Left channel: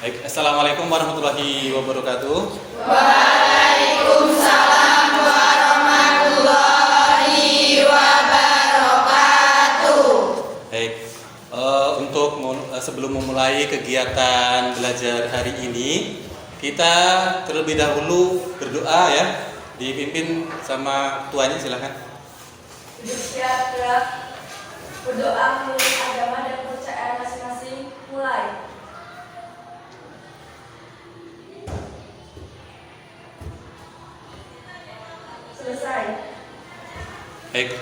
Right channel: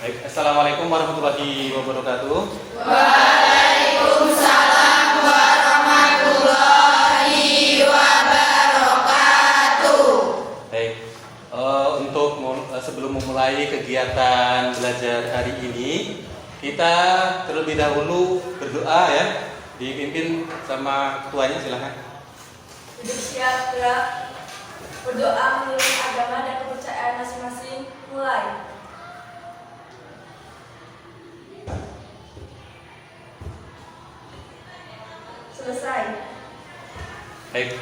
Baik, Assalamualaikum warahmatullahi wabarakatuh. Waalaikumsalam warahmatullahi wabarakatuh. Baik, sebelum memulai kegiatan belajar hari ini, kita terlebih dahulu berdoa ya, dipimpin sama ketuanya, silakan. Bersiap gerak, berdoa menurut agama dan kepercayaan masing-masing. Mulai. Selesai. Baik,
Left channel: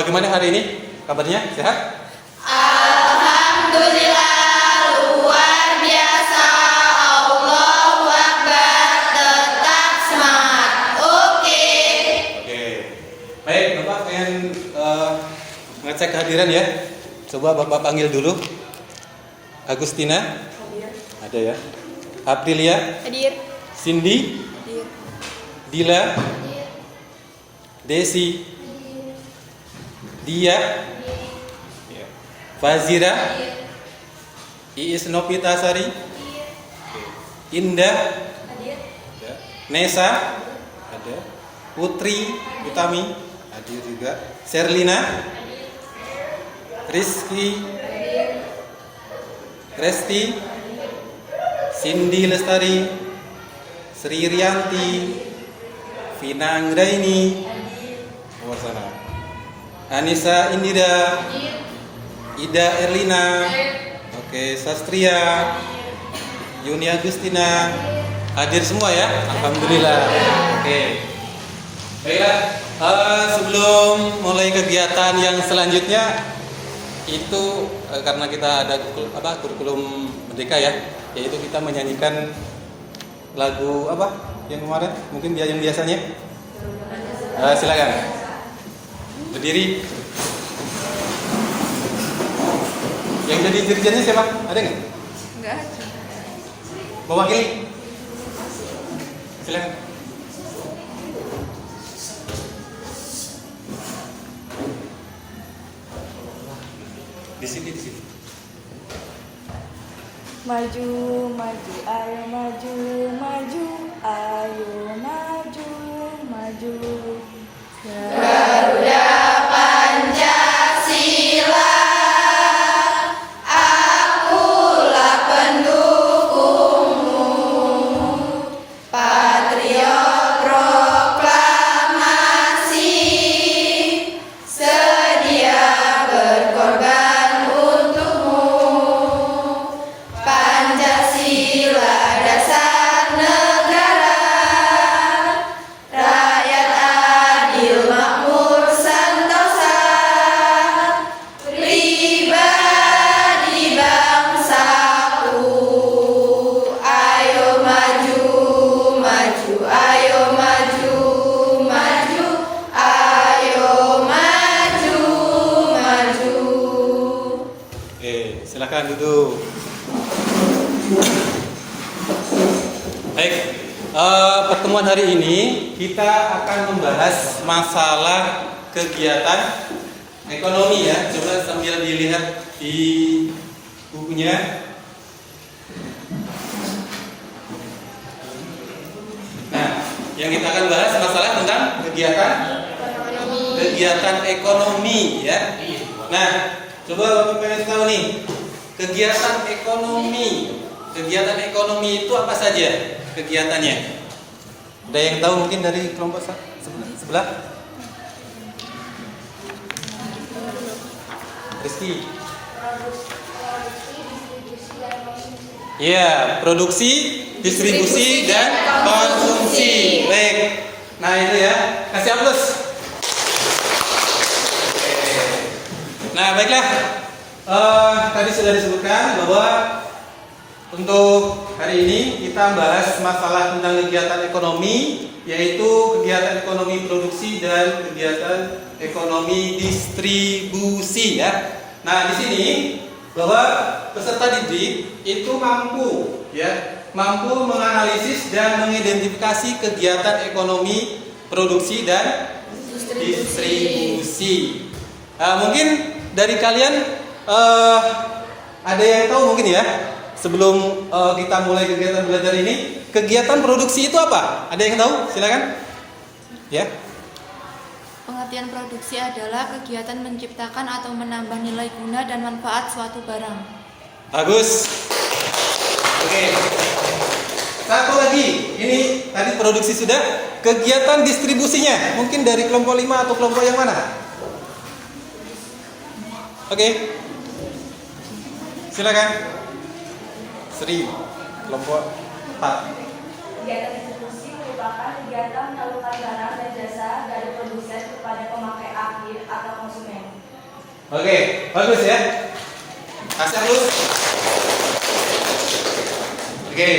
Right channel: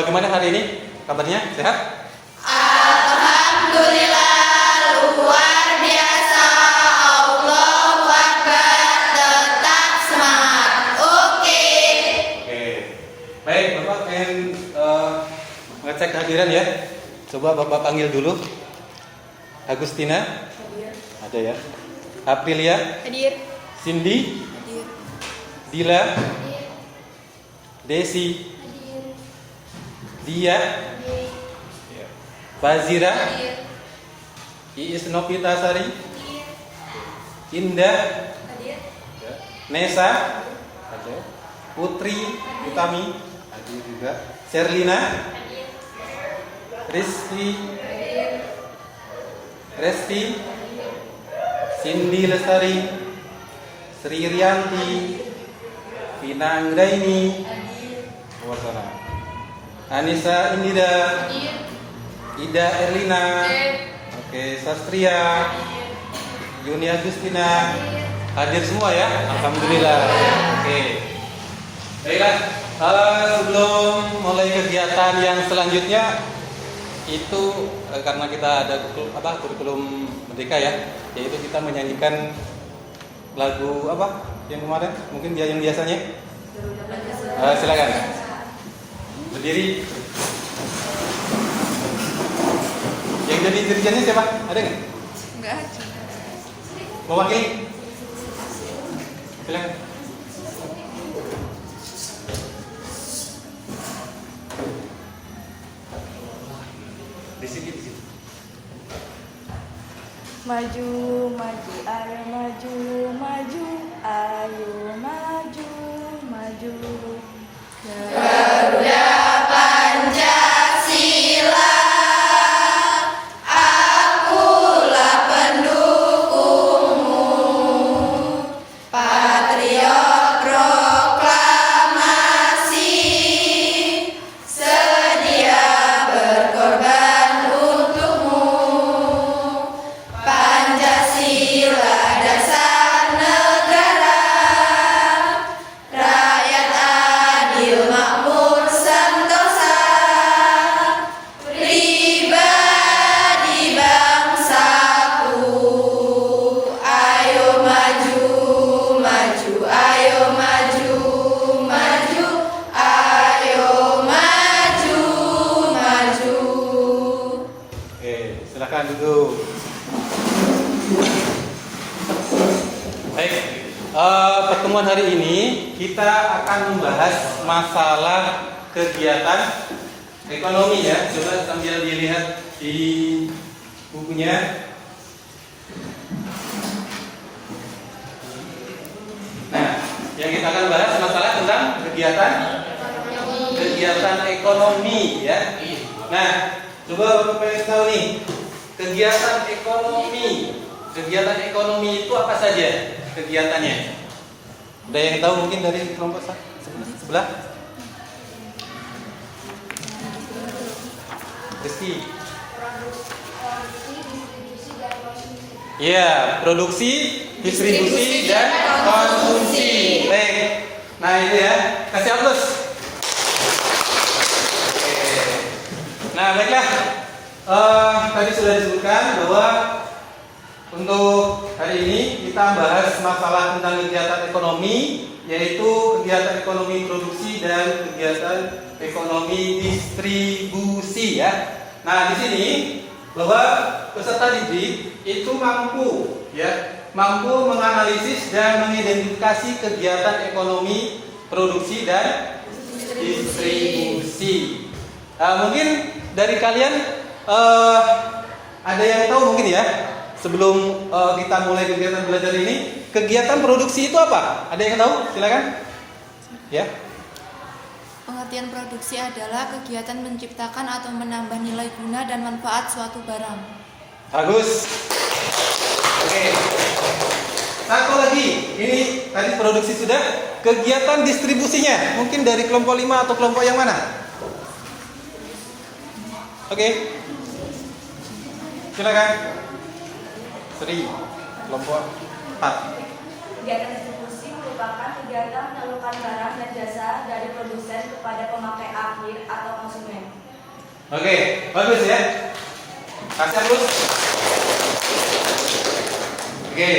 bagaimana hari ini? Kabarnya sehat? Alhamdulillah luar biasa. Allahu Akbar, tetap semangat. Oke. Oke. Baik, Bapak pengen ngecek kehadiran ya. Coba Bapak panggil dulu. Agustina, Hadir. ada ya. Aprilia, Hadir. Cindy, Hadir. Dila, Desi, Dia, ya. Fazira, Iis Novitasari, Indah, Hadir. ya. Nesa, ada. Putri Utami, hadir juga. Serlina, Rizky, Resti, Cindy Lestari, Sri Rianti, Vina Anggraini, luar sana. Anissa Indira, Ida Erlina, oke, Sastria, Yuni Agustina, hadir semua ya, alhamdulillah. Oke, baiklah. Sebelum mulai kegiatan yang selanjutnya itu karena kita ada kurikulum merdeka ya, yaitu kita menyanyikan lagu apa yang kemarin, mungkin dia yang biasanya. Silakan berdiri. Yang jadi dirijennya siapa? Ada nggak? Enggak. Mewakili? Silakan. Di sini. Maju, maju, ayo maju, maju, ayo maju, maju. Garuda Pancasila, akulah pendukungmu. Patriot proklamasi, sedia berkorban untukmu. Pancasila dasar negara, rakyat adil makmur sentosa, pribadi bangsaku. Ayo maju, maju, ayo maju, maju, ayo maju, maju. Oke, silakan duduk. Baik, pertemuan hari ini kita akan membahas masalah kegiatan ekonomi ya. Coba sambil dilihat di bukunya. Nah, yang kita akan bahas masalah tentang kegiatan ekonomi ya. Nah, coba Bapak pengen tahu nih, kegiatan ekonomi itu apa saja kegiatannya? Ada yang tahu mungkin dari kelompok sebelah? Rizky. Ya, produksi, distribusi, dan konsumsi. Baik. Nah itu ya, kasih aplaus. Oke. Nah baiklah, tadi sudah disebutkan bahwa untuk hari ini kita bahas masalah tentang kegiatan ekonomi, yaitu kegiatan ekonomi produksi dan kegiatan ekonomi distribusi ya. Nah di sini bahwa peserta didik itu mampu menganalisis dan mengidentifikasi kegiatan ekonomi produksi dan distribusi. Mungkin dari kalian ada yang tahu mungkin ya sebelum kita mulai kegiatan belajar ini, kegiatan produksi itu apa? Ada yang tahu? Silakan. Ya. Pengertian produksi adalah kegiatan menciptakan atau menambah nilai guna dan manfaat suatu barang. Bagus. Oke. Satu lagi, ini tadi produksi sudah, kegiatan distribusinya. Mungkin dari kelompok 5 atau kelompok yang mana? Oke. Silakan. Sri, kelompok 4. Kegiatan distribusi merupakan kegiatan menyalurkan barang dan jasa dari produsen kepada pemakai akhir atau konsumen. Oke, bagus ya. Kasih dulu. Oke.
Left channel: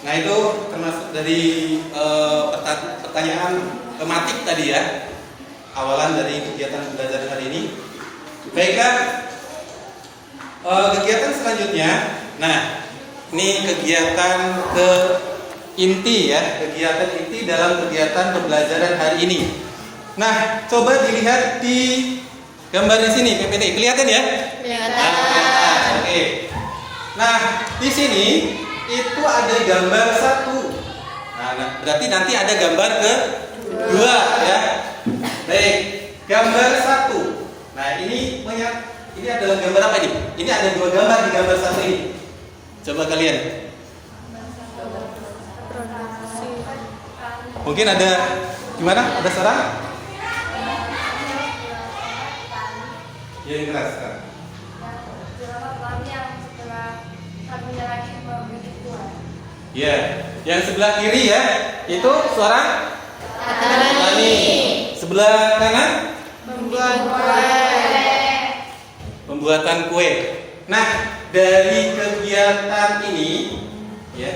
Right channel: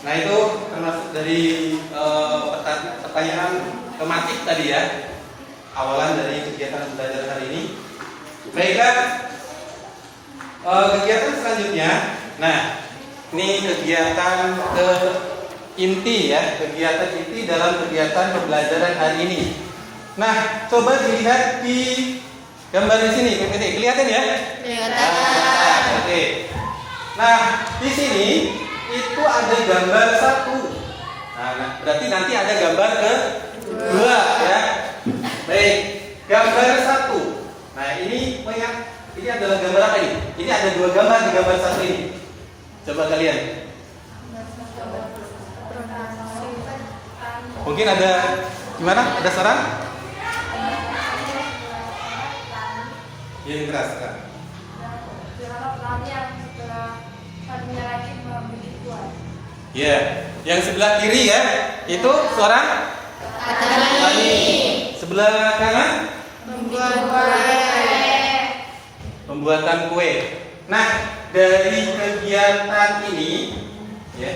Nah itu termasuk dari pertanyaan tematik tadi ya. Awalan dari kegiatan belajar hari ini. Baiklah. Kegiatan selanjutnya. Nah, ini kegiatan ke inti ya, kegiatan inti dalam kegiatan pembelajaran hari ini. Nah, coba dilihat di gambar di sini, PPT. Kelihatan ya? Kelihatan. Oke. Nah, di sini itu ada gambar 1. Nah, berarti nanti ada gambar ke-2 ya. Baik, gambar 1. Nah, ini adalah gambar apa nih? Ini ada 2 gambar di gambar 1 ini. Coba kalian. Mungkin ada gimana? Ada saran? Yang keras kan? Ya, yang sebelah kiri ya, itu suara petani. Sebelah kanan pembuatan kue. Nah, dari kegiatan ini ya,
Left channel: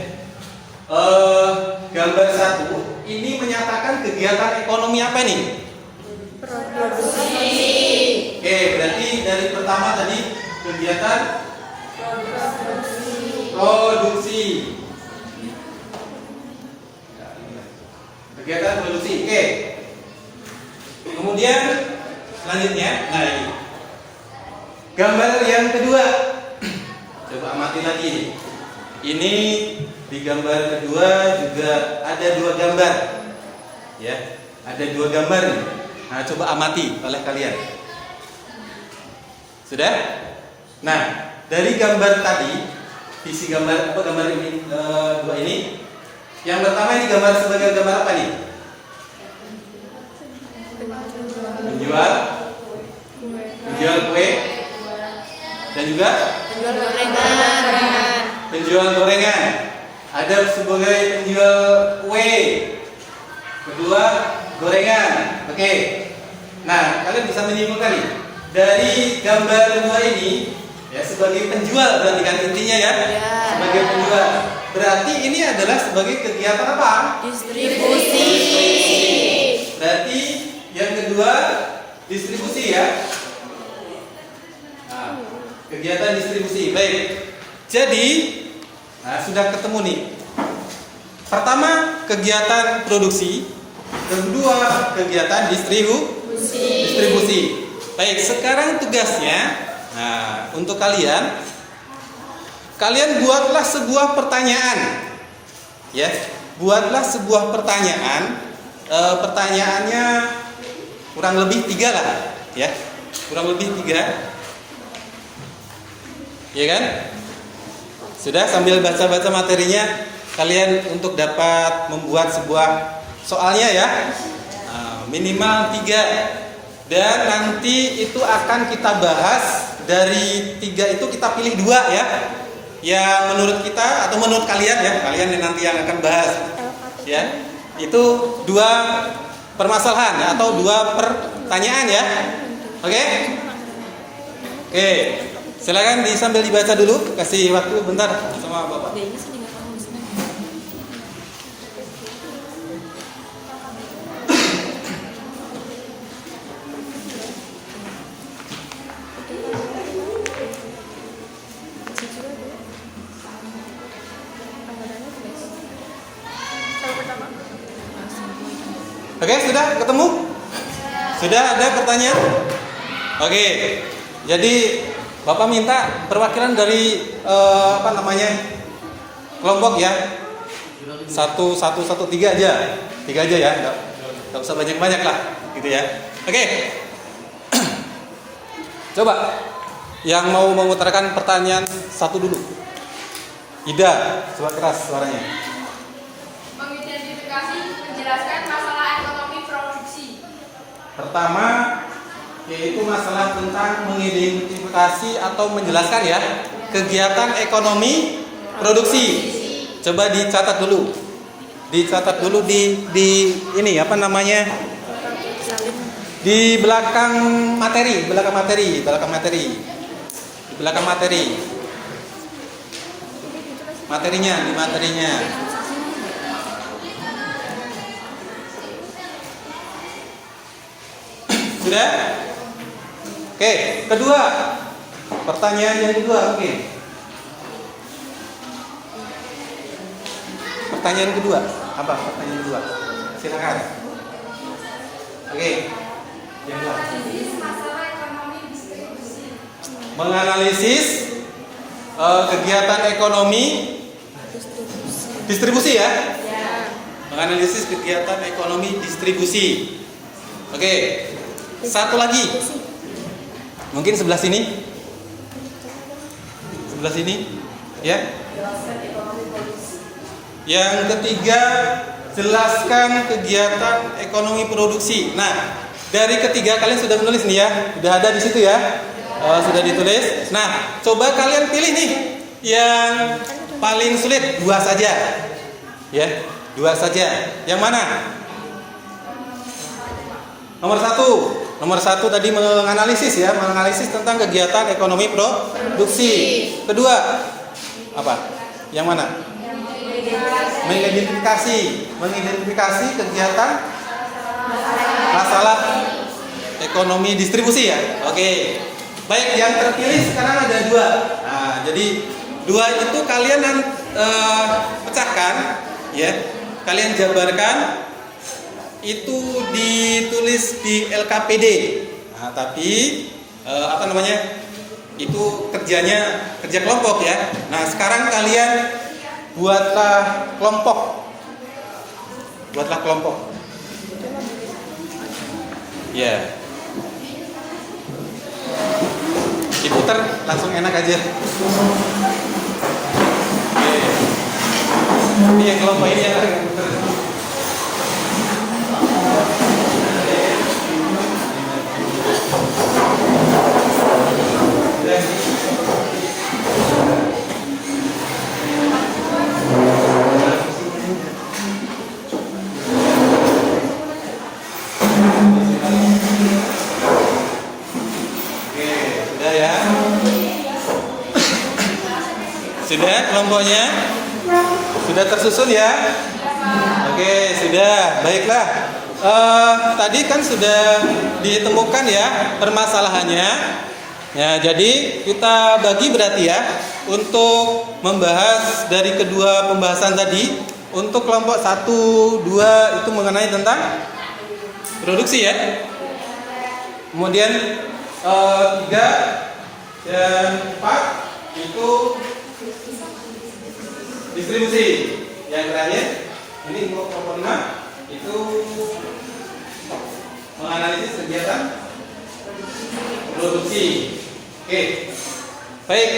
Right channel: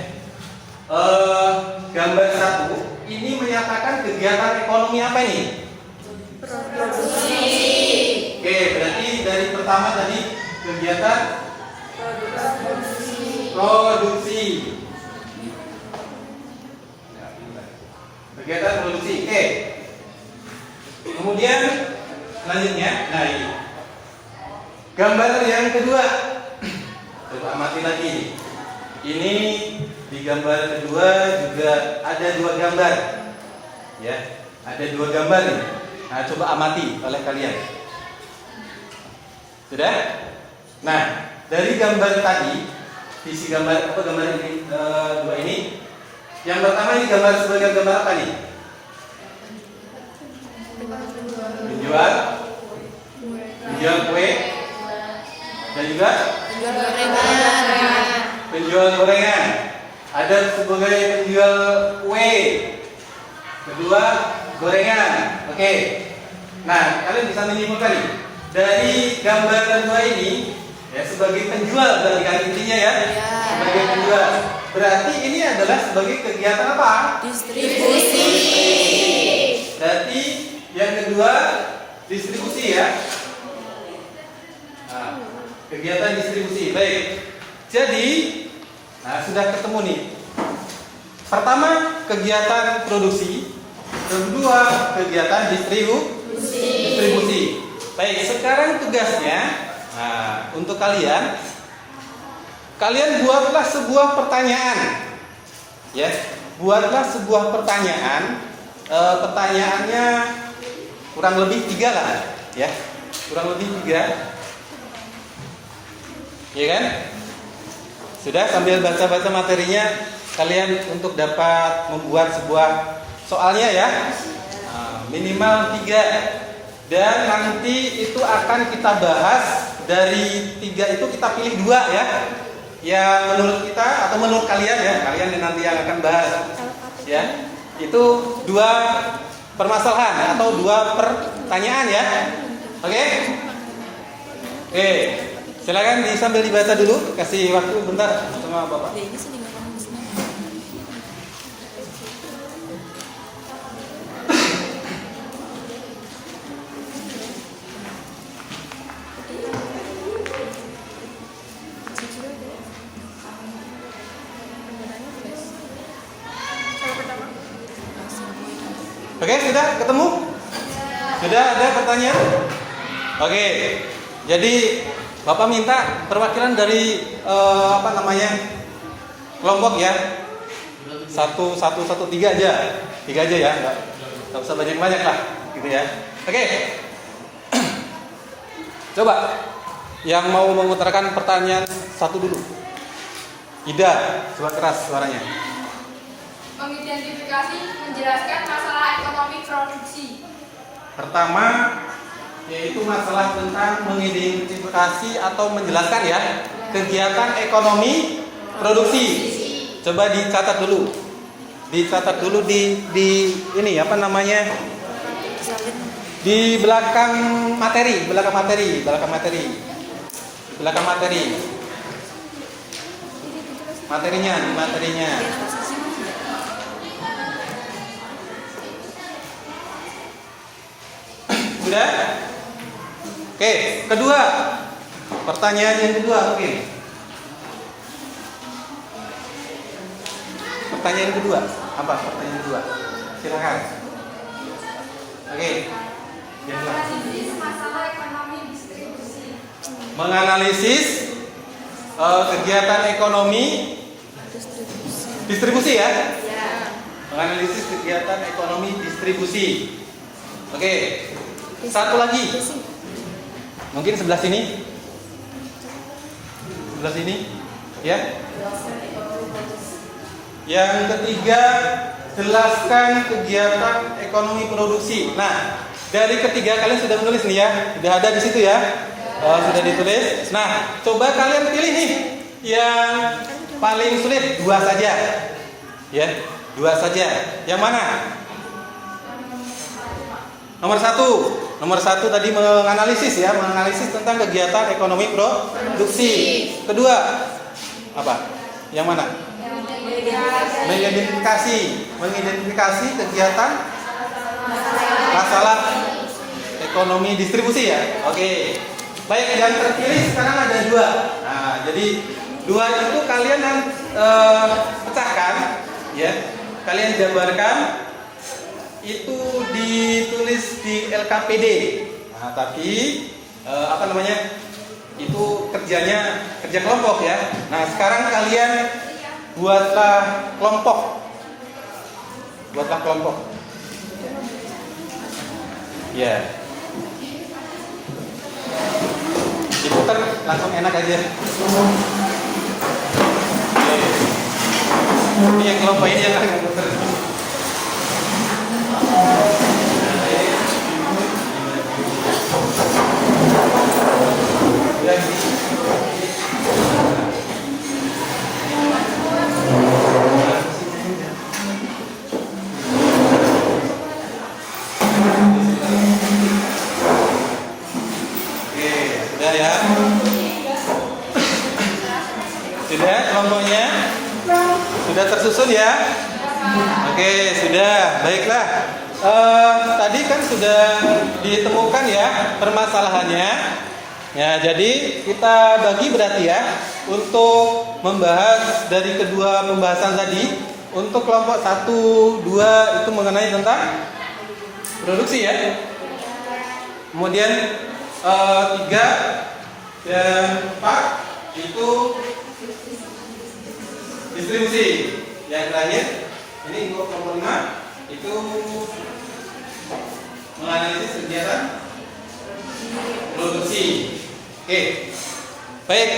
gambar 1 ini menyatakan kegiatan ekonomi apa nih? Produksi. Oke, berarti dari pertama tadi kegiatan produksi. Kegiatan produksi. Oke. Kemudian selanjutnya, nah ini gambar yang kedua. Coba amati lagi. Ini di gambar kedua juga ada 2 gambar. Ya, ada 2 gambar nih. Nah, coba amati oleh kalian. Sudah? Nah, dari gambar tadi, visi gambar apa gambar ini 2 ini. Yang pertama ini gambar sebagai gambar apa nih? Penjual kue dan juga penjual gorengan. Ada sebagai penjual kue, kedua gorengan. Oke. Nah, kalian bisa menyimpulkan nih dari gambar 2 ini ya, sebagai penjual berarti kan intinya ya, sebagai penjual. Berarti ini adalah sebagai kegiatan apa? Distribusi. Berarti yang kedua distribusi ya. Nah, kegiatan distribusi. Baik. Jadi, nah sudah ketemu nih. Pertama kegiatan produksi, kedua kegiatan distribusi. Baik, sekarang tugasnya, nah untuk kalian buatlah sebuah pertanyaan, ya, buatlah sebuah pertanyaan. Pertanyaannya kurang lebih 3 lah, ya, kurang lebih 3, ya kan? Sudah, sambil baca-baca materinya, kalian untuk dapat membuat sebuah soalnya ya, minimal 3. Dan nanti itu akan kita bahas. Dari 3 itu kita pilih 2 ya, yang menurut kita atau menurut kalian ya, kalian yang nanti yang akan bahas ya, itu 2 permasalahan atau 2 pertanyaan ya. Oke? Oke, silakan sambil dibaca dulu, kasih waktu bentar sama Bapak. Oke, sudah ketemu? Sudah ada pertanyaan? Oke, jadi Bapak minta perwakilan dari kelompok ya. 1 1 1 3 aja. 3 aja ya. Enggak usah banyak-banyak lah gitu ya. Oke. Coba yang mau mengutarakan pertanyaan satu dulu. Ida, coba keras suaranya. Mengidentifikasi, menjelaskan masalah ekonomi produksi. Pertama, yaitu masalah tentang mengidentifikasi atau menjelaskan ya kegiatan ekonomi produksi. Coba dicatat dulu. Dicatat dulu di ini apa namanya? Di belakang materi. Materinya, di materinya. Sudah? Oke, kedua. Pertanyaan yang kedua, oke. Pertanyaan kedua, apa pertanyaan kedua? Silakan. Oke. Yang kedua. Analisis masalah ekonomi distribusi. Menganalisis kegiatan ekonomi distribusi ya? Menganalisis kegiatan ekonomi distribusi. Oke. Satu lagi. Mungkin sebelah sini. Sebelah sini. Ya. Jelaskan ekonomi produksi. Yang ketiga, jelaskan kegiatan ekonomi produksi. Nah, dari ketiga kalian sudah menulis nih ya. Sudah ada di situ ya. Sudah ditulis. Nah, coba kalian pilih nih yang paling sulit, 2 saja. Ya, 2 saja. Yang mana? Nomor satu tadi menganalisis ya, menganalisis tentang kegiatan ekonomi produksi. Kedua, apa? Yang mana? Mengidentifikasi kegiatan masalah ekonomi distribusi ya. Oke. Baik, yang terpilih sekarang ada 2. Nah, jadi 2 itu kalian pecahkan ya. Kalian jabarkan. Itu ditulis di LKPD. Nah, tapi itu kerja kelompok ya. Nah, sekarang kalian buatlah kelompok. Ya. Diputar langsung enak aja. Ini yang kelompok ini jangan putar. Sudah kelompoknya? Sudah tersusun ya? Oke, sudah. Baiklah. Tadi kan sudah ditemukan ya permasalahannya. Ya, jadi kita bagi berarti ya untuk membahas dari kedua pembahasan tadi. Untuk kelompok 1, 2 itu mengenai tentang produksi ya. Kemudian 3 dan 4 itu distribusi. Yang terakhir ini untuk kelompok 5 itu menganalisis kegiatan produksi. Oke, baik.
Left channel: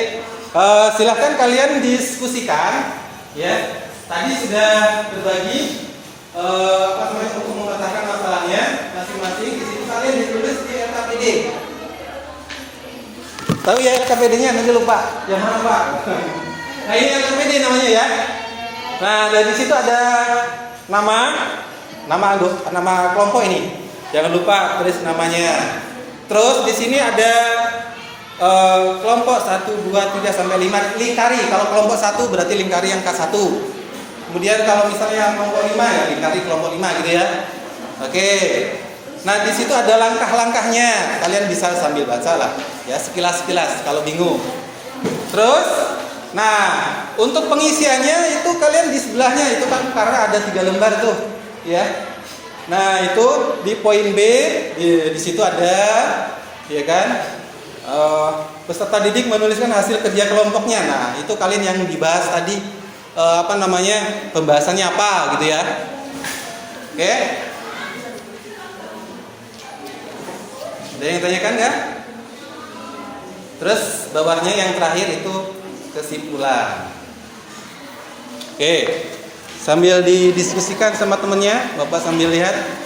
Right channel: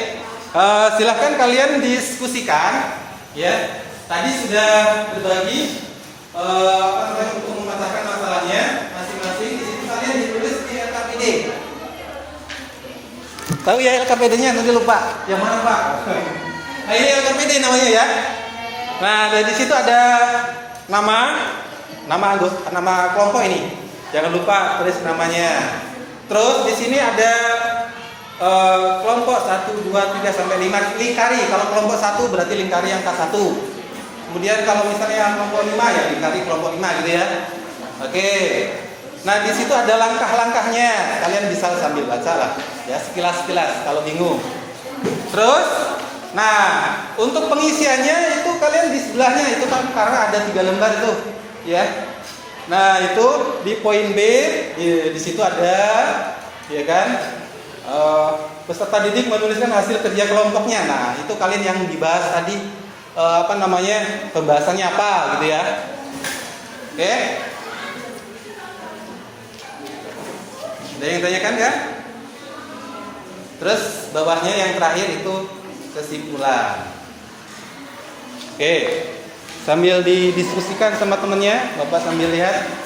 Silahkan kalian diskusikan. Ya, tadi sudah berbagi untuk memecahkan masalahnya masing-masing. Di situ kalian ditulis di LKPD. Tahu ya LKPD-nya? Nanti lupa. Yang mana Pak? Nah ini LKPD namanya ya. Nah dari situ ada nama kelompok ini. Jangan lupa tulis namanya. Terus di sini ada kelompok 1, 2, 3 sampai 5 lingkari. Kalau kelompok 1 berarti lingkari angka 1. Kemudian kalau misalnya kelompok 5 ya lingkari kelompok 5 gitu ya. Oke. Nah di situ ada langkah-langkahnya. Kalian bisa sambil baca lah. Ya sekilas-sekilas kalau bingung. Terus, nah untuk pengisiannya itu kalian di sebelahnya itu kan karena ada 3 lembar tuh, ya. Nah itu di poin B di situ ada, ya kan, peserta didik menuliskan hasil kerja kelompoknya. Nah, itu kalian yang dibahas tadi pembahasannya apa gitu ya. Oke. Ada yang tanyakan nggak? Terus bawahnya yang terakhir itu kesimpulan. Oke. Sambil didiskusikan sama temennya, Bapak sambil lihat.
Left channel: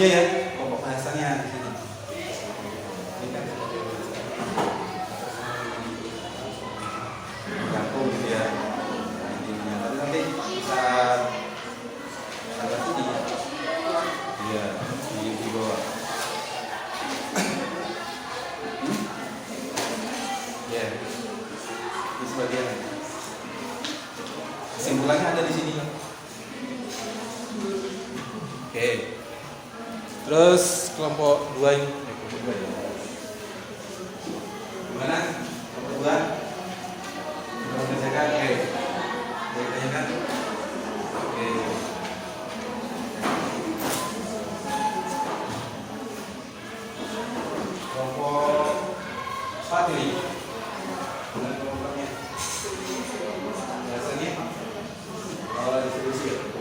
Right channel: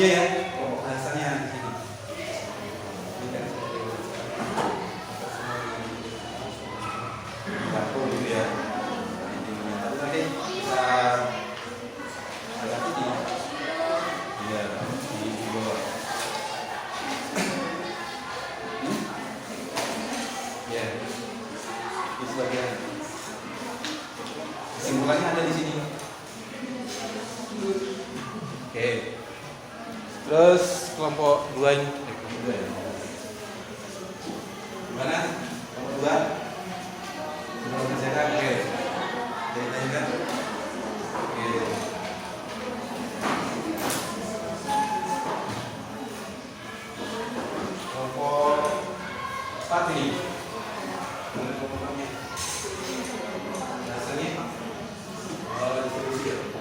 Iya ya, pokok bahasannya gini. Jatuh gitu ya. Tapi nanti bisa saya sini. Iya, di bawah. Ya, di sebagian. Kesimpulannya ada di sini. Oke. Terus kelompok 2 gimana? Kelompok 2 belum selesai. Oke. Ditanyakan. Oke. Kelompok 4 ini. Mana kelompoknya? Dasarnya distribusi.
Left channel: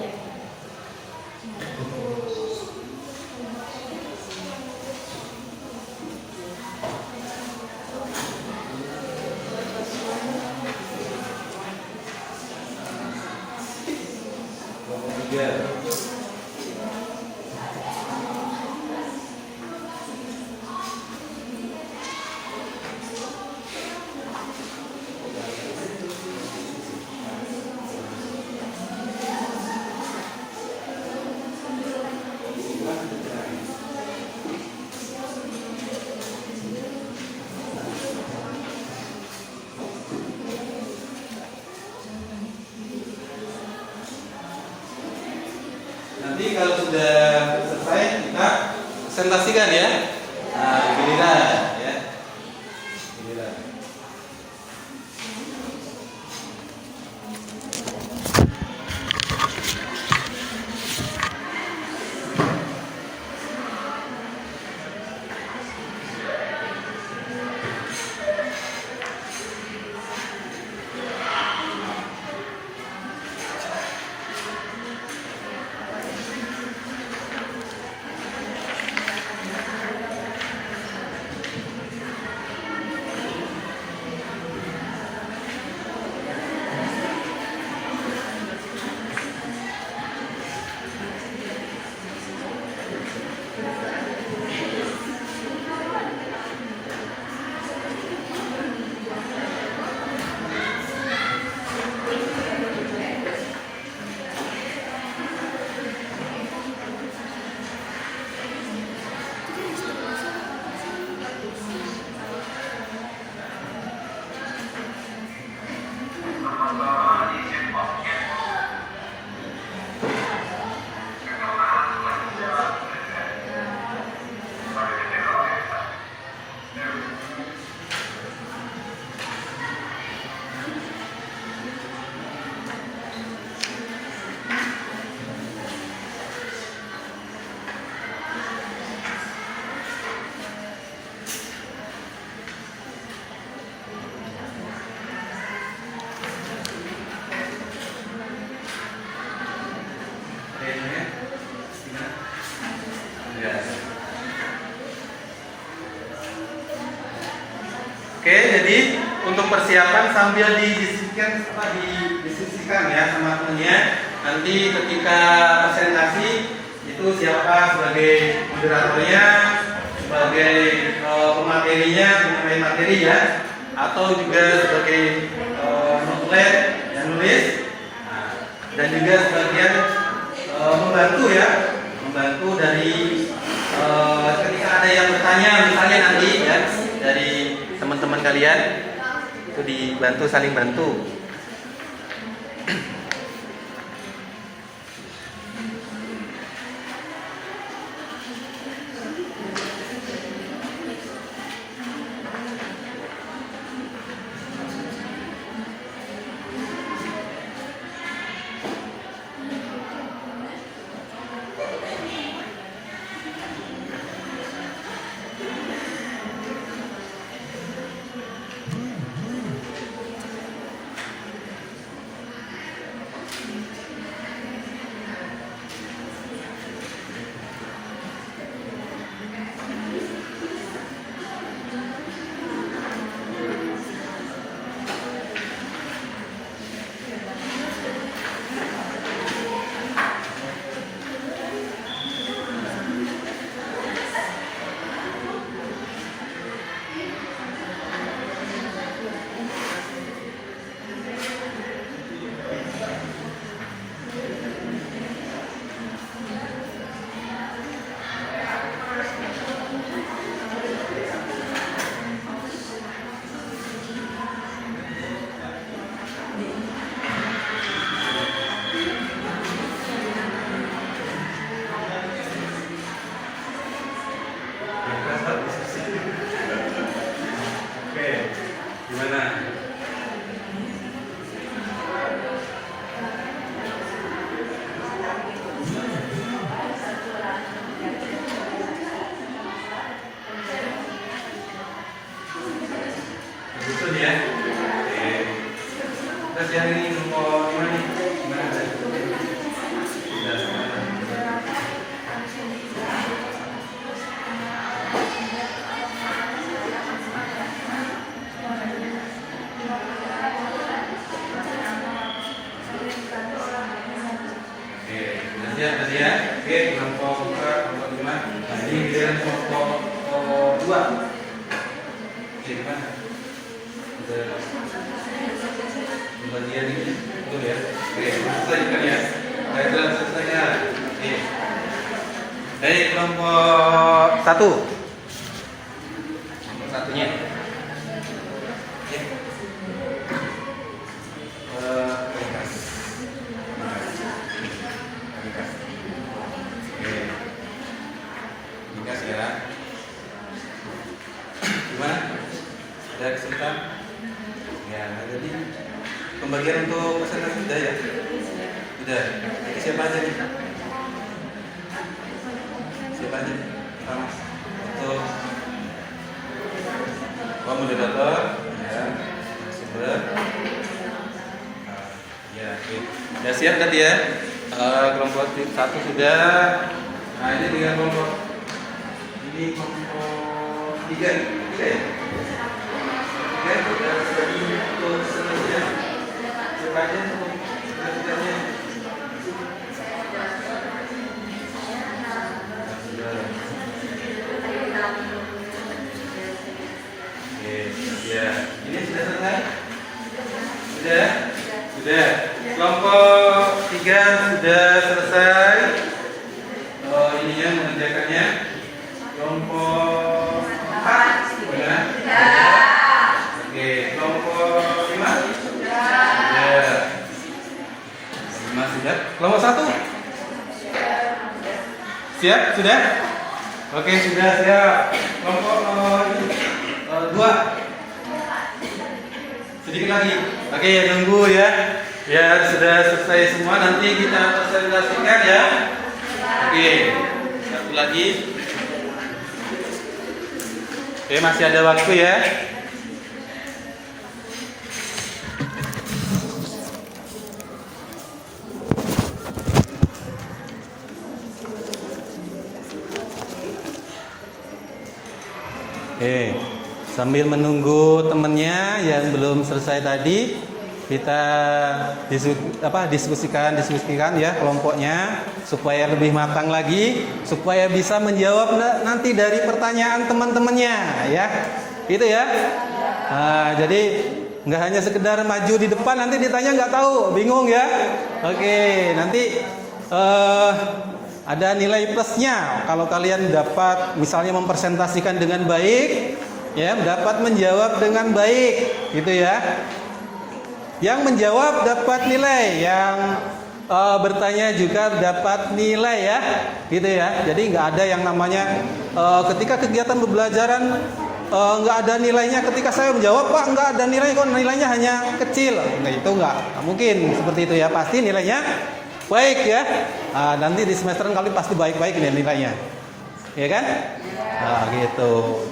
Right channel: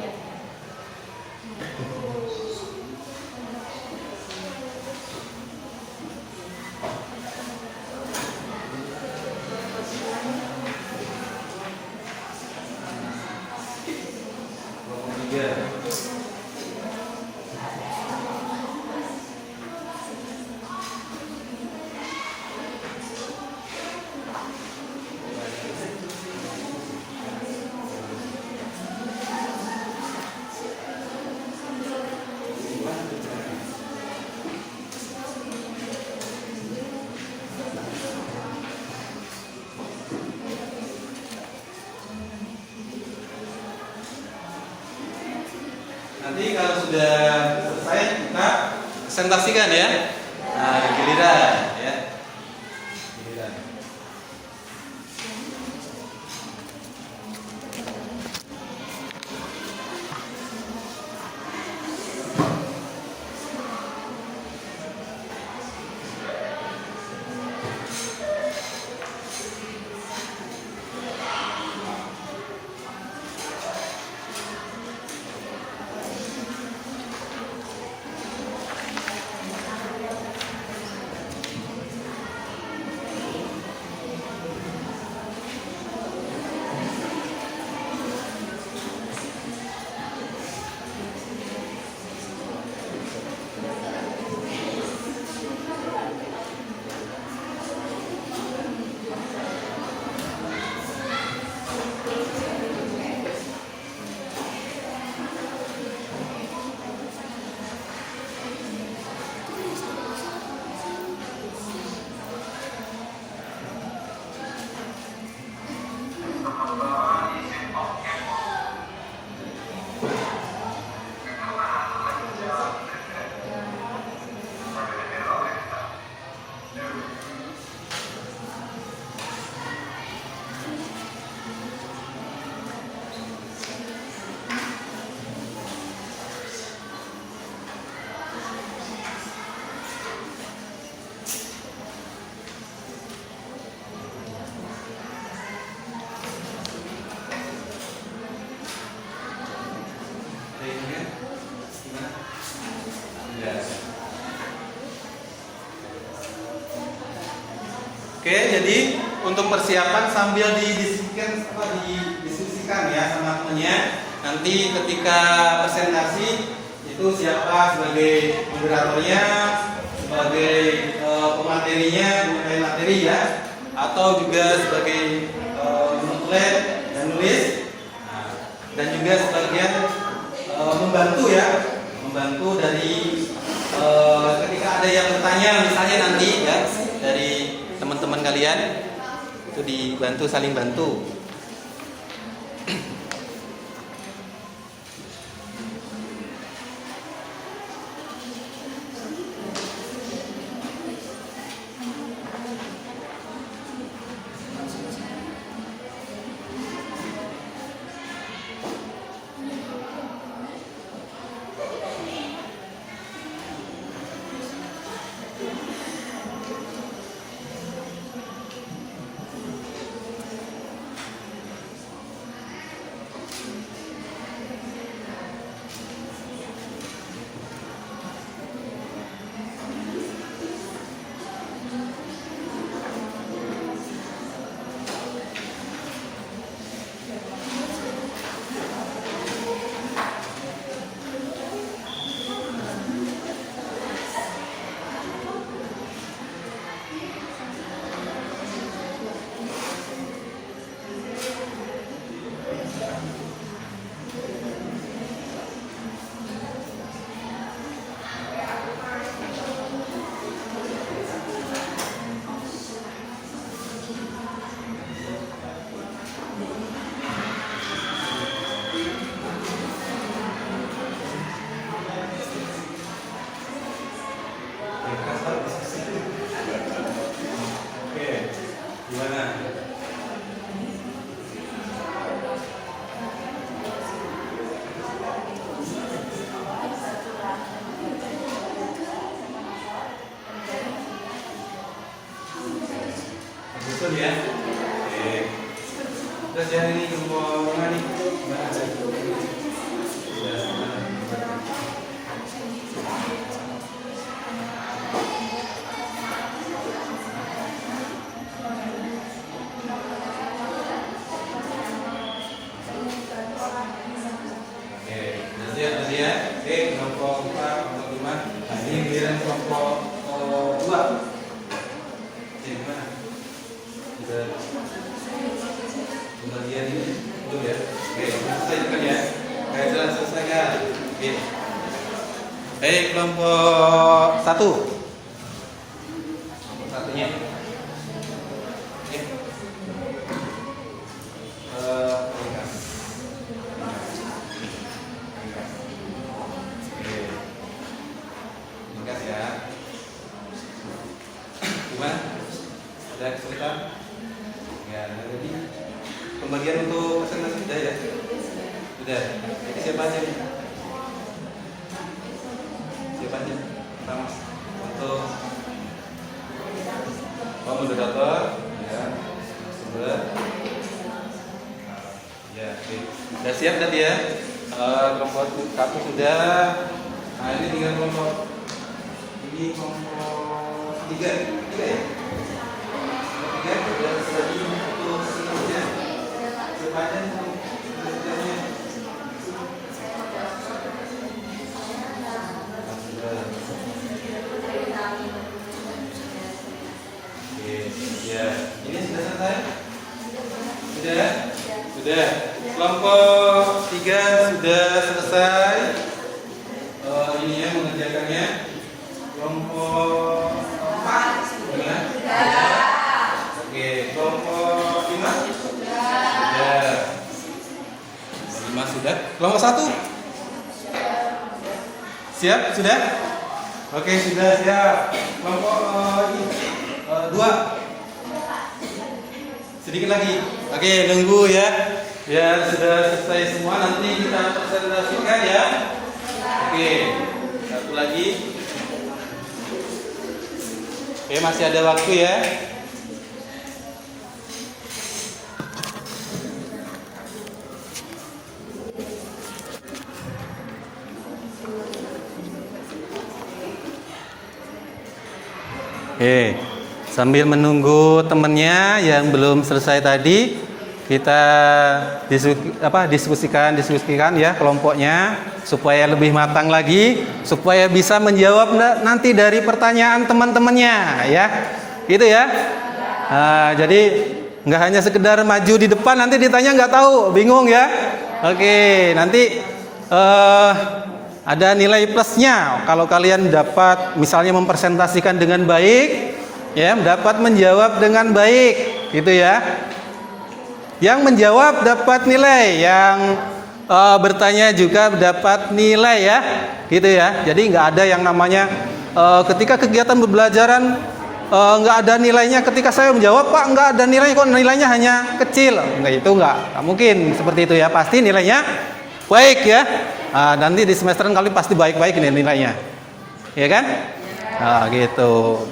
Nanti kalau sudah selesai kita presentasikan ya. Nah, giliran ya. Giliran. Oke, jadi untuk persiapan sambil didiskusikan ya sama temennya. Nanti ketika presentasi itu siapa sebagai moderatornya, sebagai pematerinya, mengenai materi ya, atau juga sebagai template dan nulis. Nah, dan juga sebagian membantu ya, membantu dari ketika ada yang bertanya misalnya nanti ya dari teman-teman kalian itu dibantu, saling bantu. Oke, gimana? Betul ya? Oke. Terus yang ini nomor mana nih? Nggak ada. Sudah. Oke, nanti ya. Oke, kelompok 4, kelompok 5. Nah, ini giliran kelompok 2. Oke, gimana? Udah di bagian ini betul ya? Oke, selesaikan ya. Baiklah, selesaikan. Oke. Baik, kelompok 1. Kelompok 1-nya. Oke. Ringkas. Oke. Ringkas ya. Gimana? Ada kesulitan? Ya, jadi pembagian untuk presentasi sudah ya? Sudah. Siapa aja nih? Siapa aja? Mas. Untuk moderator, ya, sumber. Ya, oke. Ya siap tadi ya. Kelompok 1 sudah. Nah, ini tinggal kelompok. Ini kelompok 3 ya? Oke, sudah untuk selanjutnya. Siapa aja untuk selanjutnya? Oke, ya. Ini sudah selesai? Sudah? Sudah. Kelompok 3 sudah selesai. Ini yang mengerjakannya. Kelompok 4 sudah. Oke, kelompok 5 sudah. 5 sudah. Kelompok 1 siap? Sudah? Oke, sudah siap. Kelompok 2 sedikit lagi. Oke, nunggu ya. Biar sudah selesai semua, nanti kita presentasikan ya. Oke, satu lagi. Oke, masih ada waktu ya. Oke, sambil menunggu temennya yang belum selesai tadi, kita diskusikan ya kelompoknya supaya lebih matang lagi, supaya bisa menjawab nanti dari pertanyaan teman-temannya ya, gitu ya. Jadi nggak hanya sekedar maju di depan nanti ditanya nggak tahu, bingung ya. Oke, nanti ada nilai plusnya kalau kalian dapat misalnya mempresentasikan dengan baik, ya, dapat menjawab dengan baik, gitu ya. Yang menjawab dapat nilai, yang bertanya juga dapat nilai ya, gitu ya. Jadi nggak ada yang namanya ketika kegiatan pembelajaran nggak ada nilainya. Ketika saya menjawab, Pak nggak ada nilai, kok nilainya hanya kecil, nggak mungkin seperti itu ya. Pasti nilainya baik ya. Nanti di semester kali pasti baik-baik ini nilainya, ya kan? Nah, gitu.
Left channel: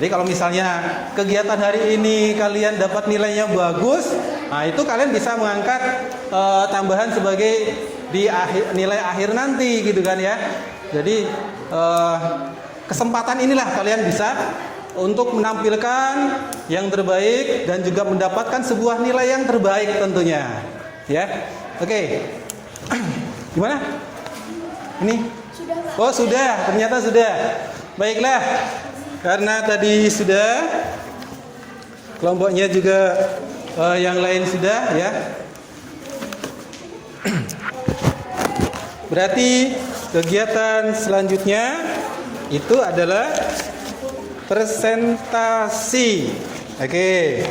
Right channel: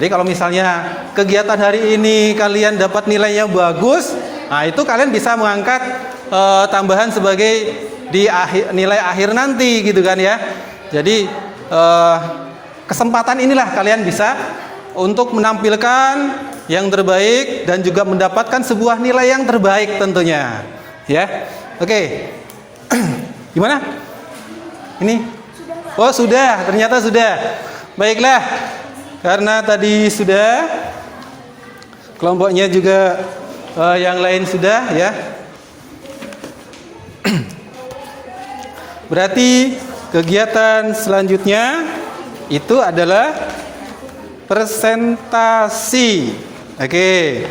Jadi kalau misalnya kegiatan hari ini kalian dapat nilainya bagus, nah itu kalian bisa mengangkat tambahan sebagai di nilai akhir nanti, gitu kan ya. Jadi kesempatan inilah kalian bisa untuk menampilkan yang terbaik dan juga mendapatkan sebuah nilai yang terbaik tentunya, ya. Oke. Gimana? Ini? Oh sudah, ternyata sudah. Baiklah, karena tadi sudah, kelompoknya juga yang lain sudah ya. Berarti kegiatan selanjutnya itu adalah presentasi. Oke.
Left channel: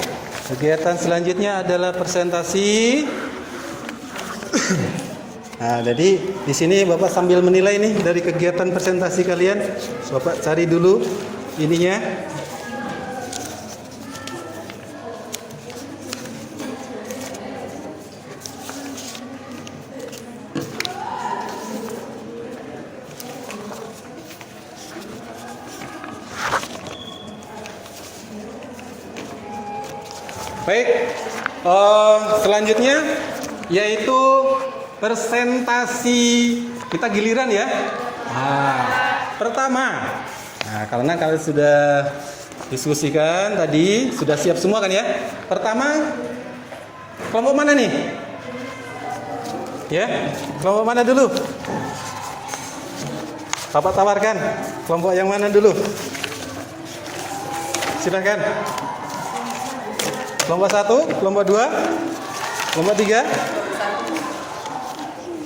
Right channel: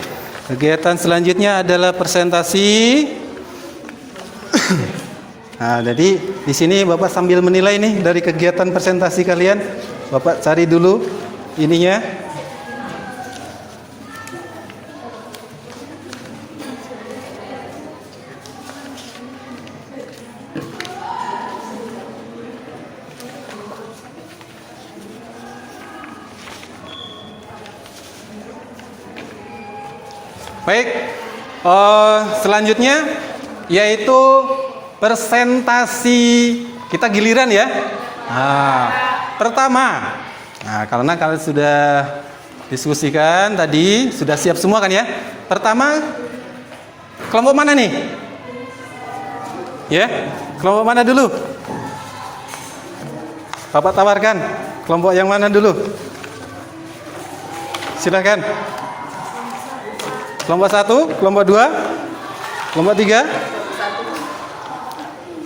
Kegiatan selanjutnya adalah presentasi. Nah, jadi di sini Bapak sambil menilai nih dari kegiatan presentasi kalian. Bapak cari dulu ininya. Baik, selanjutnya yaitu presentasi. Kita giliran ya. Nah, pertama, karena kalian sudah diskusikan tadi, sudah siap semua kan ya. Pertama, kelompok mana nih? Ya, kelompok mana dulu? Bapak tawarkan, kelompok yang mana dulu? Silakan. Kelompok 1, kelompok 2, kelompok 3.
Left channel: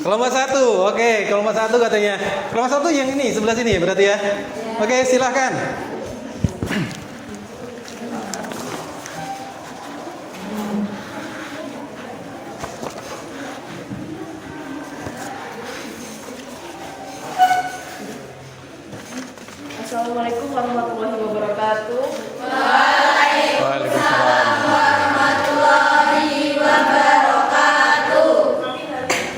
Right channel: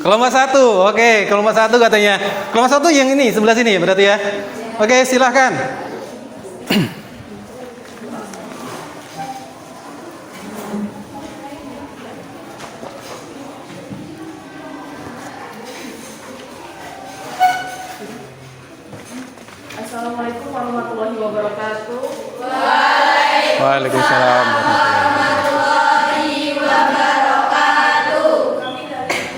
Kelompok 1, oke, kelompok 1 katanya. Kelompok 1 yang ini, sebelah sini berarti ya. Oke, silahkan. Assalamualaikum warahmatullahi wabarakatuh. Waalaikumsalam.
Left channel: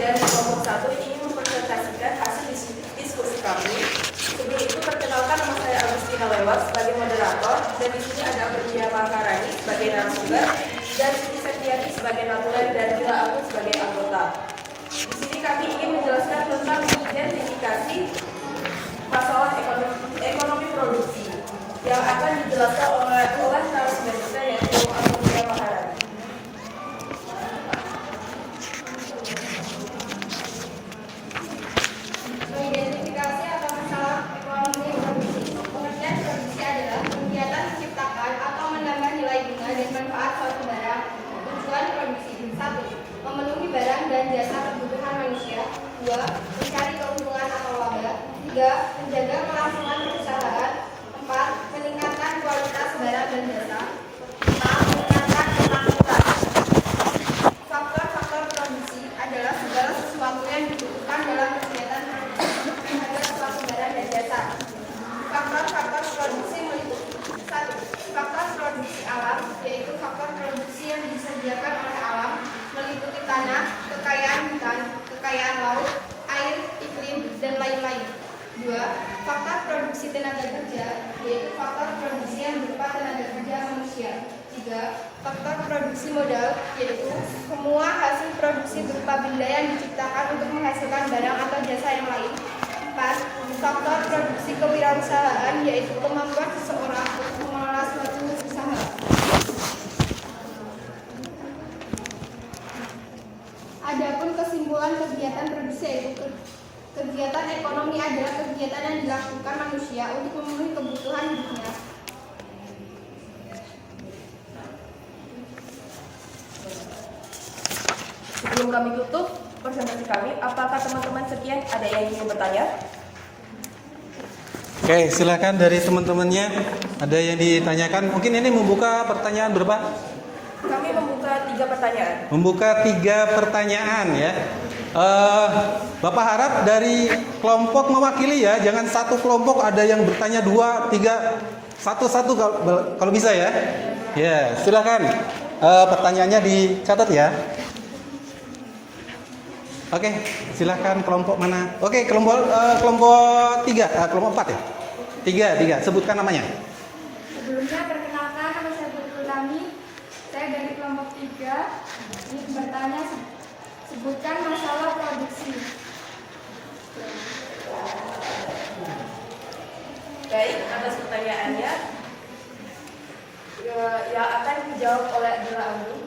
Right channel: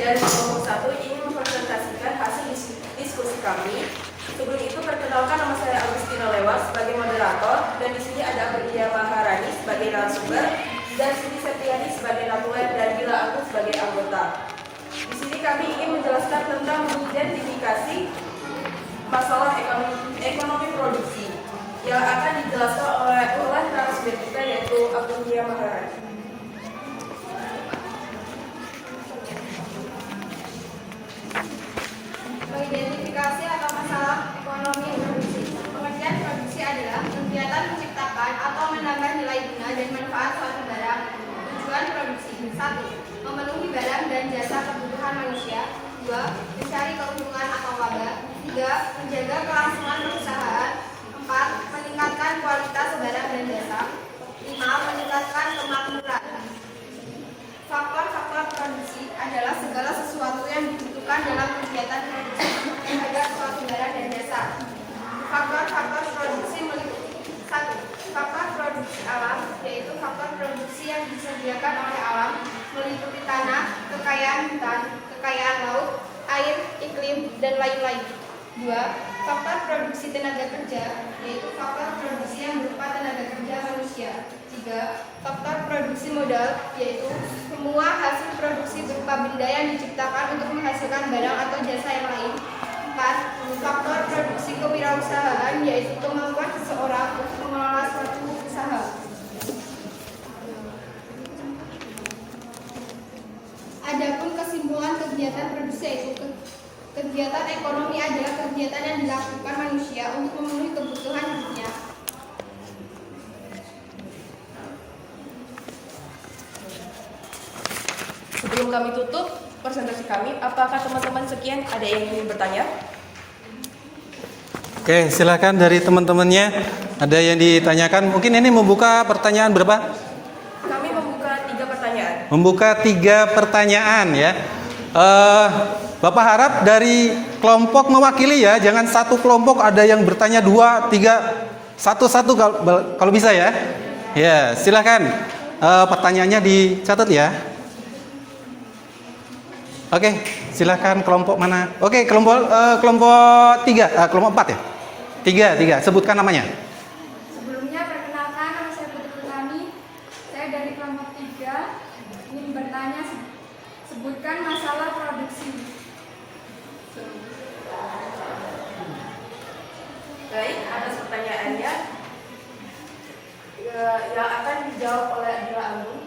Dari kelompok 1 ingin mempresentasikan hasil diskusi kami. Sebelum itu perkenalkan, nama saya Agustina Lewat sebagai moderator, dan di sini ada Berdia Maharani sebagai narasumber dan Siti Septiani sebagai natulen dan Gila Agus sebagai anggota. Di sini kami ingin menjelaskan tentang mengidentifikasi masalah ekonomi produksi yang akan dijelaskan oleh narasumber kita yaitu Berdia Maharani. Mengidentifikasi atau masalah ekonomi produksi. Pengertian produksi adalah kegiatan menciptakan atau menambah nilai guna dan manfaat suatu barang. Tujuan produksi: 1. Memenuhi barang dan jasa kebutuhan manusia. 2. Mencari keuntungan atau laba. 3. Menjaga kelangsungan perusahaan. 4. Meningkatkan kualitas barang dan jasa. 5. Meningkatkan akuntabilitas. Faktor-faktor produksi adalah segala sesuatu yang dibutuhkan dalam kegiatan produksi untuk menjaga suatu barang dan jasa. Faktor-faktor produksi meliputi: 1. Faktor produksi alam, yaitu faktor produksi yang disediakan oleh alam, meliputi tanah, kekayaan hutan, kekayaan laut, air, iklim, dan lain-lain. 2. Faktor produksi tenaga kerja, yaitu faktor produksi yang berupa tenaga kerja manusia. 3. Faktor produksi modal, yaitu semua hasil produksi berupa benda yang diciptakan untuk menghasilkan barang atau jasa yang lain. 4. Faktor produksi kewirausahaan, yaitu kemampuan seseorang untuk mengelola suatu usaha. Adapun kesimpulan kegiatan produksi yaitu kegiatan ekonomi adalah kegiatan yang dilakukan manusia untuk memenuhi kebutuhan hidupnya. kami tutup presentasi kami, apakah teman-teman sekian ada yang ingin bertanya? Oke, silakan dari teman-temannya. Ada yang ditanyakan? Mungkin ini membuka pertanyaan berapa? Kami membuka 3 pertanyaan. Membuka 3 pertanyaan ya. Bapak harap dari kelompok mewakili ya, jangan satu kelompok ada yang bertanya 2, 3, satu-satu kalau bisa ya. Ya, silakan. Pertanyaannya dicatat ya. Oke, silakan kelompok mana? Oke, kelompok 3, kelompok 4 ya. 3, sebutkan namanya. Sebelumnya perkenalkan, nama saya Putri Utami. Saya dari kelompok 3. Ingin bertanya, sebutkan masalah produksi. Baik, atas pertanyaannya yang akan dijawab oleh Adila Anggi.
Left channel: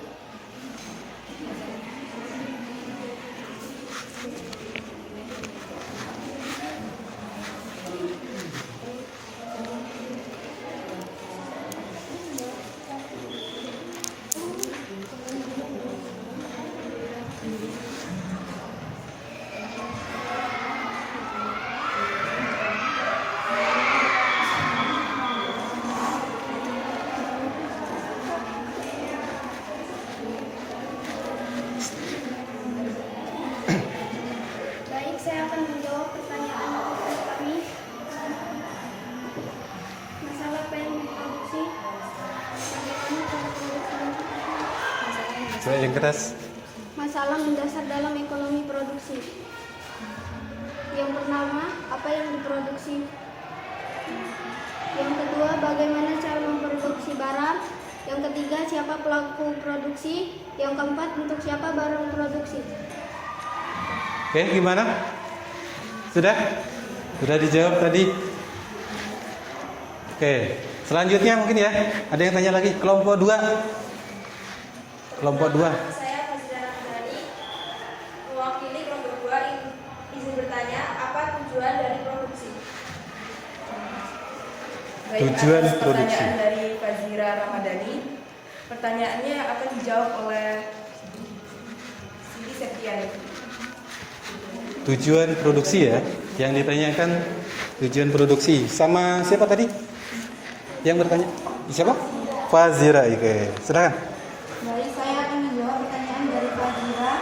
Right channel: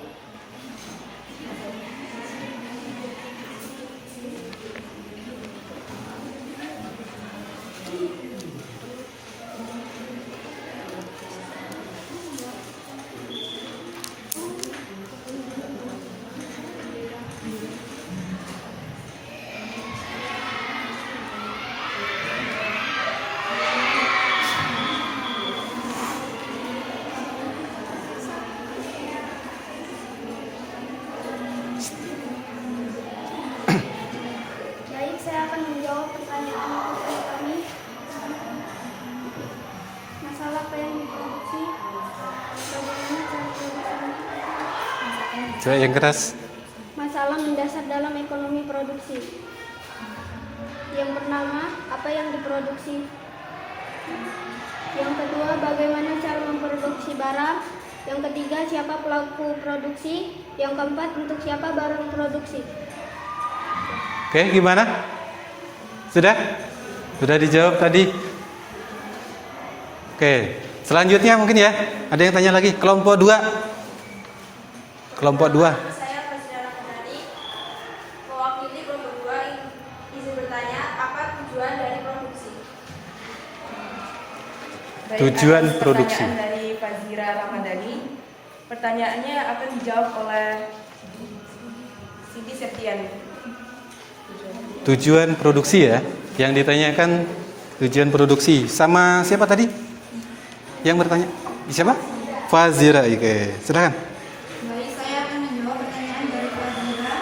Baik, saya akan menjawab pertanyaan rekan kami. Masalah apa yang diproduksi? Bagaimana cara produksinya? Coba yang keras. Masalah mendasar dalam ekonomi produksi. Yang pertama, apa yang diproduksi? Yang kedua, bagaimana cara memproduksi barang? Yang ketiga, siapa pelaku produksi? Yang keempat, untuk siapa barang produksi? Oke, gimana? Sudah? Sudah dijawab tadi? Oke, selanjutnya mungkin ya. Ada yang tanya lagi, kelompok 2. Kelompok 2. Saya Fazira Rahmani, mewakili kelompok 2, izin bertanya, apa tujuan dari produksi? Baik, Tujuan atas produksi. Pertanyaan dari Fazira Ramadhani. Pertanyaannya akan dijawab oleh Siti Septiani. Tujuan produksi ya. Yang ditanyakan tujuan produksi. Sama siapa tadi? Yang bertanya? Siapa? Fazira. Oke, silakan. Baik, saya akan menjawab pertanyaan dari Fazira.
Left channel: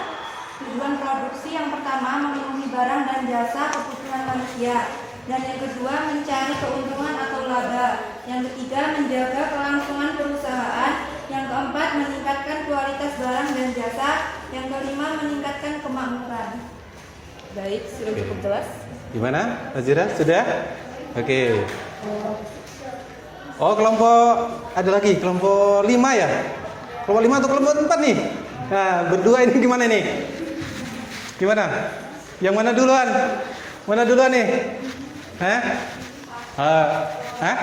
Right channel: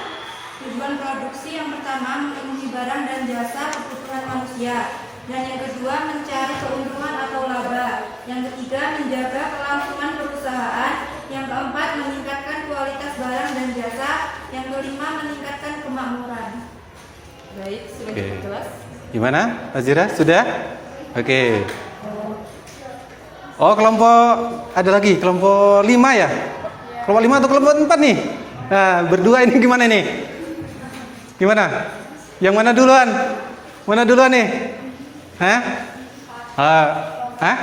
Tujuan produksi yang pertama memenuhi barang dan jasa kebutuhan manusia, dan yang kedua mencari keuntungan atau laba, yang ketiga menjaga kelangsungan perusahaan, yang keempat meningkatkan kualitas barang dan jasa, yang kelima meningkatkan kemakmuran. Baik, sudah Oke. cukup jelas. Gimana, Fazira? Sudah? Oke. Oh, kelompok ada lagi, kelompok 5 ya? Kelompok 5 atau kelompok 4 nih? Nah, berdua ini gimana nih? Gimana? Yang mana duluan? Mana duluan nih? Hah? Hah?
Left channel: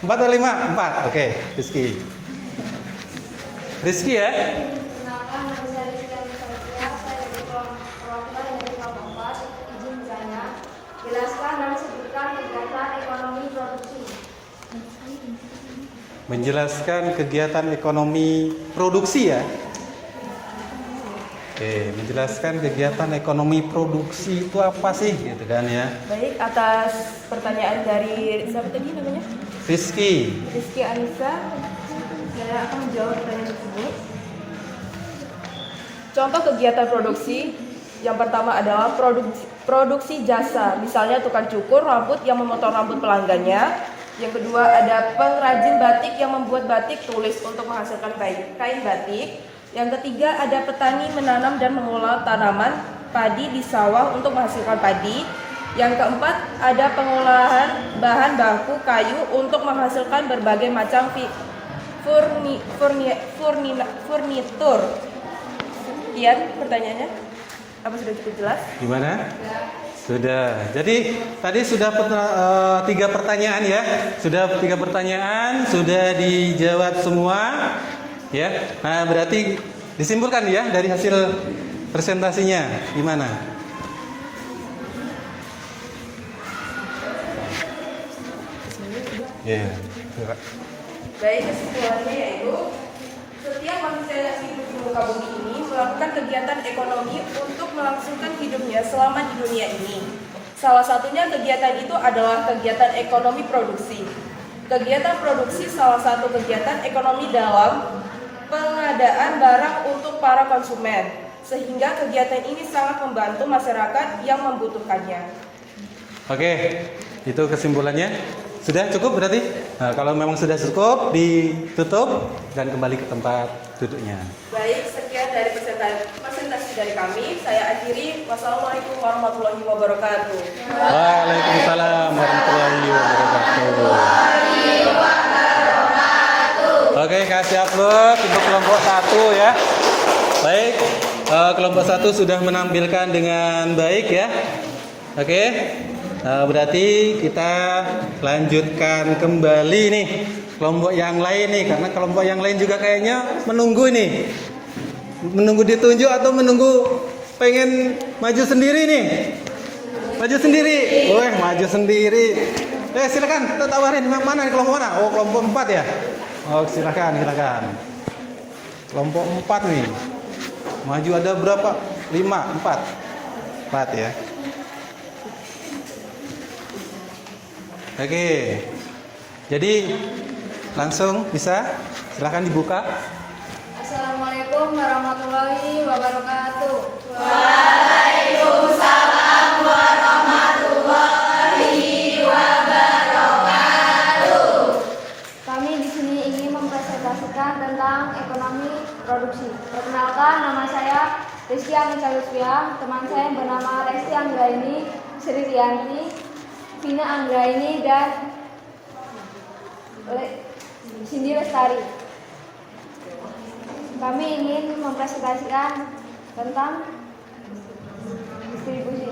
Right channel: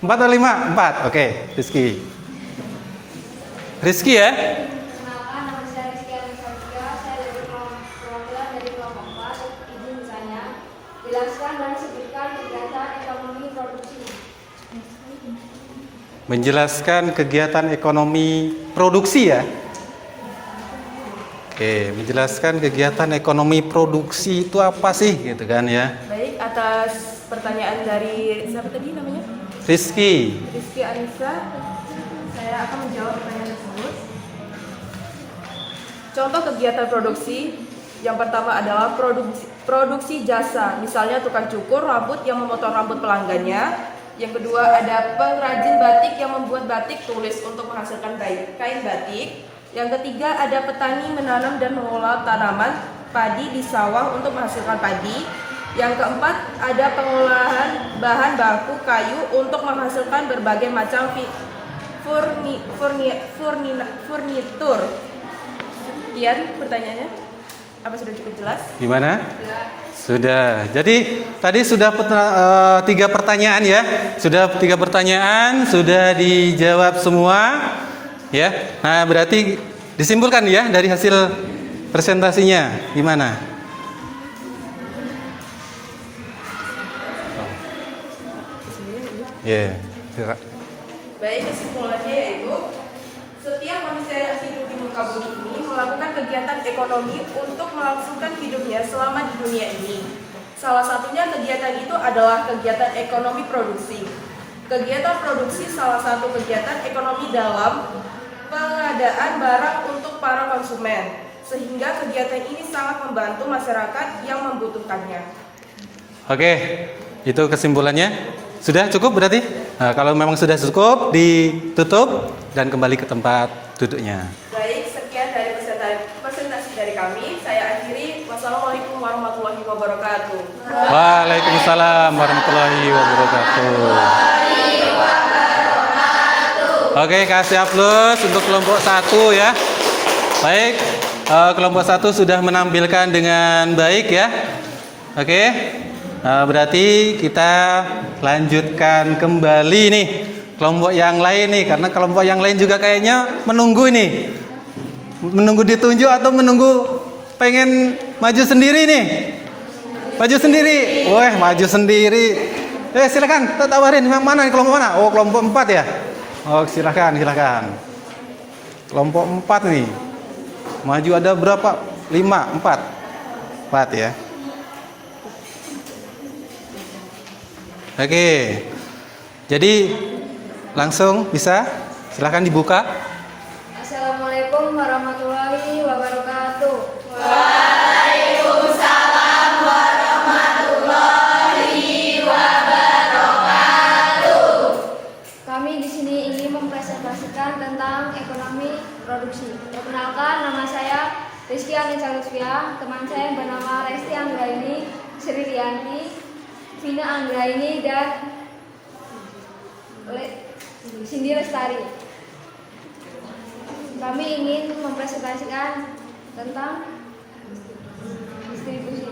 4 atau 5? 4. Oke, Rizky. Rizky ya? Kenalkan, nama saya Rizky Alisautia. Saya dari kelompok perwakilan dari kelompok 4. Izin bertanya, jelaskan dan sebutkan kegiatan ekonomi produksi. Menjelaskan kegiatan ekonomi produksi ya. Oke, menjelaskan kegiatan ekonomi produksi itu apa sih gitu kan ya. Baik, atas pertanyaan dari siapa tadi namanya? Rizky. Rizky Anissa, saya akan menjawab pertanyaan tersebut. Contoh kegiatan produksi yang pertama adalah produksi jasa, misalnya tukang cukur rambut yang memotong rambut pelanggannya. Yang kedua ada pengrajin batik yang membuat batik tulis untuk menghasilkan kain batik. Yang ketiga ada petani menanam dan mengolah tanaman padi di sawah untuk menghasilkan padi. Yang keempat ada pengolahan bahan baku kayu untuk menghasilkan berbagai macam furnitur. Sekian pertanyaannya. Apa sudah cukup jelas? Gimana? Sudah. Jadi tadi sudah 3 pertanyaan ya. Sudah 3 pertanyaan, sudah dijawab semua. Ya. Nah, berarti disimpulkan ya dari hasil presentasinya gimana? Ya. Baik, kesimpulannya yaitu Setiap manusia yang hidup di muka bumi ini melakukan kegiatan ekonomi untuk melangsungkan hidupnya selama di dunia ini. Salah satunya kegiatan itu adalah kegiatan ekonomi produksi. Kegiatan produksi salah satu kegiatan ekonomi dalam pengadaan barang untuk para konsumen, sehingga kegiatan ini sangat membantu masyarakat yang membutuhkannya. Oke, itu kesimpulannya. Sudah cukup berarti? Nah, kalau memang sudah cukup, ditutup dan kembali ke tempat duduknya. Baik, sekian dari presentasi dari kami. Saya akhiri. Wassalamualaikum warahmatullahi wabarakatuh. Waalaikumsalam warahmatullahi wabarakatuh. Oke, kasih aplaus untuk kelompok 1 ya. Baik, kelompok 1 sudah menampilkan dengan baik ya. Oke, berarti kita lanjutkan kembali nih kelompok yang lain nih, karena kelompok yang lain juga kayaknya menunggu ini, menunggu ditunjuk atau menunggu pengen maju sendiri nih. Maju sendiri, wah maju sendiri. Silakan, tawarin yang mana nih, kelompok mana? Oh, kelompok 4 ya. Oh, silakan. Kelompok 4 nih. Maju ada berapa? 4 ya. Oke. Jadi langsung bisa, silakan dibuka. Assalamualaikum warahmatullahi wabarakatuh. Waalaikumsalam warahmatullahi wabarakatuh. Kami di sini ingin mempresentasikan tentang ekonomi produksi. Perkenalkan, nama saya Rizky Anissa Lutfia. Teman saya bernama Resti Anggraini, Sri Rianti, Vina Anggraini, dan Cindy Lestari. Kami ingin mempresentasikan tentang distribusi.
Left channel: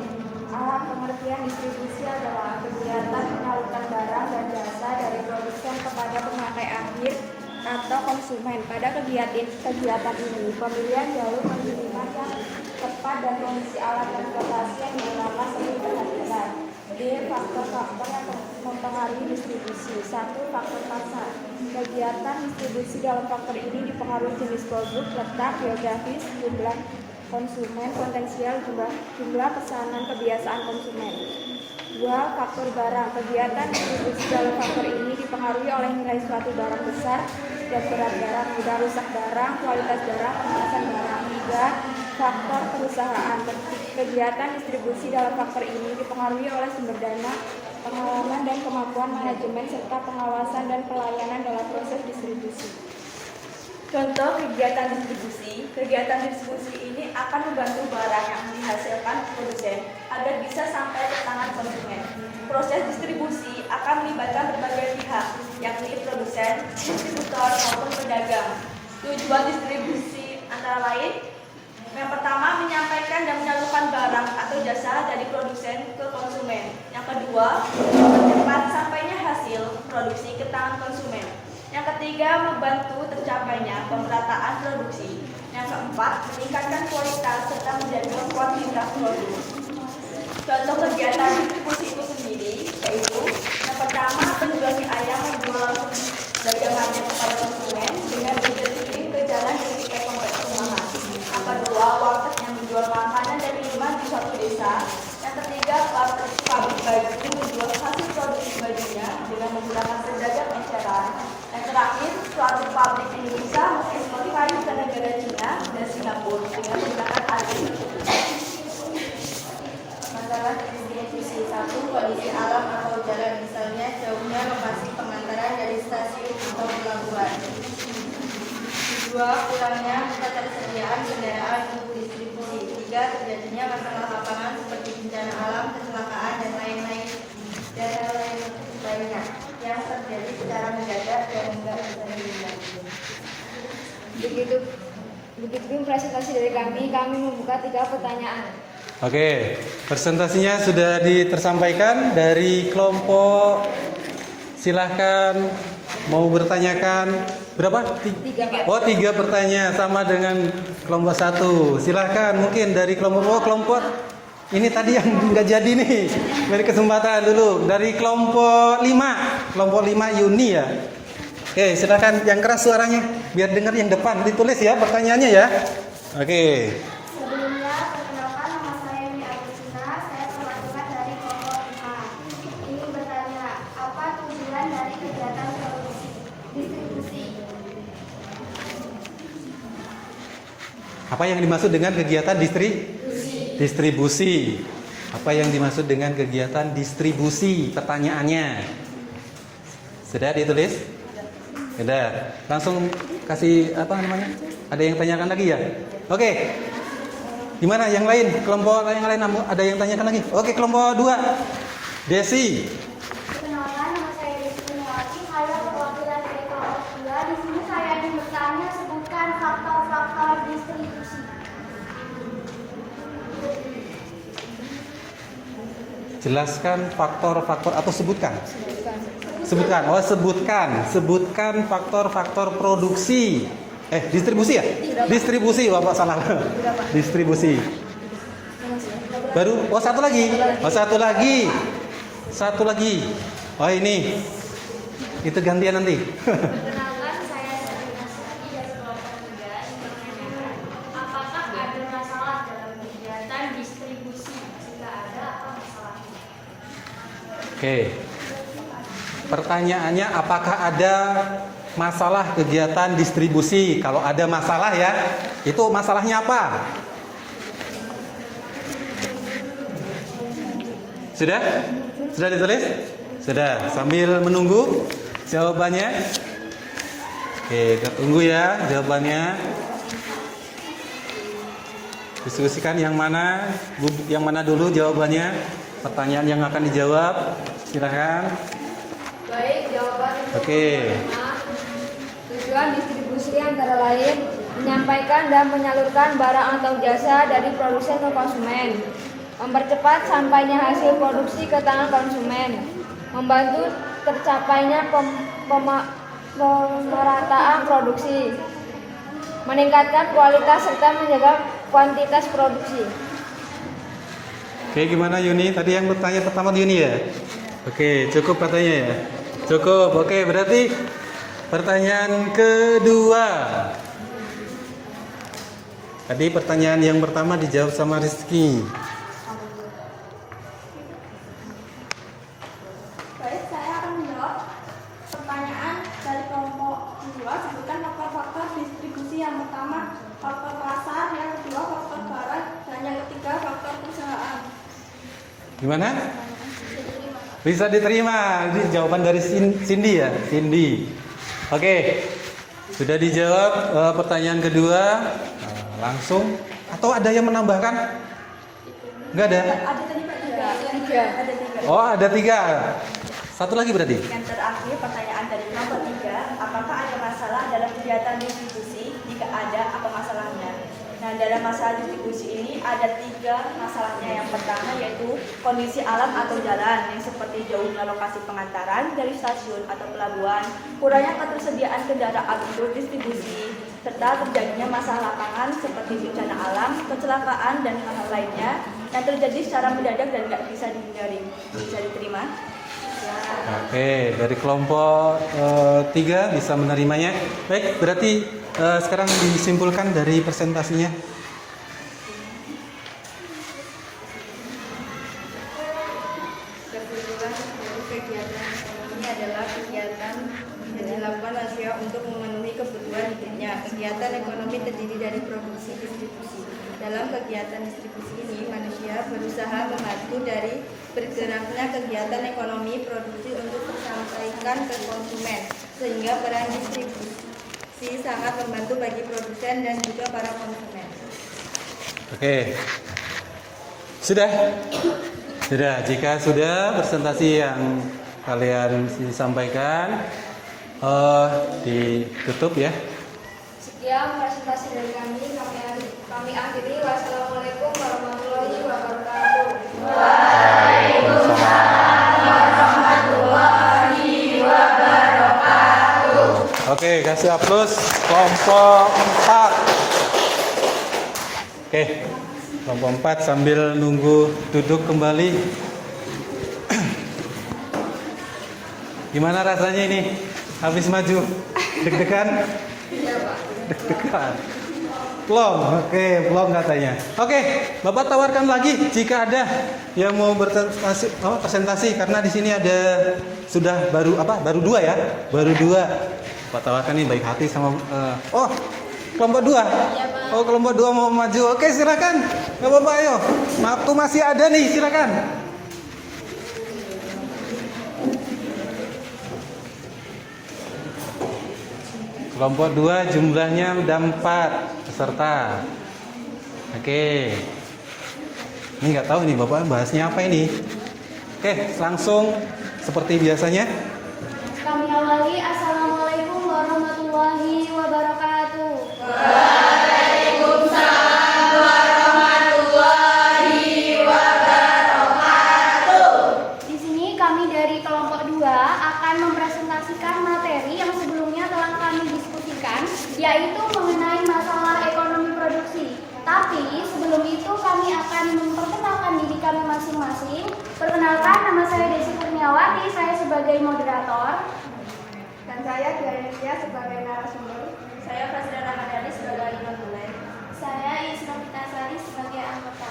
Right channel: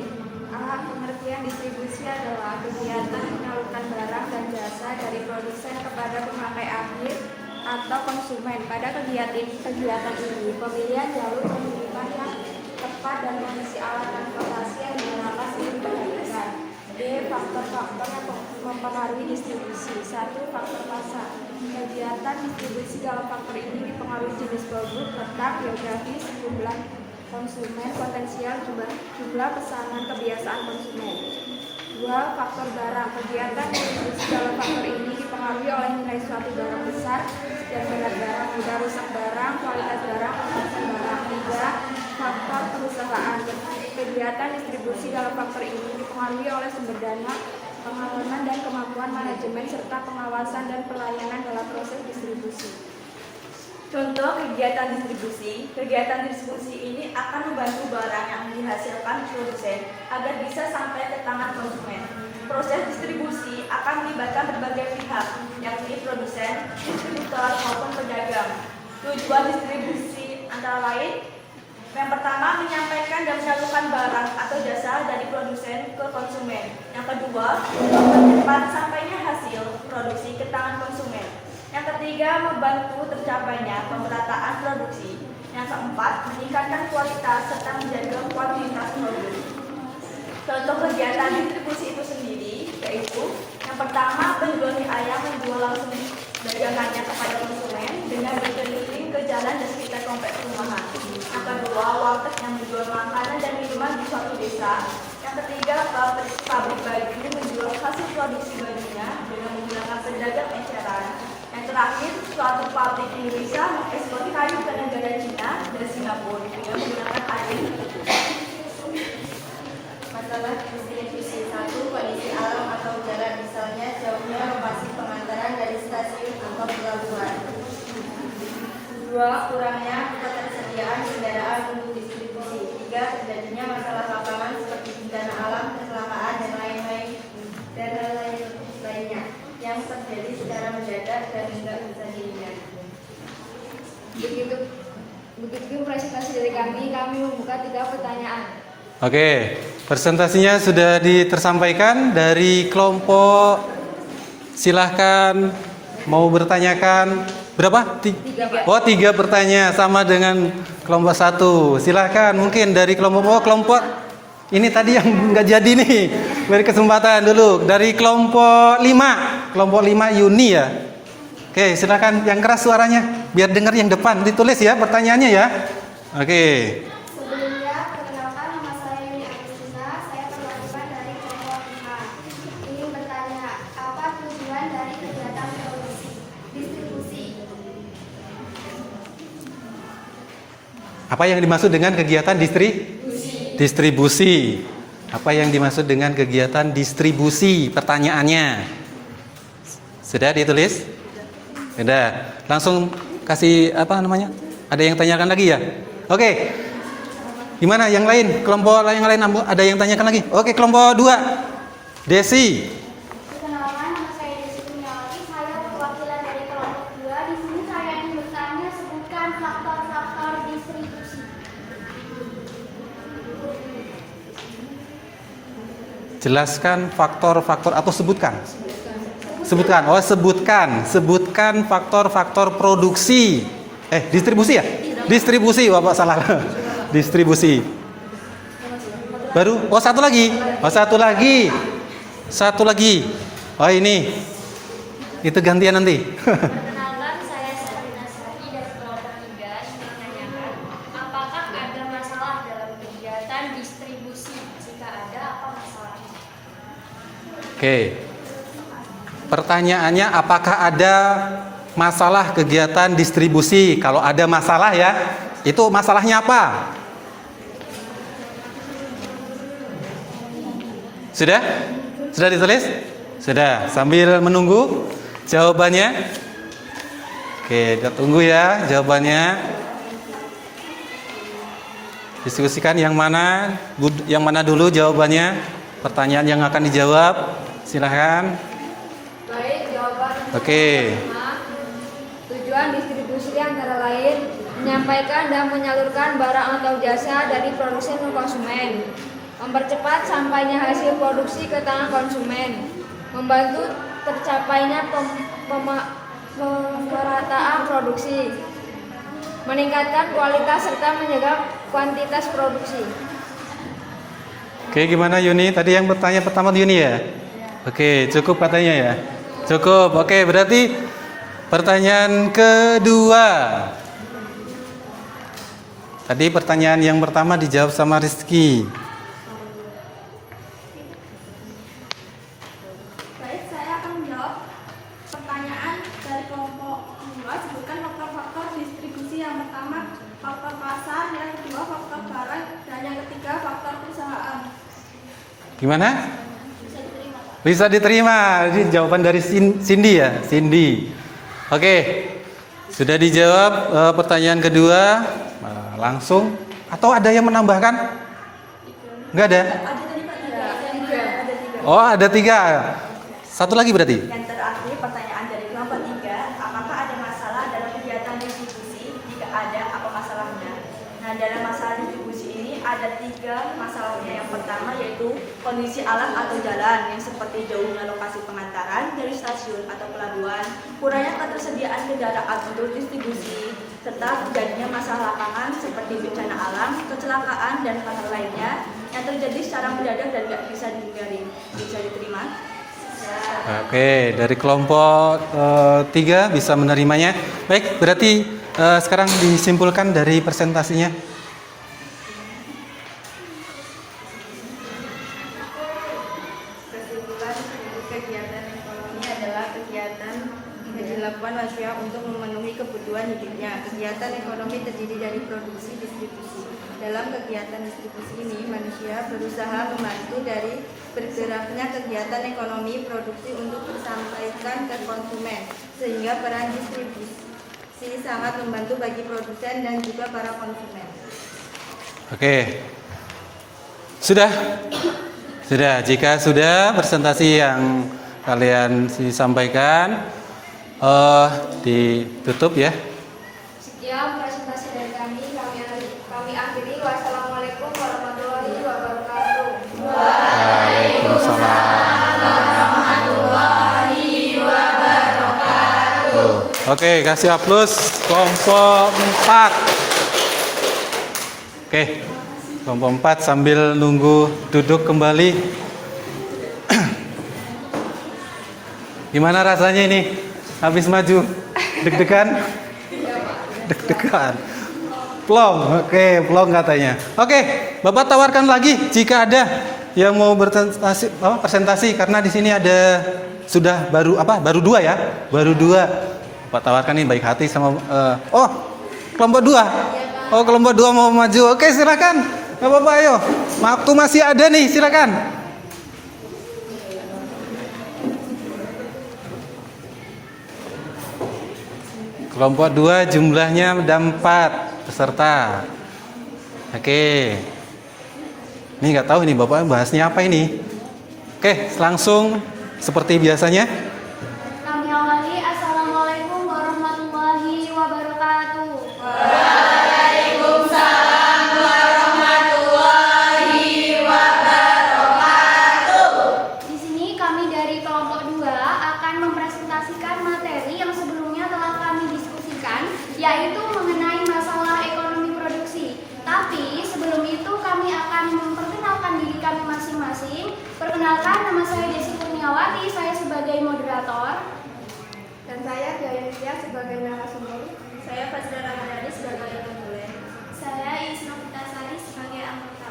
Pengertian distribusi adalah kegiatan penyaluran barang dan jasa dari produsen kepada pemakai akhir atau konsumen. Pada kegiatan ini, pemilihan jalur pengiriman yang tepat dan kondisi alat transportasi yang digunakan sering diperhatikan. Faktor-faktor yang mempengaruhi distribusi. 1. Faktor pasar. Kegiatan distribusi dalam faktor ini dipengaruhi jenis produk, letak geografis, jumlah konsumen, potensial jumlah pesanan, kebiasaan konsumen. 2. Faktor barang. Kegiatan distribusi dalam faktor ini dipengaruhi oleh nilai suatu barang besar dan berat barang, mudah rusak barang, kualitas barang, pemeriksaan barang. 3. Faktor perusahaan. Kegiatan distribusi dalam faktor ini dipengaruhi oleh sumber dana, pengalaman dan kemampuan manajemen, serta pengawasan dan pelayanan dalam proses distribusi. Contoh kegiatan distribusi. Kegiatan distribusi ini akan membantu barang yang dihasilkan produsen agar bisa sampai ke tangan konsumen. Proses distribusi akan melibatkan berbagai pihak, yakni produsen, distributor maupun pedagang. Tujuan distribusi antara lain: yang pertama, menyampaikan dan menyalurkan barang atau jasa dari produsen ke konsumen. Yang kedua, mempercepat sampainya hasil produksi ke tangan konsumen. Yang ketiga, membantu tercapainya pemerataan produksi. Yang keempat, meningkatkan kualitas serta menjaga kuantitas produk. Contoh kegiatan distribusi itu sendiri yaitu: yang pertama, penjual mie ayam menjual langsung dagangannya kepada konsumen dengan berkeliling ke jalan dan sekitar kompleks perumahan. Yang kedua, warteg yang menjual makanan dan minuman di suatu desa. Yang ketiga, pabrik baju menjual hasil produksi bajunya dengan menggunakan pedagang eceran. Yang terakhir, suatu pabrik Indonesia mengekspor kayu ke negara Cina dan Singapura dengan menggunakan agen tersebut. Masalah distribusi. 1. Kondisi alam atau jalan, misalnya jauhnya lokasi pengantaran dari stasiun atau pelabuhan. 2. Kurangnya ketersediaan kendaraan untuk distribusi. 3. Terjadinya masalah lapangan seperti bencana alam, kecelakaan, dan lainnya yang terjadi secara mendadak dan tidak bisa dihindari. Begitu presentasi dari kami membuka 3 pertanyaan. Oke, presentasinya sudah tersampaikan dari kelompok. Silahkan mau bertanyakan berapa? 3. Oh, 3 pertanyaan sama dengan kelompok 1. Silahkan, mungkin dari kelompok ini tadi yang nggak jadi nih. Beri kesempatan dulu dari kelompok 5 Yuni ya. Oke, silakan yang keras suaranya biar dengar yang depan. Ditulis ya pertanyaannya ya. Oke. Sebelumnya, perkenalkan nama saya Yuni Agustina, saya perwakilan dari kelompok 5. Ingin bertanya, apa tujuan dari kegiatan produksi distribusi? Apa yang dimaksud dengan kegiatan distribusi? Apa yang dimaksud dengan kegiatan distribusi? Pertanyaannya. Sudah ditulis? Sudah. Langsung kasih apa namanya? Ada yang tanyakan lagi ya? Oke. Gimana yang lain? Kelompok yang lain ada yang tanyakan lagi? Oke, kelompok 2. Desi. Perkenalkan, nama saya Desi Kurniawati, saya perwakilan dari kelompok 2. Di sini saya ingin bertanya, sebutkan faktor-faktor distribusi. Jelaskan faktor-faktor atau sebutkan. Sebutkan. Oh, sebutkan faktor-faktor produksi. Distribusi ya? Distribusi, Bapak salah. Distribusi. Baru, satu lagi. Satu lagi. Oh, ini. Itu gantian nanti. Perkenalkan, saya Sarina Sari dari kelompok 3 yang menanyakan apakah ada masalah dalam kegiatan distribusi? Jika ada, apa masalahnya? Oke. Pertanyaannya apakah ada masalah kegiatan distribusi? Kalau ada masalah ya, itu masalahnya apa? Sudah? Sudah ditulis? Sudah. Sambil menunggu jawabannya. Oke, kita tunggu ya jawabannya. Diskusikan yang mana dulu jawabannya. Pertanyaan yang akan dijawab. Silahkan. Baik, jawaban untuk Oke. pertama, tujuan distribusi antara lain menyampaikan dan menyalurkan barang atau jasa dari produsen ke konsumen, mempercepat sampainya hasil produksi ke tangan konsumen, membantu tercapainya pemerataan produksi, meningkatkan kualitas serta menjaga kuantitas produksi. Oke, gimana Yuni? Tadi yang bertanya pertama Yuni ya? Oke, cukup katanya ya? Cukup. Oke, berarti pertanyaan kedua. Tadi pertanyaan yang pertama dijawab sama Rizky. Baik, saya akan menjawab pertanyaan dari kelompok 2. Sebutkan faktor-faktor distribusi. Yang pertama, faktor pasar. Yang kedua, faktor barang. Dan yang ketiga, faktor perusahaan. Gimana? Bisa diterima. Ini jawaban dari Cindy ya? Cindy. Oke. Sudah dijawab pertanyaan kedua. Langsung. Atau ada yang menambahkan? Enggak ada? Ada tadi Pak? Tiga. Ada tiga. Oh, ada 3. Satu lagi berarti? Yang terakhir, pertanyaan dari kelompok 3, apakah ada masalah dalam kegiatan distribusi? Jika ada, apa masalahnya? Nah, dalam masalah distribusi ini ada 3 masalahnya. Yang pertama yaitu kondisi alam atau jalan, yang seperti jauhnya lokasi pengantaran dari stasiun atau pelabuhan, kurangnya ketersediaan kendaraan untuk distribusi, serta terjadinya masalah lapangan seperti bencana alam, kecelakaan, dan hal-hal lainnya yang terjadi secara mendadak dan tidak bisa dihindari. Bisa diterima? Oke, dari kelompok 3 bisa menerimanya. Baik, berarti sekarang disimpulkan dari presentasinya. Kesimpulan dari kegiatan ekonomi adalah kegiatan yang dilakukan manusia untuk memenuhi kebutuhan hidupnya. Kegiatan ekonomi terdiri dari produksi distribusi. Dalam kegiatan distribusi ini, manusia berusaha membantu dari bergeraknya kegiatan ekonomi produksi untuk tersampaikan ke konsumen, sehingga peran distribusi sangat membantu bagi produsen dan juga para konsumen. Oke. Sudah? Sudah. Jika sudah presentasi yang kalian sampaikan, ditutup ya. Sekian presentasi dari kami akhiri. Wassalamualaikum warahmatullahi wabarakatuh. Oke, kasih aplaus kelompok 4. Oke, kelompok 4 sambil nunggu duduk kembali. Gimana rasanya ini habis maju? Deg-degan? Deg-degan. Plong, oke, plong katanya. Oke, Bapak tawarkan lagi jika ada yang mau presentasi karena di sini ada sudah baru 2 ya, baru 2. Bapak tawarkan nih baik hati sama kelompok 2. Oh, kelompok 2 mau maju. Oke, silakan. Bapak ayo. Waktu masih ada nih, silakan. Kelompok 2 jumlahnya ada 4 peserta. Oke. Ini nggak tahu nih Bapak bahasnya apa ini. Oke, langsung seperti biasanya. Kami awali. Assalamualaikum warahmatullahi wabarakatuh. Di sini kami dari kelompok 2 akan mempresentasikan materi yang sebelumnya telah kami diskusikan, yaitu mengenai masalah ekonomi produksi. Tapi sebelum itu kami akan memperkenalkan diri kami masing-masing. Perkenalkan, nama saya Desi Kurniawati, saya sebagai moderator. Dan saya Dianesia sebagai narasumber. Saya Fazla Ramadhani sebagai pemulai. Saya Isnovita Sari sebagai anggota.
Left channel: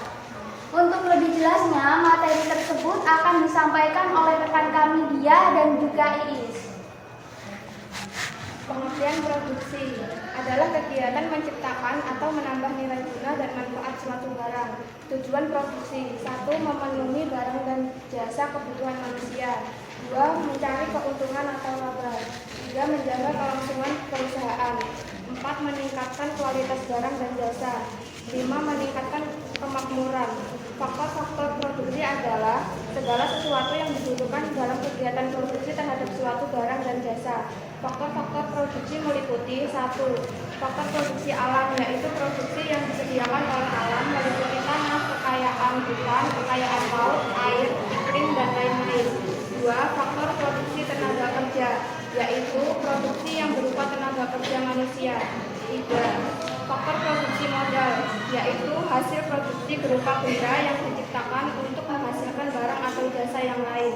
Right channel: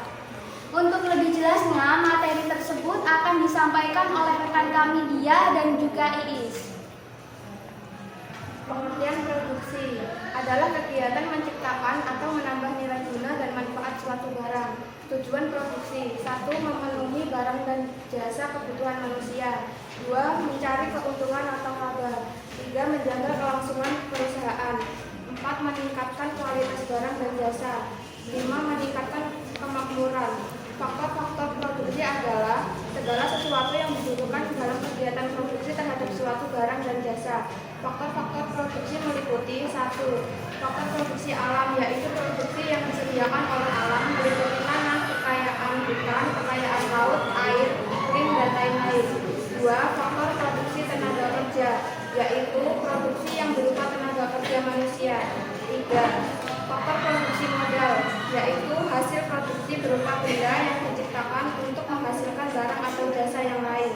Untuk lebih jelasnya, materi tersebut akan disampaikan oleh rekan kami Dia dan juga Iis. Pengertian produksi adalah kegiatan menciptakan atau menambah nilai guna dan manfaat suatu barang. Tujuan produksi: 1. Memenuhi barang dan jasa kebutuhan manusia. 2. Mencari keuntungan atau laba. 3. Menjaga kelangsungan perusahaan. 4. Meningkatkan kualitas barang dan jasa. 5. Meningkatkan kemakmuran. Faktor-faktor produksi adalah segala sesuatu yang dibutuhkan dalam kegiatan produksi terhadap suatu barang dan jasa. Faktor-faktor produksi meliputi 1. Faktor produksi alam, yaitu produksi yang disediakan oleh alam, meliputi tanah, kekayaan hutan, kekayaan laut, air, iklim, dan lain-lain. 2. Faktor produksi tenaga kerja, yaitu produksi yang berupa tenaga kerja manusia. 3. Faktor produksi modal, yaitu hasil produksi berupa benda yang diciptakan untuk menghasilkan barang atau jasa yang lain.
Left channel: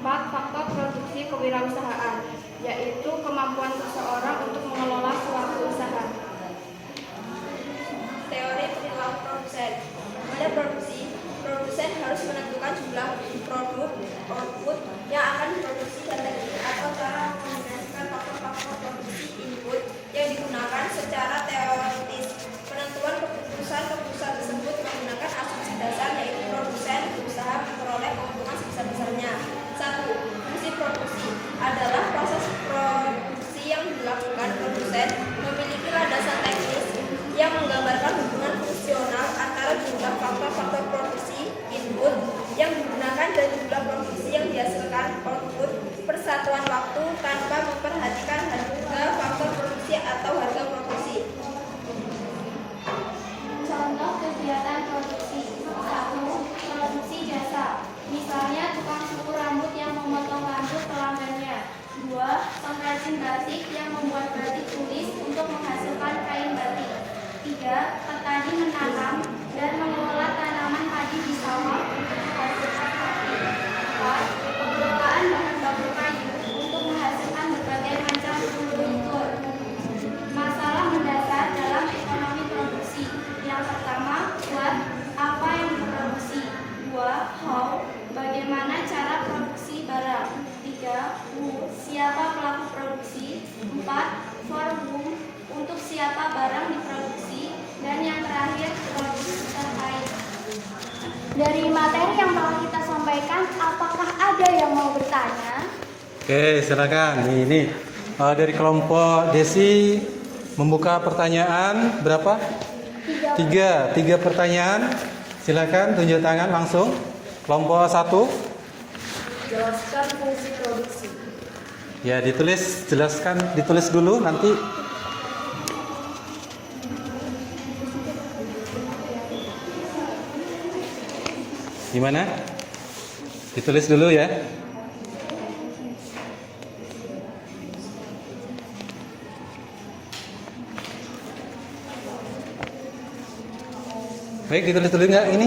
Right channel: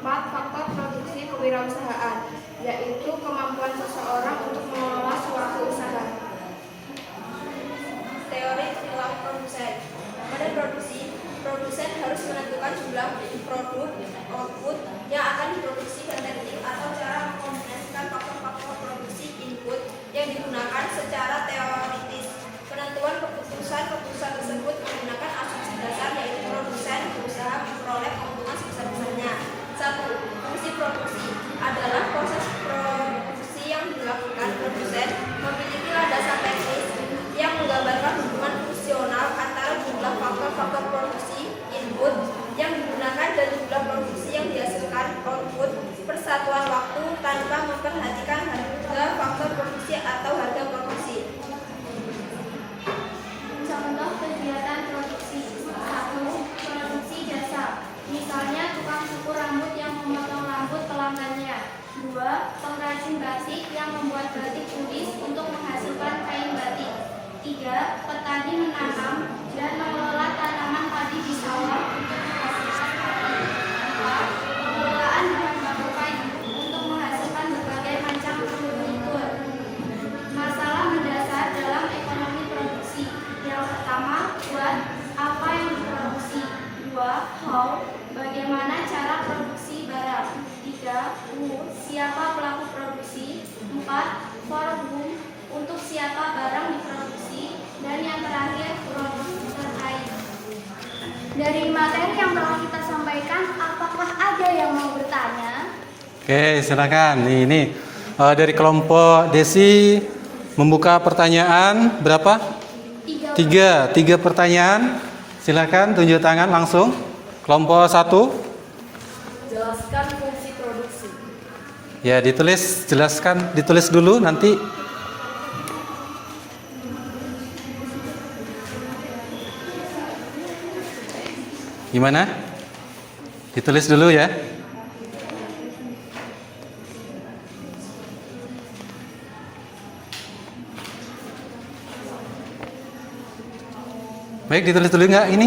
4. Faktor produksi kewirausahaan, yaitu kemampuan seseorang untuk mengelola suatu usaha. Teori perilaku produsen. Pada produksi, produsen harus menentukan jumlah produk output yang akan diproduksi dari atau cara mengkombinasikan faktor-faktor produksi input yang digunakan secara teoritis. Penentuan keputusan tersebut menggunakan asumsi dasar, yaitu produsen berusaha memperoleh keuntungan sebesar-besarnya. 1. Fungsi produksi adalah proses produksi yang dilakukan produsen memiliki landasan teknis yang menggambarkan hubungan fungsional antara jumlah faktor-faktor produksi input yang digunakan dan jumlah produksi yang dihasilkan output per satuan waktu tanpa memperhatikan harga faktor produksi atau harga produksi. Contoh kegiatan produksi. 1. Produksi jasa. Misalnya tukang cukur rambut yang memotong rambut pelanggannya. 2. Pengrajin batik yang membuat batik tulis untuk menghasilkan kain batik. 3. Petani menanam dan mengelola tanaman padi di sawah untuk menghasilkan padi. 4. Pengelolaan bahan baku kayu untuk menghasilkan berbagai macam furnitur. Masalah mendasar dalam ekonomi produksi. Yang pertama, what, apa yang diproduksi. 2. How, bagaimana cara produksi barang. 3. Who, siapa pelaku produksi. 4. For whom, untuk siapa barang diproduksi. Dan yang terakhir, produk terkait. Dari materi yang telah kita sampaikan, apakah ada yang mau bertanya? Oke, silakan. Ini dari kelompok Desi membuka pertanyaan berapa? 3 pertanyaan. Silakan tunjuk tangan langsung. Kelompok 1. Jelaskan fungsi produksi. Ya, ditulis dulu nanti. Gimana? Ditulis dulu ya. Baik, ditulis dulu nggak ini?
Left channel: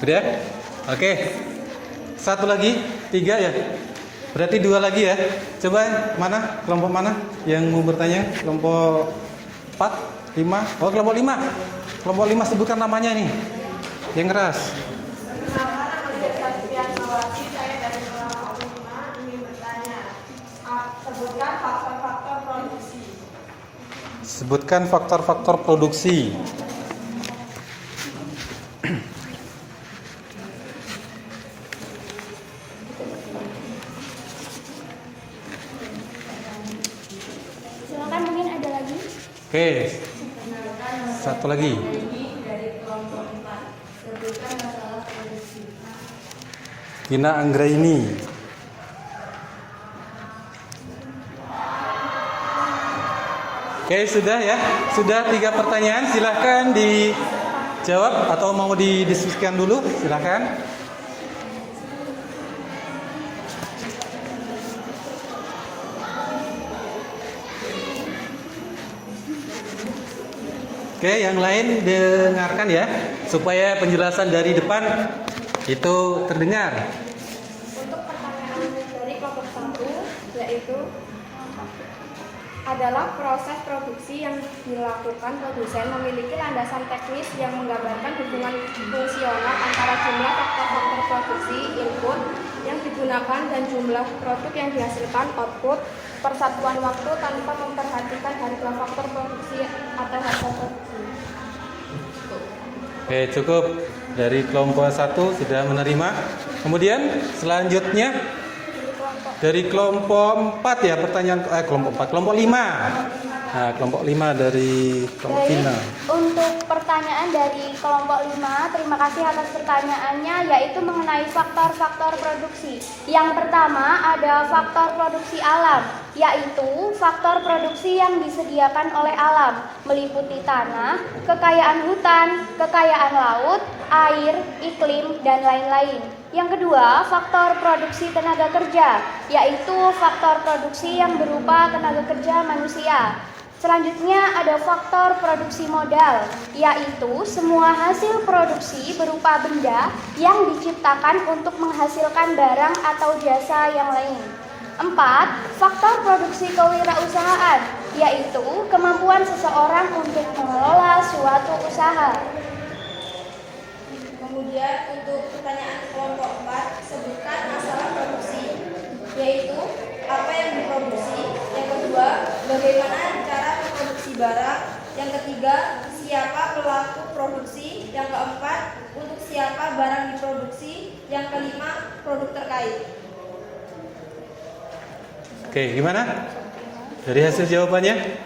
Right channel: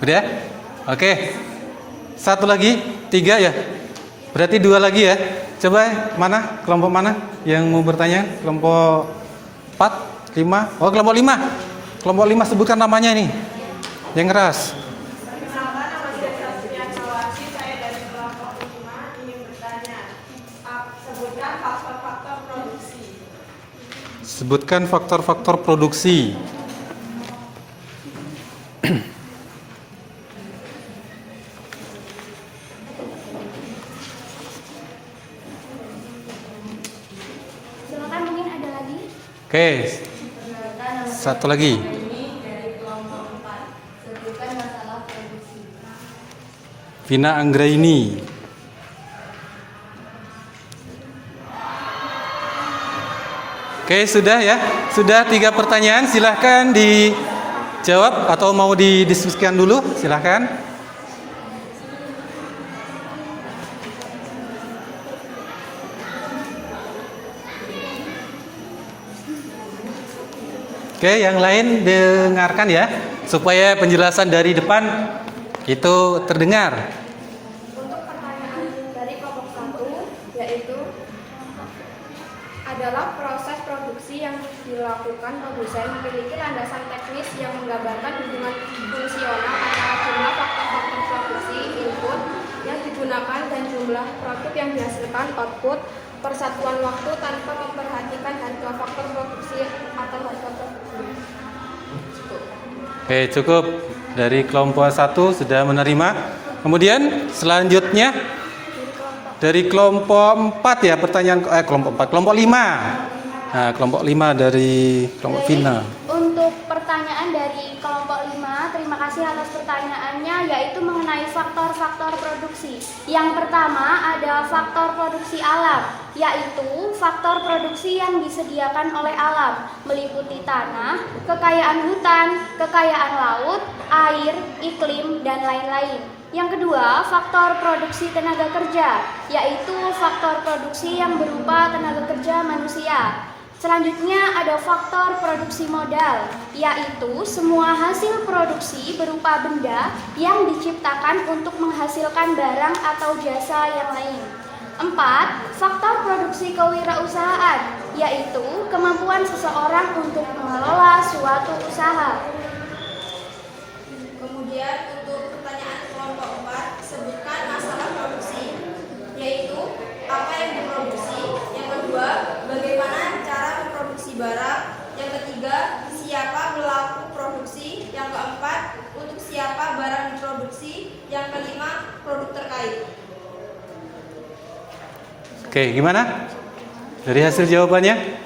Udah? Oke. Satu lagi, 3 ya? Berarti 2 lagi ya. Coba mana? Kelompok mana yang mau bertanya? Kelompok 4, 5. Oh, kelompok 5. Kelompok 5 sebutkan namanya nih. Yang keras. Sebutkan faktor-faktor produksi. Sebutkan faktor-faktor produksi. Silakan, mungkin ada lagi. Oke. Satu lagi. Vina Anggraini. Oke, sudah ya. Sudah 3 pertanyaan, silahkan dijawab atau mau didiskusikan dulu, silahkan. Oke, yang lain dengarkan ya, supaya penjelasan dari depan itu terdengar. Untuk pertanyaan dari kelompok 1, yaitu adalah proses produksi yang dilakukan produsen memiliki landasan teknis yang menggambarkan hubungan fungsional antara jumlah faktor-faktor produksi input yang digunakan dan jumlah produk yang dihasilkan output persatuan waktu tanpa memperhatikan harga faktor produksi atau harga produksi. Oke, cukup. Dari kelompok 1 sudah menerima. Kemudian selanjutnya dari kelompok 4 ya, pertanyaan kelompok 4, kelompok 5. Nah, kelompok 5 dari kelompok Vina. Untuk pertanyaan dari kelompok 5, terima kasih atas pertanyaannya, yaitu mengenai faktor-faktor produksi. Yang pertama ada faktor produksi alam, yaitu faktor produksi yang disediakan oleh alam, meliputi tanah, kekayaan hutan, kekayaan laut, air, iklim, dan lain-lain. Yang kedua, faktor produksi tenaga kerja, yaitu faktor produksi yang berupa tenaga kerja manusia. Selanjutnya ada faktor produksi modal, yaitu semua hasil produksi berupa benda yang diciptakan untuk menghasilkan barang atau jasa yang lain. 4. Faktor produksi kewirausahaan, yaitu kemampuan seseorang untuk mengelola suatu usaha. Kemudian untuk pertanyaan kelompok 4, sebutkan masalah produksi, yaitu apa yang diproduksi. Yang kedua, bagaimana cara memproduksi barang. Yang ketiga, siapa pelaku produksi. Yang keempat, untuk siapa barang diproduksi. Yang kelima, produk terkait. Oke, gimana? Dari hasil jawabannya?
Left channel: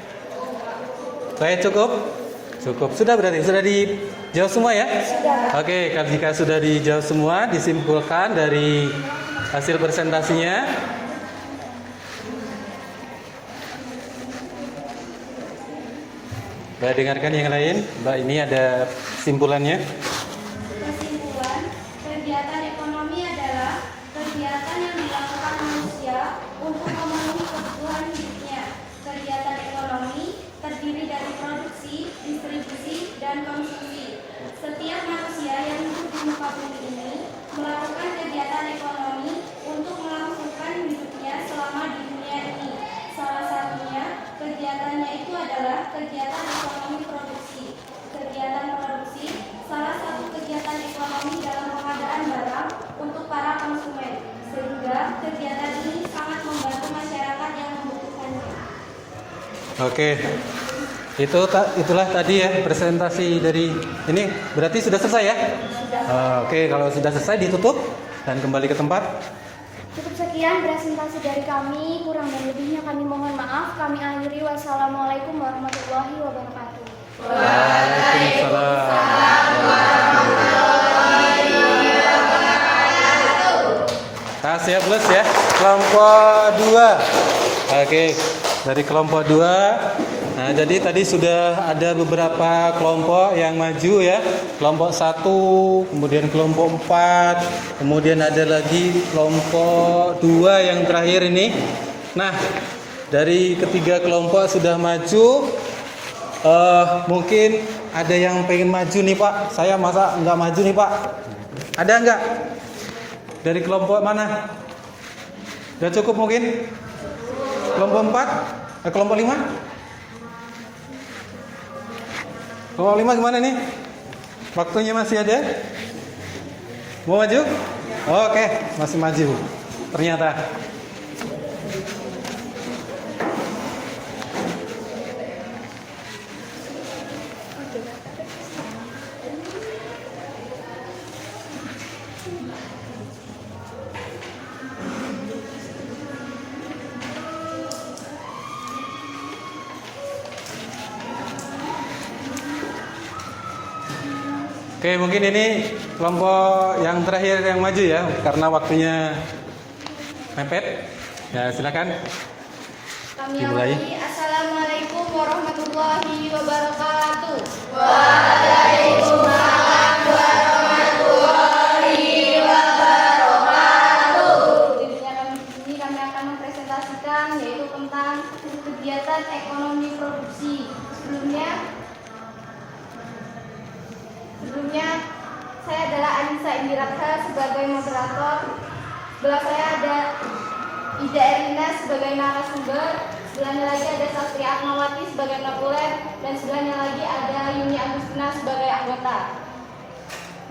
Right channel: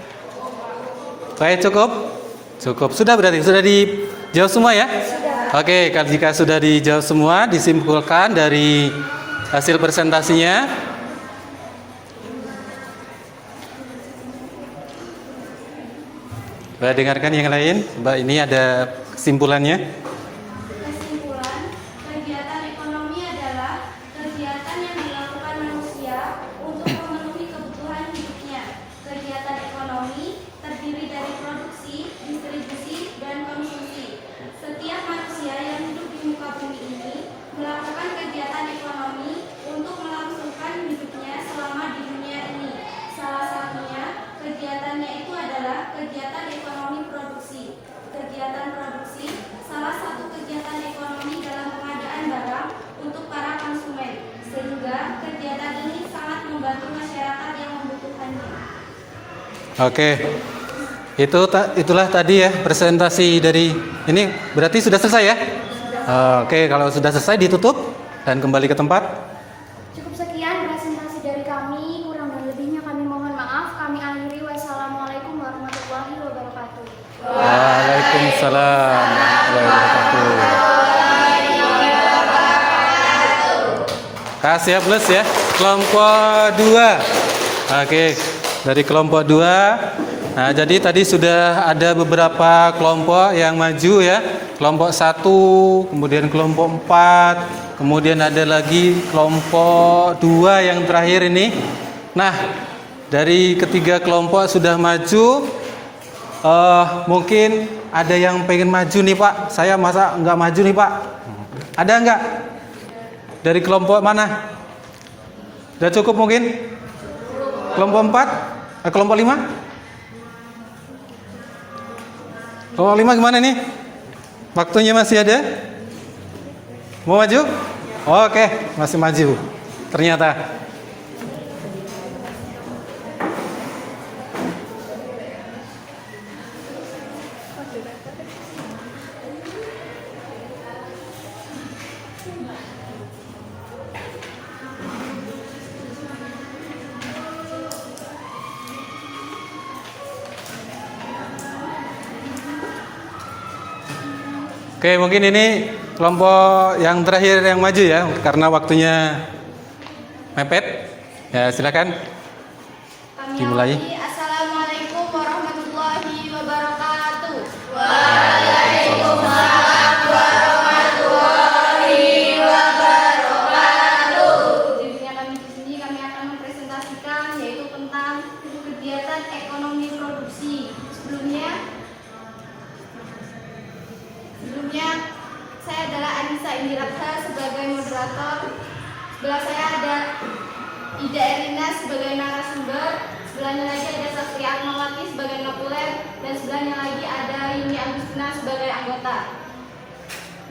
Saya cukup? Cukup. Sudah berarti? Sudah dijawab semua ya? Sudah. Oke, jika sudah dijawab semua, disimpulkan dari hasil presentasinya. Mbak dengarkan yang lain. Mbak, ini ada kesimpulannya. Kesimpulan, kegiatan ekonomi adalah kegiatan yang dilakukan manusia untuk memenuhi kebutuhan hidupnya. Kegiatan ekonomi terdiri dari produksi, distribusi, dan konsumsi. Setiap manusia yang hidup di muka bumi ini melakukan kegiatan ekonomi untuk melangsungkan hidupnya selama di dunia ini. Salah satunya kegiatannya itu adalah kegiatan ekonomi produksi. Kegiatan produksi salah satu kegiatan ekonomi dalam pengadaan barang untuk para konsumen, sehingga kegiatan ini sangat membantu masyarakat yang membutuhkannya. Oke. Itulah tadi ya presentasi dari ini. Berarti sudah selesai ya? Oke, kalau sudah selesai ditutup dan kembali ke tempat. Cukup sekian presentasi dari kami, kurang dan lebihnya kami mohon maaf. Kami akhiri, wassalamualaikum warahmatullahi wabarakatuh. Waalaikumsalam warahmatullahi wabarakatuh. Kasih ya plus ya. Kelompok 2. Oke, dari kelompok 2. Nah, jadi tadi sudah ada beberapa kelompok yang maju ya. Kelompok 1, kemudian kelompok 4, kemudian ada lagi kelompok 2 yang terakhir ini. Nah, dari ketiga kelompok sudah maju. Mungkin ada yang pengen maju nih Pak. Saya masa nggak maju nih Pak? Ada nggak? Dari kelompok mana? Udah cukup mungkin? Kelompok 4? Kelompok 5? Kelompok 5 gimana nih? Waktunya masih ada? Mau maju? Oke, masih maju. Ternyata. Oke, mungkin ini kelompok yang terakhir yang maju ya, karena waktunya mepet. Ya, silakan. Kami Dimulai. awali. Assalamualaikum warahmatullahi wabarakatuh. Judulnya kami di sini kami akan mempresentasikan yaitu tentang kegiatan ekonomi produksi. Sebelumnya saya adalah Anissa Indiratha sebagai moderator. Sebelah saya ada Ida Erina sebagai narasumber. Sebelahnya lagi ada Sastri Atmawati sebagai kapolem, dan sebelahnya lagi ada Yuni Agustina sebagai anggota.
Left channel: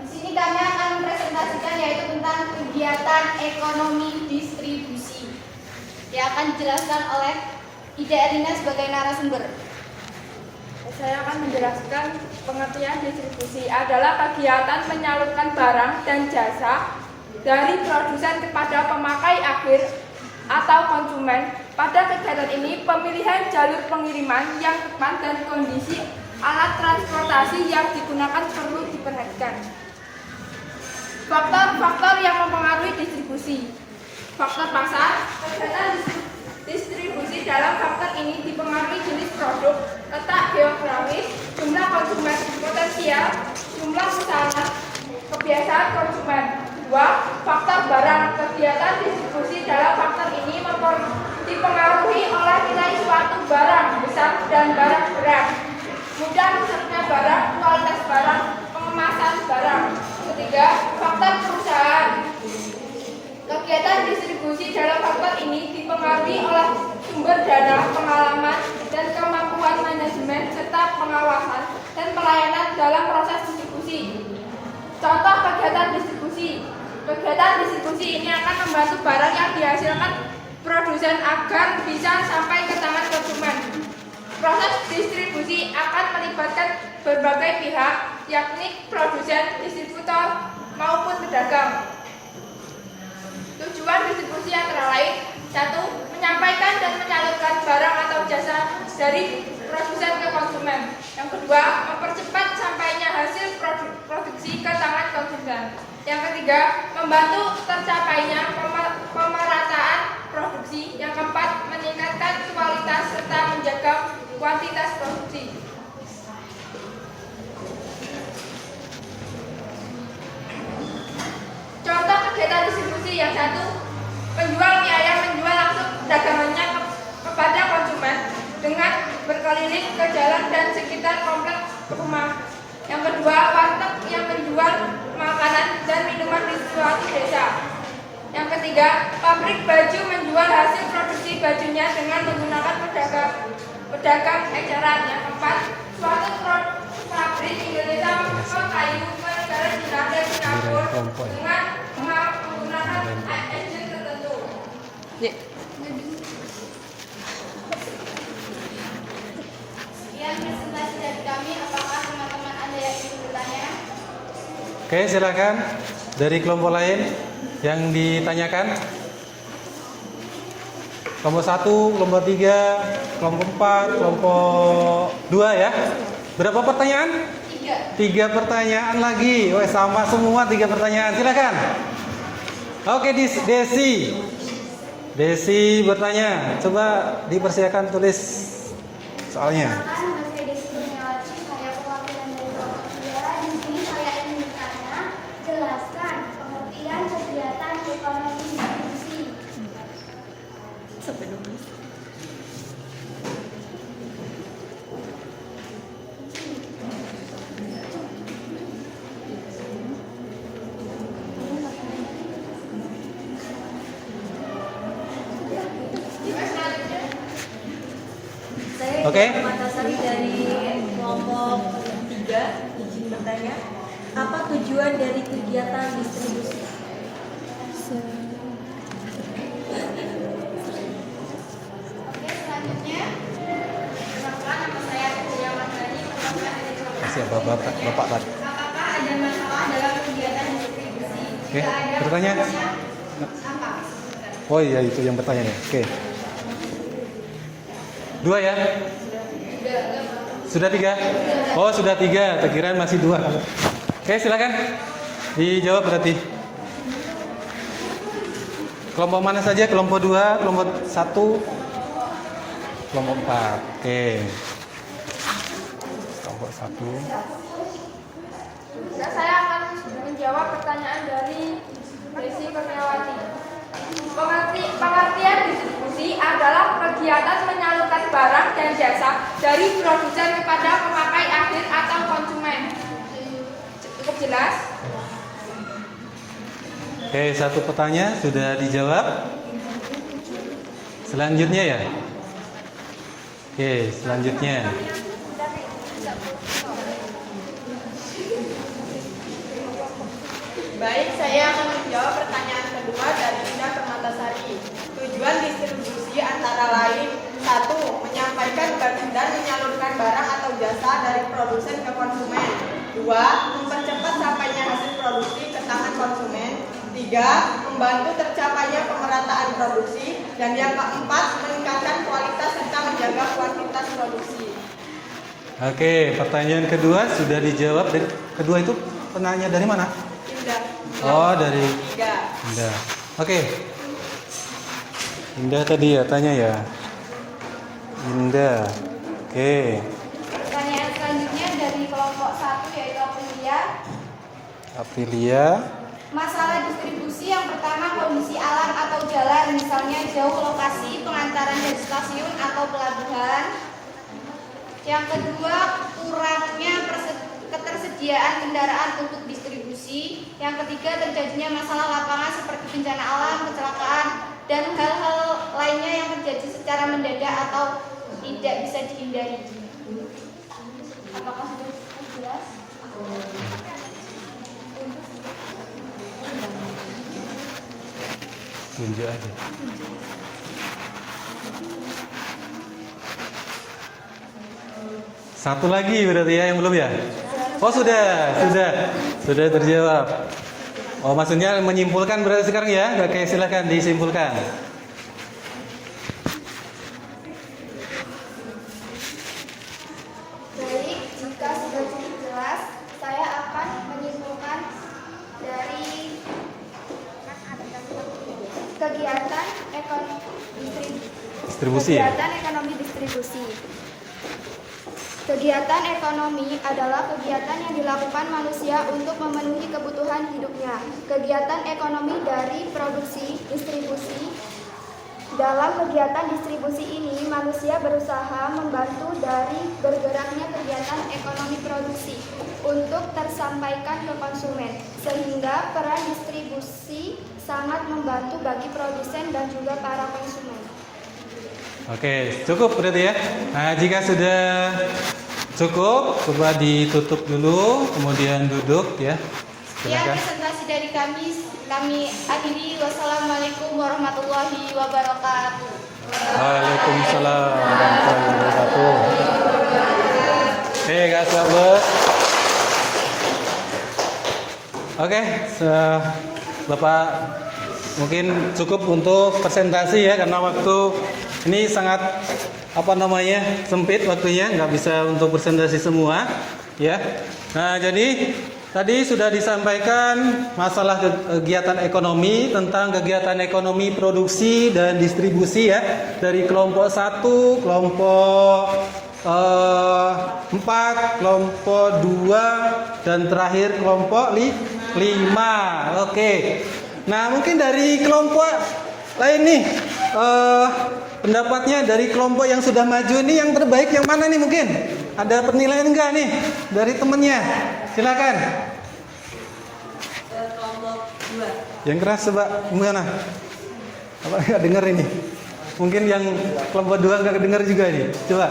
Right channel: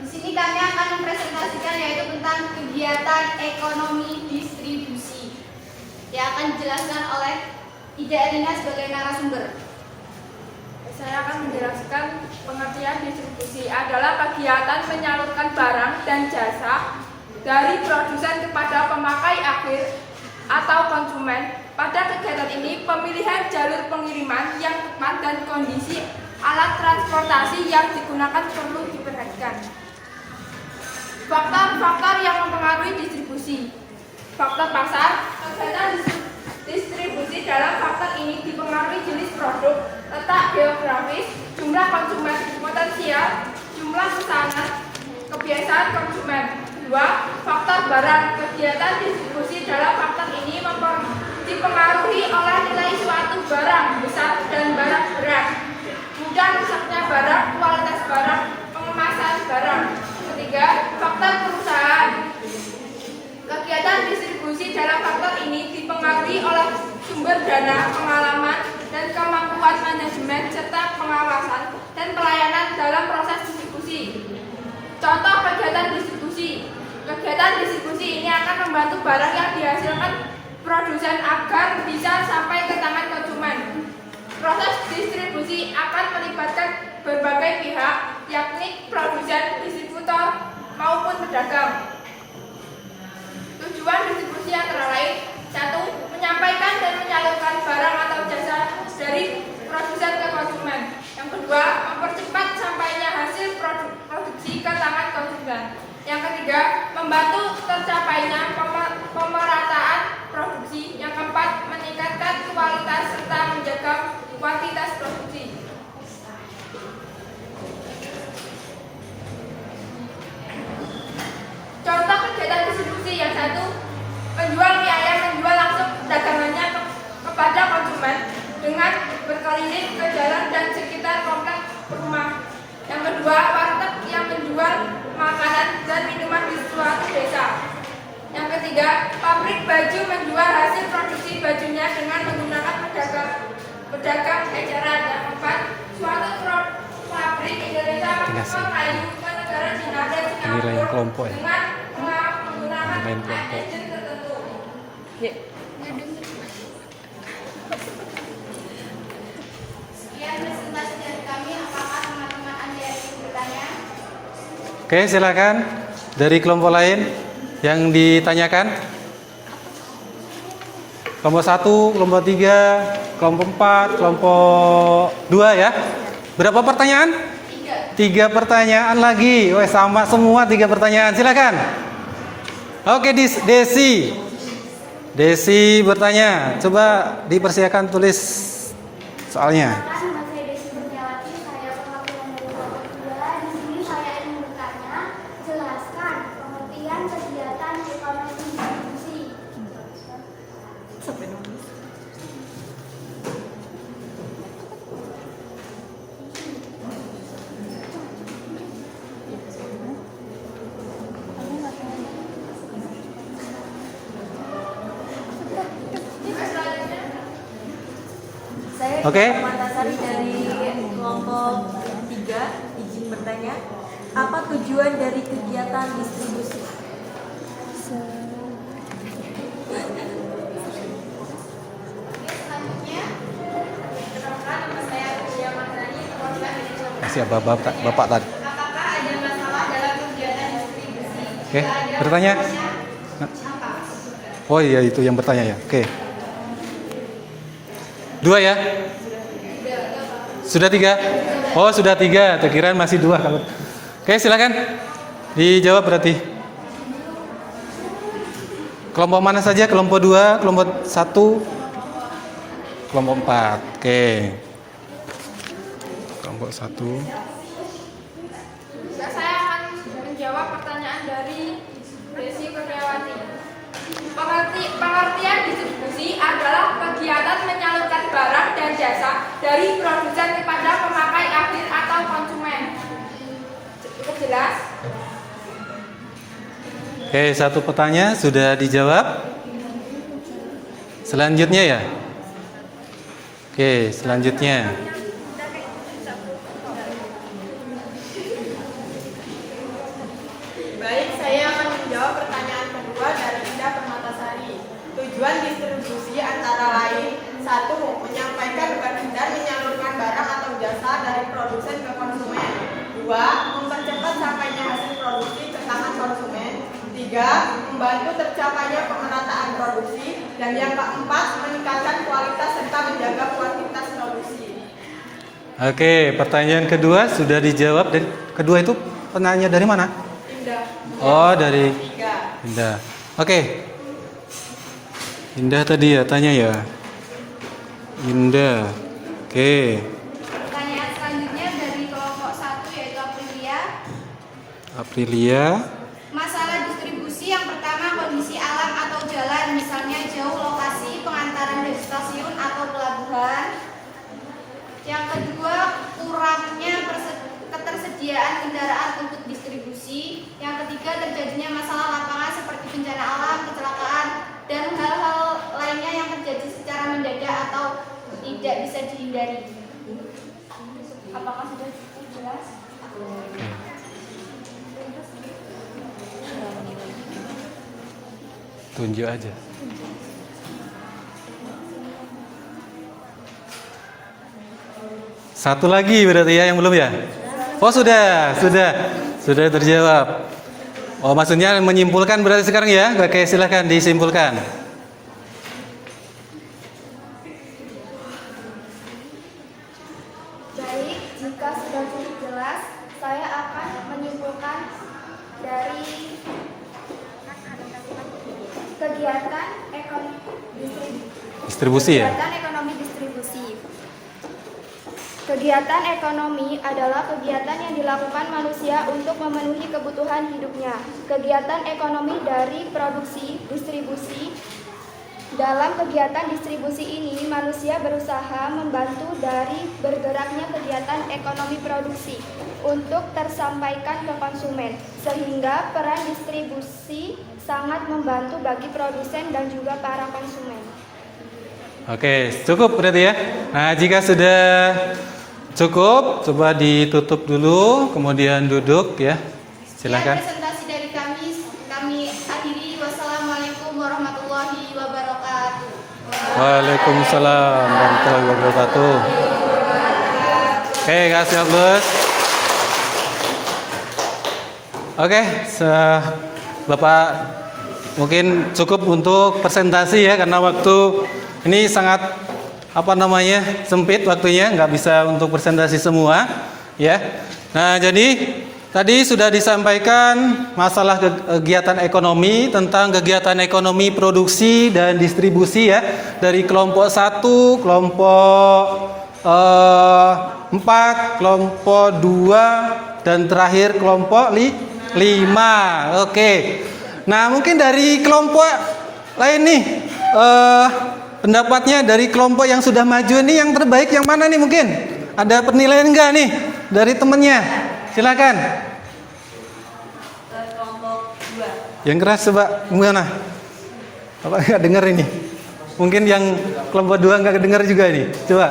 Di sini kami akan mempresentasikan yaitu tentang kegiatan ekonomi distribusi yang akan dijelaskan oleh Ida Erina sebagai narasumber. Saya akan menjelaskan pengertian distribusi adalah kegiatan menyalurkan barang dan jasa dari produsen kepada pemakai akhir atau konsumen. Pada kegiatan ini, pemilihan jalur pengiriman yang tepat dan kondisi alat transportasi yang digunakan perlu diperhatikan. Faktor-faktor yang mempengaruhi distribusi. Faktor pasar, kegiatan distribusi dalam faktor ini dipengaruhi jenis produk, letak geografis, jumlah konsumen potensial, jumlah pesanan, kebiasaan konsumen. 2. Faktor barang. Kegiatan distribusi dalam faktor ini dipengaruhi oleh nilai suatu barang besar dan barang berat, mudah rusaknya barang, kualitas barang, pengemasan barang. 3. Faktor perusahaan. Kegiatan distribusi dalam faktor ini dipengaruhi oleh sumber dana, pengalaman, dan kemampuan manajemen serta pengawasan dan pelayanan dalam proses distribusi. Contoh kegiatan distribusi. Kegiatan distribusi ini akan membantu barang yang dihasilkan produsen agar bisa sampai ke tangan konsumen. Proses distribusi akan melibatkan berbagai pihak, yakni produsen, distributor, maupun pedagang. Tujuan distribusi antara lain: 1. Menyampaikan dan menyalurkan barang atau jasa dari produsen ke konsumen. Yang kedua, mempercepat sampainya hasil produksi ke tangan konsumen. Yang ketiga, membantu tercapainya pemerataan produksi. Yang keempat, meningkatkan kualitas serta menjaga kuantitas produksi. Contoh kegiatan distribusi yang 1, penjual mie ayam menjual langsung dagangannya kepada konsumen dengan berkeliling ke jalan dan sekitar kompleks rumah. Yang kedua, warteg yang menjual makanan dan minuman di suatu desa. Yang ketiga, pabrik baju menjual hasil produksi bajunya dengan menggunakan pedagang eceran. Yang keempat, suatu pabrik Indonesia mengekspor kayu ke negara Cina dan Singapura dengan menggunakan engine tertentu. Sekian presentasi dari kami. Apakah teman-teman ada yang ingin bertanya? Oke, silakan. Dari kelompok lain yang ditanyakan. Kelompok 1, kelompok 3, kelompok 4, kelompok 2 ya. Berapa pertanyaan? 3 pertanyaan lagi. Weh, sama semua 3 pertanyaan. Silakan. Oke, Desi bertanya. Coba dipersilakan tulis soalnya. Masih Desi Kurniawati, saya perwakilan dari kelompok 3. Di sini saya ingin bertanya, jelaskan pengertian kegiatan ekonomi distribusi. Oke. Permatasari dari kelompok 3, izin bertanya. Apa tujuan dari kegiatan distribusi? Selanjutnya, perkenalkan nama saya Ria Mardani, Ketua Manajemen. Siapa bapak tadi? Apakah ada masalah dalam kegiatan distribusi? Oke, Jika ada bertanya. apa? Oh iya, itu yang bertanya ya. Oke. 2 ya? Sudah 3? Oh, sudah 3. Terkira masih 2. Oke, silakan. Dijawab berarti. Kelompok mana saja? Kelompok 2, kelompok 1, kelompok 4. Oke. Kelompok 1. Ya, saya akan menjawab pertanyaan dari Desi Kurniawati. Pengertian distribusi adalah kegiatan menyalurkan barang dan jasa dari produsen kepada pemakai akhir atau konsumen. Cukup jelas? Oke, satu pertanyaan sudah dijawab. Selanjutnya ya. Oke, selanjutnya. Baik, saya akan menjawab pertanyaan kedua dari Indah Permatasari. Tujuan distribusi antara lain: 1. Menyampaikan dan menyalurkan barang atau jasa dari produsen ke konsumen. 2. Mempercepat sampainya hasil produksi ke tangan konsumen. 3. Membantu tercapainya pemerataan produksi. Dan yang keempat, meningkatkan kualitas serta menjaga kuantitas produksi. Oke, pertanyaan kedua sudah dijawab. Dan kedua itu penanya dari mana? Indah. Oh, dari 3. Indah. Oke. Indah tadi ya tanya ya. Indah. Oke. Pertanyaan selanjutnya dari kelompok 1 yaitu Aprilia. Aprilia. Masalah distribusi yang pertama kondisi alam atau jalan, misalnya jauh lokasi pengantaran dari stasiun atau pelabuhan. Yang kedua, kurangnya ketersediaan kendaraan untuk distribusi. Yang ketiga, terjadinya masalah lapangan seperti bencana alam, kecelakaan, dan hal-hal lainnya yang terjadi secara mendadak atau tidak bisa dihindari. Apakah sudah cukup jelas? Tunjuk aja. Satu lagi berarti ya yang belum ya? Oh sudah terjawab. Oh maksudnya menyimpulkan berarti sekarang ya? Oke silahkan disimpulkan. Baik, jika sudah cukup jelas, saya akan menyimpulkan dari kegiatan Distribusi ya? kegiatan ekonomi distribusi. Kegiatan ekonomi adalah kegiatan yang dilakukan manusia untuk memenuhi kebutuhan hidupnya. Kegiatan ekonomi dari produksi, distribusi. Dalam kegiatan distribusi ini, manusia berusaha membantu dari bergeraknya kegiatan ekonomi produksi untuk tersampaikan ke konsumen, sehingga peran distribusi sangat membantu bagi produsen dan juga para konsumen. Oke, cukup berarti ya. Nah, jika sudah cukup, coba ditutup dulu, kemudian duduk ya. Silakan. Presentasi dari kami akhiri. Wassalamualaikum warahmatullahi wabarakatuh. Waalaikumsalam warahmatullahi wabarakatuh. Oke, kasih Abus. Oke, Bapak mungkin cukup untuk presentasi ya karena waktu ini sangat sempit waktunya, nggak bisa untuk presentasi semua ya. Nah jadi tadi sudah disampaikan masalah kegiatan ekonomi, tentang kegiatan ekonomi produksi dan distribusi ya, dari kelompok 1, kelompok 4, kelompok 2 dan terakhir kelompok 5. Oke. Nah mungkin dari kelompok lain nih pendapatnya dari kelompok yang sudah maju ini yang terbaik yang mana nih mungkin? Ada penilaian enggak nih dari temennya? Silakan. Kelompok 2. Yang keras coba gimana? Apa nggak dengar ini? Mungkin yang kelompok 2 nggak dengar juga ini. Coba.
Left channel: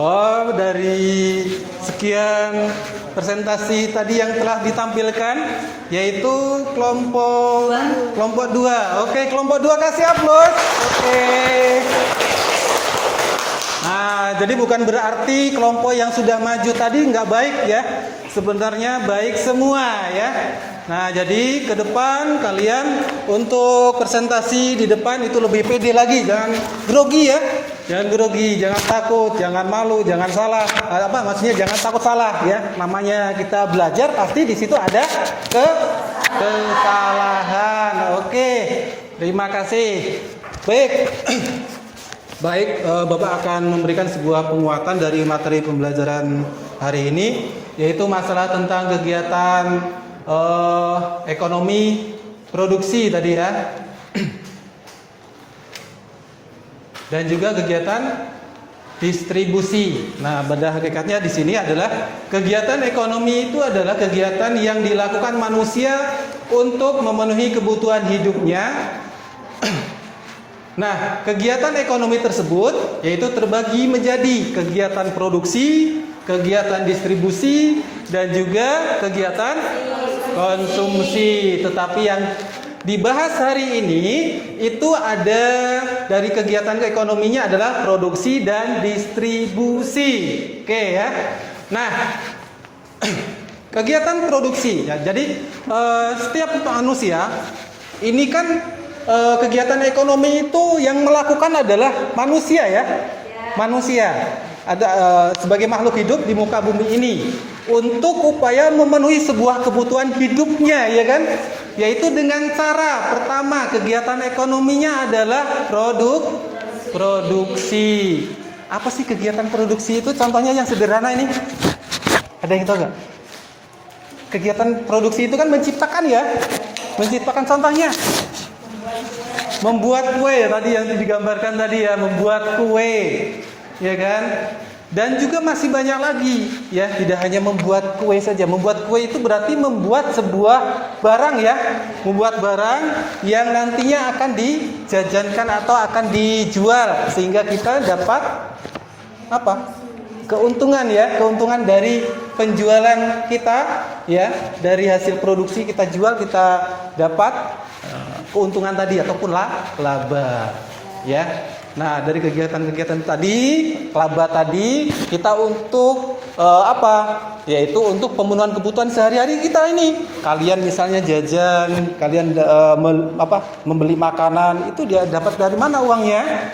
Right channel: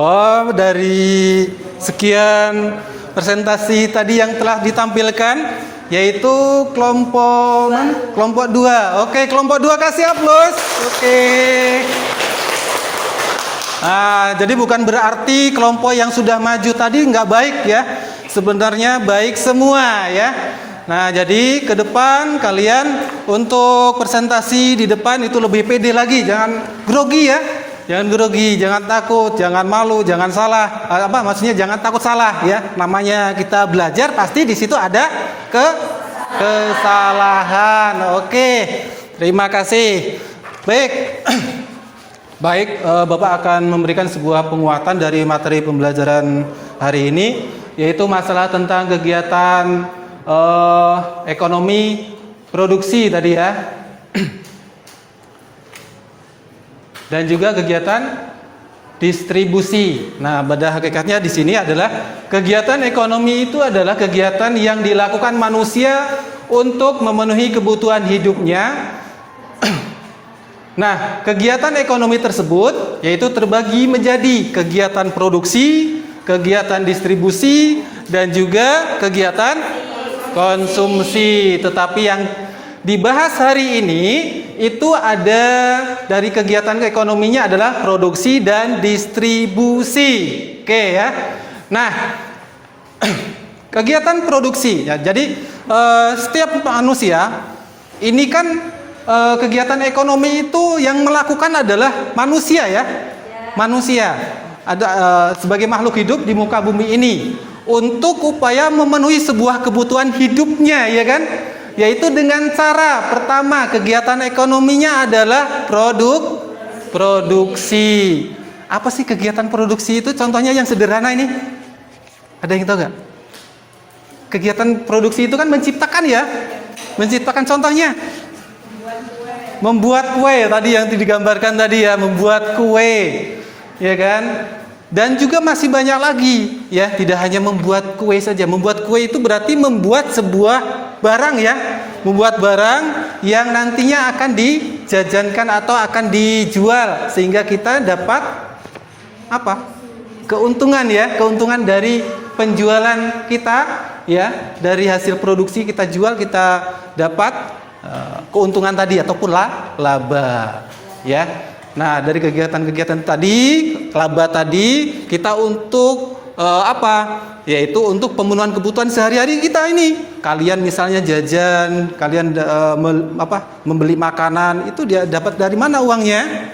Oh, dari sekian presentasi tadi yang telah ditampilkan, yaitu kelompok 2. Oke, kelompok 2 kasih aplaus. Oke. Nah, jadi bukan berarti kelompok yang sudah maju tadi nggak baik ya. Sebenarnya baik semua ya. Nah, jadi ke depan kalian untuk presentasi di depan itu lebih pede lagi, jangan grogi ya. Jangan grogi, jangan takut, jangan malu, jangan salah. Maksudnya jangan takut salah ya. Namanya kita belajar pasti di situ ada kesalahan. Oke. Terima kasih. Baik. Baik, Bapak akan memberikan sebuah penguatan dari materi pembelajaran hari ini, yaitu masalah tentang kegiatan ekonomi produksi tadi ya. Dan juga kegiatan distribusi. Nah, pada hakikatnya di sini adalah kegiatan ekonomi itu adalah kegiatan yang dilakukan manusia untuk memenuhi kebutuhan hidupnya. Nah, kegiatan ekonomi tersebut yaitu terbagi menjadi kegiatan produksi, kegiatan distribusi, dan juga kegiatan konsumsi. Tetapi yang dibahas hari ini itu ada dari kegiatan ekonominya adalah produksi dan distribusi. Oke ya. Nah, kegiatan produksi ya. Jadi setiap manusia ini kan kegiatan ekonomi itu yang melakukan adalah manusia ya. Manusia ada sebagai makhluk hidup di muka bumi ini untuk upaya memenuhi sebuah kebutuhan hidupnya ya kan, yaitu dengan cara pertama kegiatan ekonominya adalah produksi. Apa sih kegiatan produksi itu? Contohnya yang sederhana ini, ada yang tahu nggak? Kegiatan produksi itu kan menciptakan ya, menciptakan. Contohnya membuat kue tadi yang digambarkan tadi ya, membuat kue ya kan. Dan juga masih banyak lagi ya, tidak hanya membuat kue saja. Membuat kue itu berarti membuat sebuah barang ya, membuat barang yang nantinya akan dijajankan atau akan dijual sehingga kita dapat apa? Keuntungan ya, keuntungan dari penjualan kita ya, dari hasil produksi kita jual kita dapat keuntungan tadi ataupun laba ya. Nah, dari kegiatan-kegiatan tadi, laba tadi kita untuk apa? Yaitu untuk pemenuhan kebutuhan sehari-hari kita ini. Kalian misalnya jajan, kalian membeli makanan, itu dia dapat dari mana uangnya?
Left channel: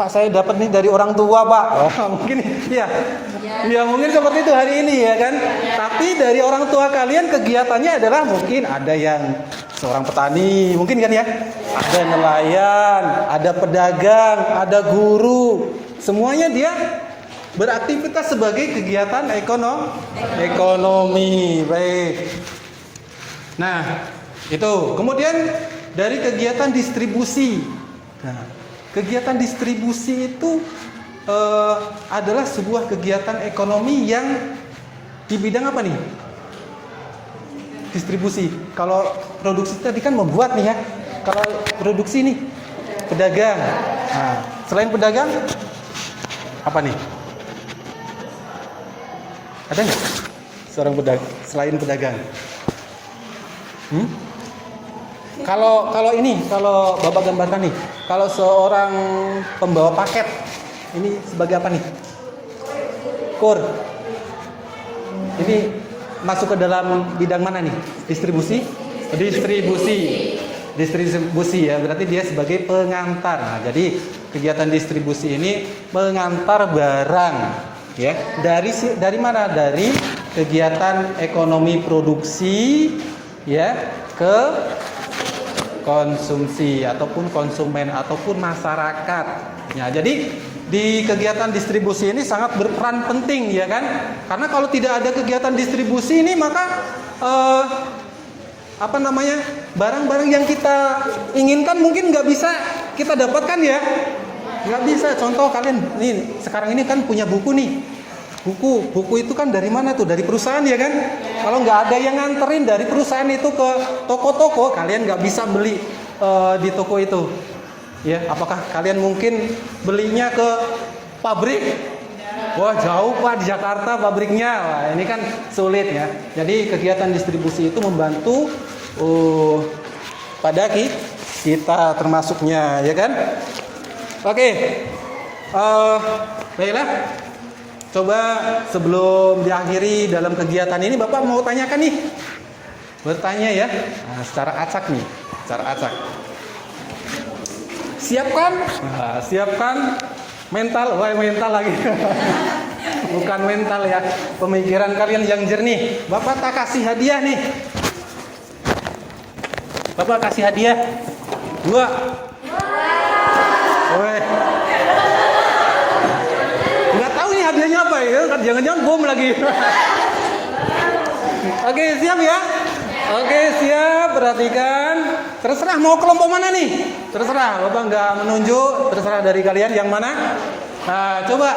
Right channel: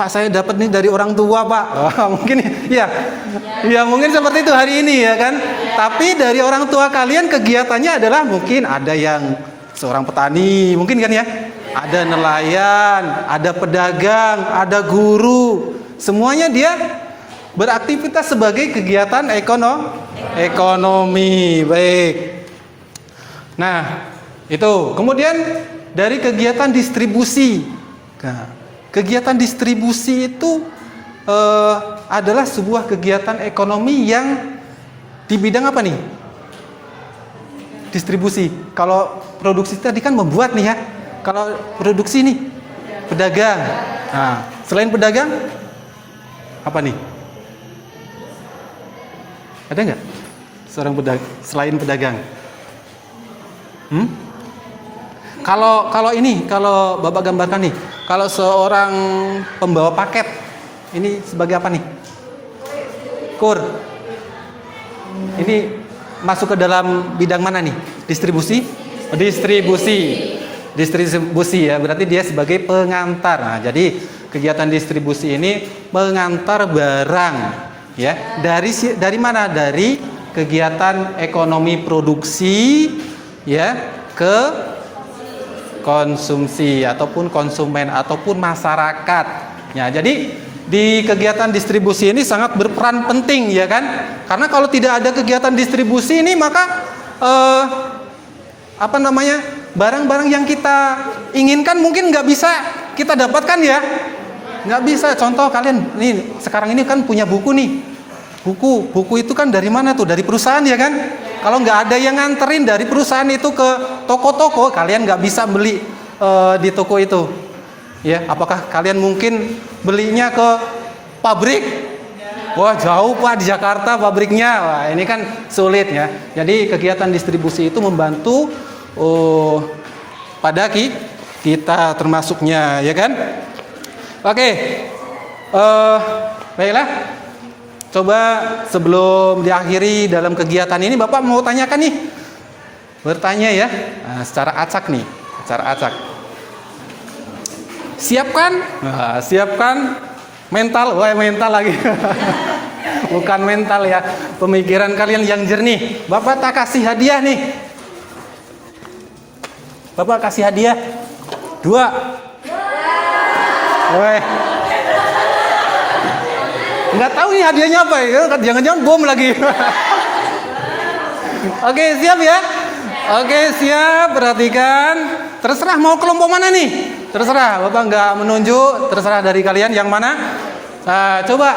Pak, saya dapat nih dari orang tua, Pak. Mungkin ya. Ya, mungkin seperti itu hari ini ya kan. Tapi dari orang tua kalian kegiatannya adalah mungkin ada yang seorang petani, mungkin kan ya. Ada nelayan, ada pedagang, ada guru. Semuanya dia beraktivitas sebagai kegiatan ekonomi. Baik. Nah, itu. Kemudian dari kegiatan distribusi. Nah, kegiatan distribusi itu adalah sebuah kegiatan ekonomi yang di bidang apa nih? Distribusi. Kalau produksi tadi kan membuat nih ya. Kalau produksi nih pedagang. Nah, selain pedagang apa nih? Ada nggak seorang pedagang selain pedagang? Kalau ini, kalau Bapak gambarkan nih, kalau seorang pembawa paket ini sebagai apa nih? Kur. Ini masuk ke dalam bidang mana nih? Distribusi ya, berarti dia sebagai pengantar. Nah, jadi kegiatan distribusi ini mengantar barang ya. Dari mana? Dari kegiatan ekonomi produksi ya ke konsumsi ataupun konsumen ataupun masyarakat. Ya, jadi di kegiatan distribusi ini sangat berperan penting ya kan? Karena kalau tidak ada kegiatan distribusi ini maka barang-barang yang kita inginkan mungkin nggak bisa kita dapatkan ya, nggak bisa. Contoh kalian nih sekarang ini kan punya buku nih, buku itu kan dari mana tuh? Dari perusahaan ya kan. Kalau nggak ada yang nganterin dari perusahaan itu ke toko-toko, kalian nggak bisa beli di toko itu ya. Apakah kalian mungkin belinya ke Pabrik? Wah jauh Pak, di Jakarta pabriknya. Wah ini kan sulit ya. Jadi kegiatan distribusi itu membantu pada kita termasuknya, ya kan? Oke, baiklah. Coba sebelum diakhiri dalam kegiatan ini, Bapak mau tanyakan nih, bertanya ya, nah, secara acak nih, secara acak. Siapkan mental, wah mental lagi. Bukan mental ya, pemikiran kalian yang jernih. Bapak tak kasih hadiah nih. Bapak kasih hadiah 2. Woi. Nggak tahu nih hadiahnya apa ya? Jangan-jangan bom lagi. Oke, siap ya? Oke, siap. Perhatikan. Terserah mau kelompok mana nih? Terserah. Bapak nggak menunjuk. Terserah dari kalian yang mana. Nah, coba.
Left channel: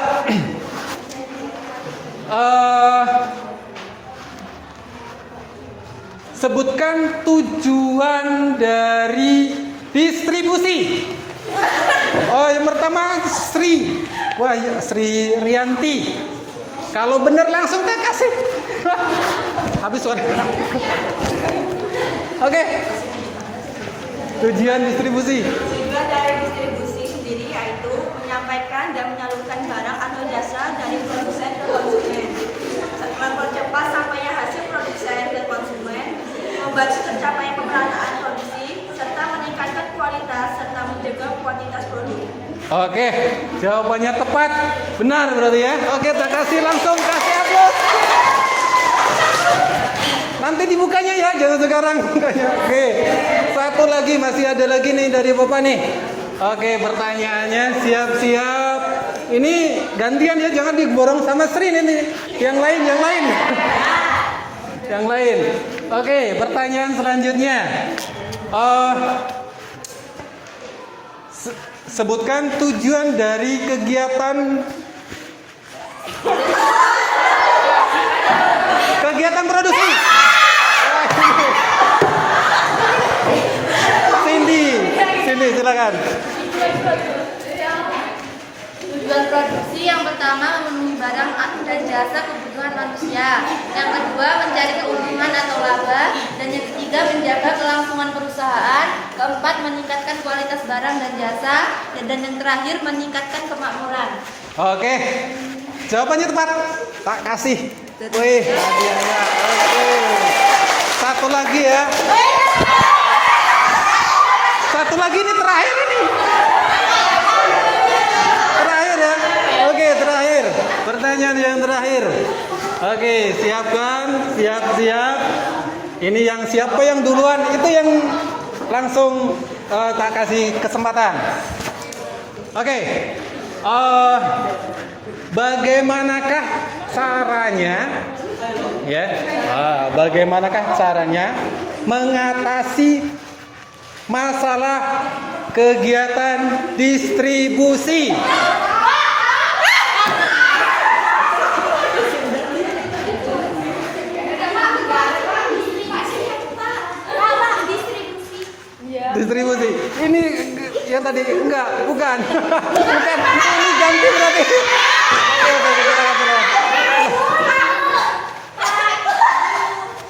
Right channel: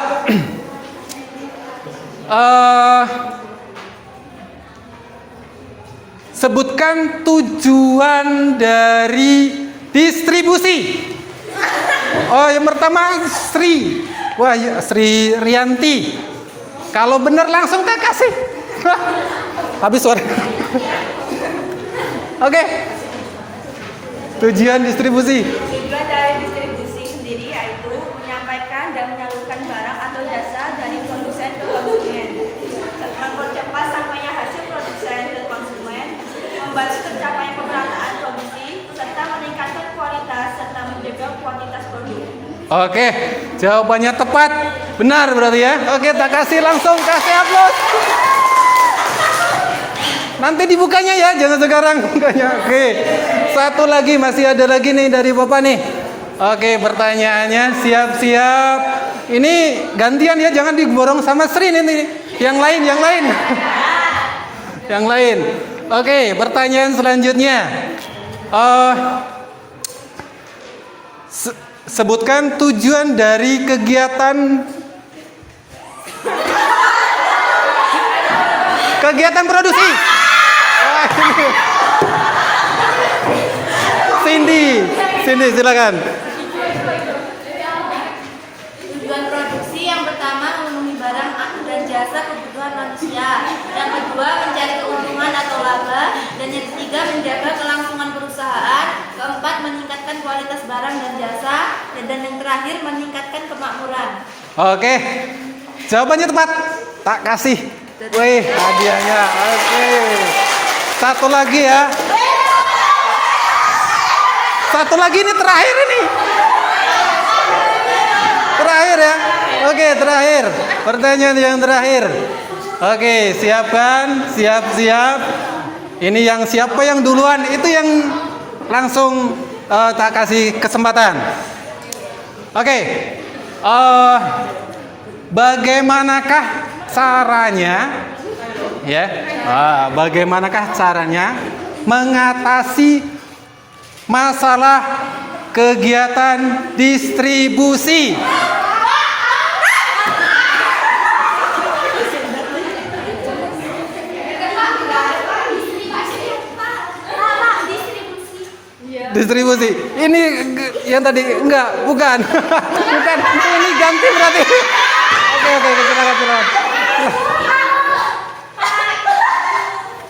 Sebutkan tujuan dari distribusi. Oh, yang pertama Sri. Wah, Sri Rianti. Kalau benar langsung Kak kasih. Habis suara. Oke. Tujuan distribusi. Tujuan dari distribusi sendiri yaitu menyampaikan dan menyalurkan barang atau jasa dari produsen ke konsumen, mempercepat sampainya hasil produsen ke konsumen, membantu tercapainya pemerataan produksi, serta meningkatkan kualitas serta menjaga kuantitas produk. Oke, jawabannya tepat. Benar berarti ya. Oke, tak kasih langsung kasih aplaus. Nanti dibukanya ya, jangan sekarang bukanya. Oke, satu lagi, masih ada lagi nih dari Bapak nih. Oke, pertanyaannya siap-siap. Ini gantian ya, jangan diborong sama Sri nanti. Yang lain. Yang lain. Oke, pertanyaan selanjutnya. Sebutkan tujuan dari kegiatan produksi. Cindy silakan. Tujuan produksi yang pertama memenuhi barang dan jasa kebutuhan manusia. Yang kedua mencari keuntungan atau laba. Dan yang ketiga menjaga kelangsungan perusahaan. Keempat meningkatkan kualitas barang dan jasa. Dan yang terakhir meningkatkan kemakmuran. Oke, jawabannya tepat. Tak kasih. Wih, hadiahnya. Oke. Satu lagi ya. Satu lagi ini terakhir ini. Terakhir ya. Oke, terakhir. Pertanyaan yang terakhir. Oke, siapkan. Siap. Ini yang siapa yang duluan itu yang langsung tak kasih kesempatan. Oke. Bagaimanakah caranya ya? Bagaimanakah caranya mengatasi masalah kegiatan distribusi? Distribusi. Ini yang tadi bukan. Bukan. Ini ganti berarti. Oke, kita.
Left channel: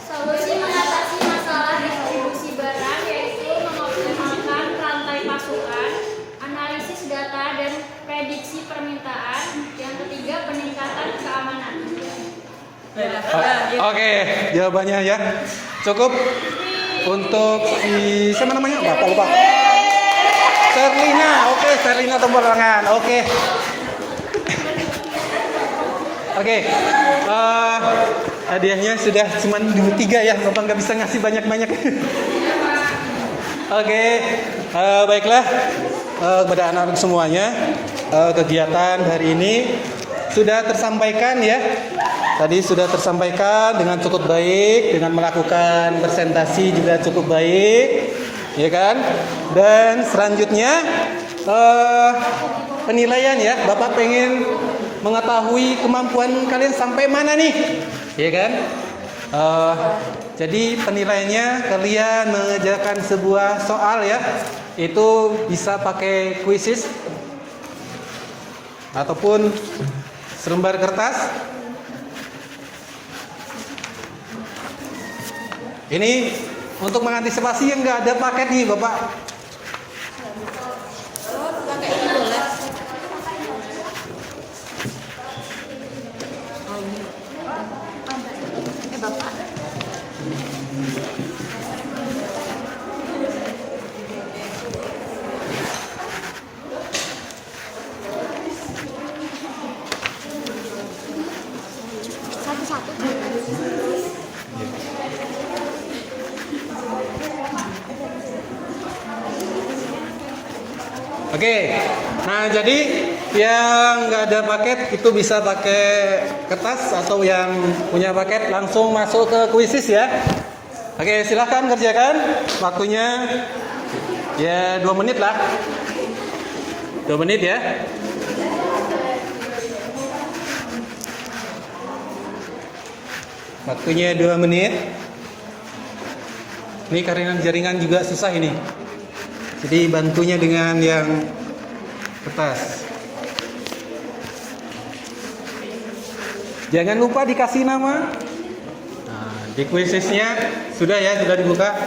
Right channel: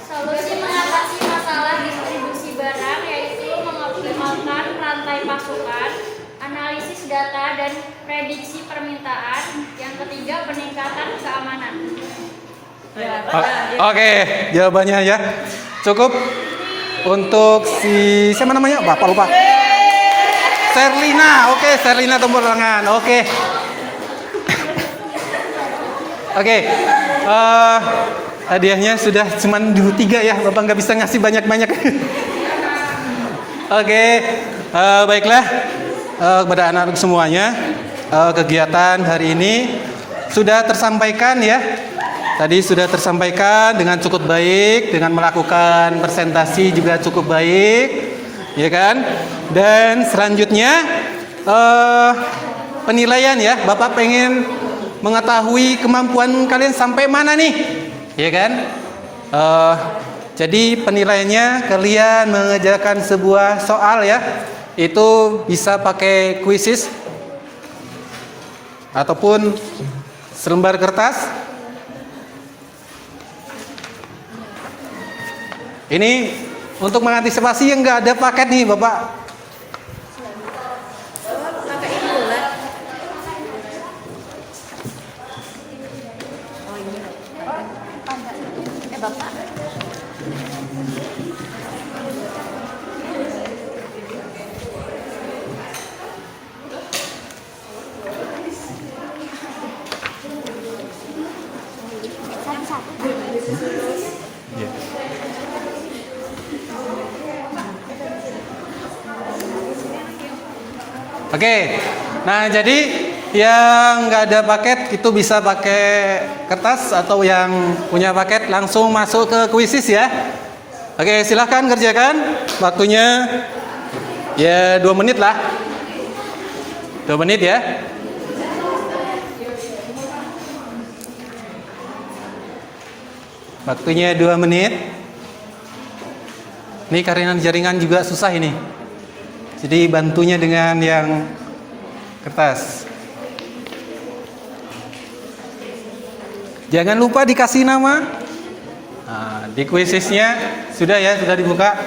Solusi mengatasi masalah distribusi barang yaitu mengoptimalkan rantai pasokan, analisis data dan prediksi permintaan. Yang ketiga peningkatan keamanan. Oke, jawabannya ya. Cukup untuk si siapa namanya? Bapak lupa. Serlina. Oke, Serlina tepuk tangan. Oke. Hadiahnya sudah cuma 3 ya. Bapak nggak bisa ngasih banyak-banyak. Oke, baiklah kepada anak-anak semuanya, kegiatan hari ini sudah tersampaikan ya. Tadi sudah tersampaikan dengan cukup baik, dengan melakukan presentasi juga cukup baik, ya kan? Dan selanjutnya penilaian ya. Bapak pengen mengetahui kemampuan kalian sampai mana nih, ya kan? Jadi penilaiannya kalian mengerjakan sebuah soal ya. Itu bisa pakai quizzes. ataupun selembar kertas. Ini untuk mengantisipasi yang nggak ada paket nih Bapak. Oh, pakai ini boleh. Oh ini. Bapak. Oke, nah jadi yang nggak ada paket itu bisa pakai kertas atau yang punya paket langsung masuk ke kuisis ya. Oke, silahkan kerjakan. Waktunya ya 2 menit lah. 2 menit ya. Waktunya 2 menit. Ini karena jaringan juga susah ini. Jadi bantunya dengan yang kertas. Jangan lupa dikasih nama. Nah, di kuisisnya sudah ya, sudah dibuka.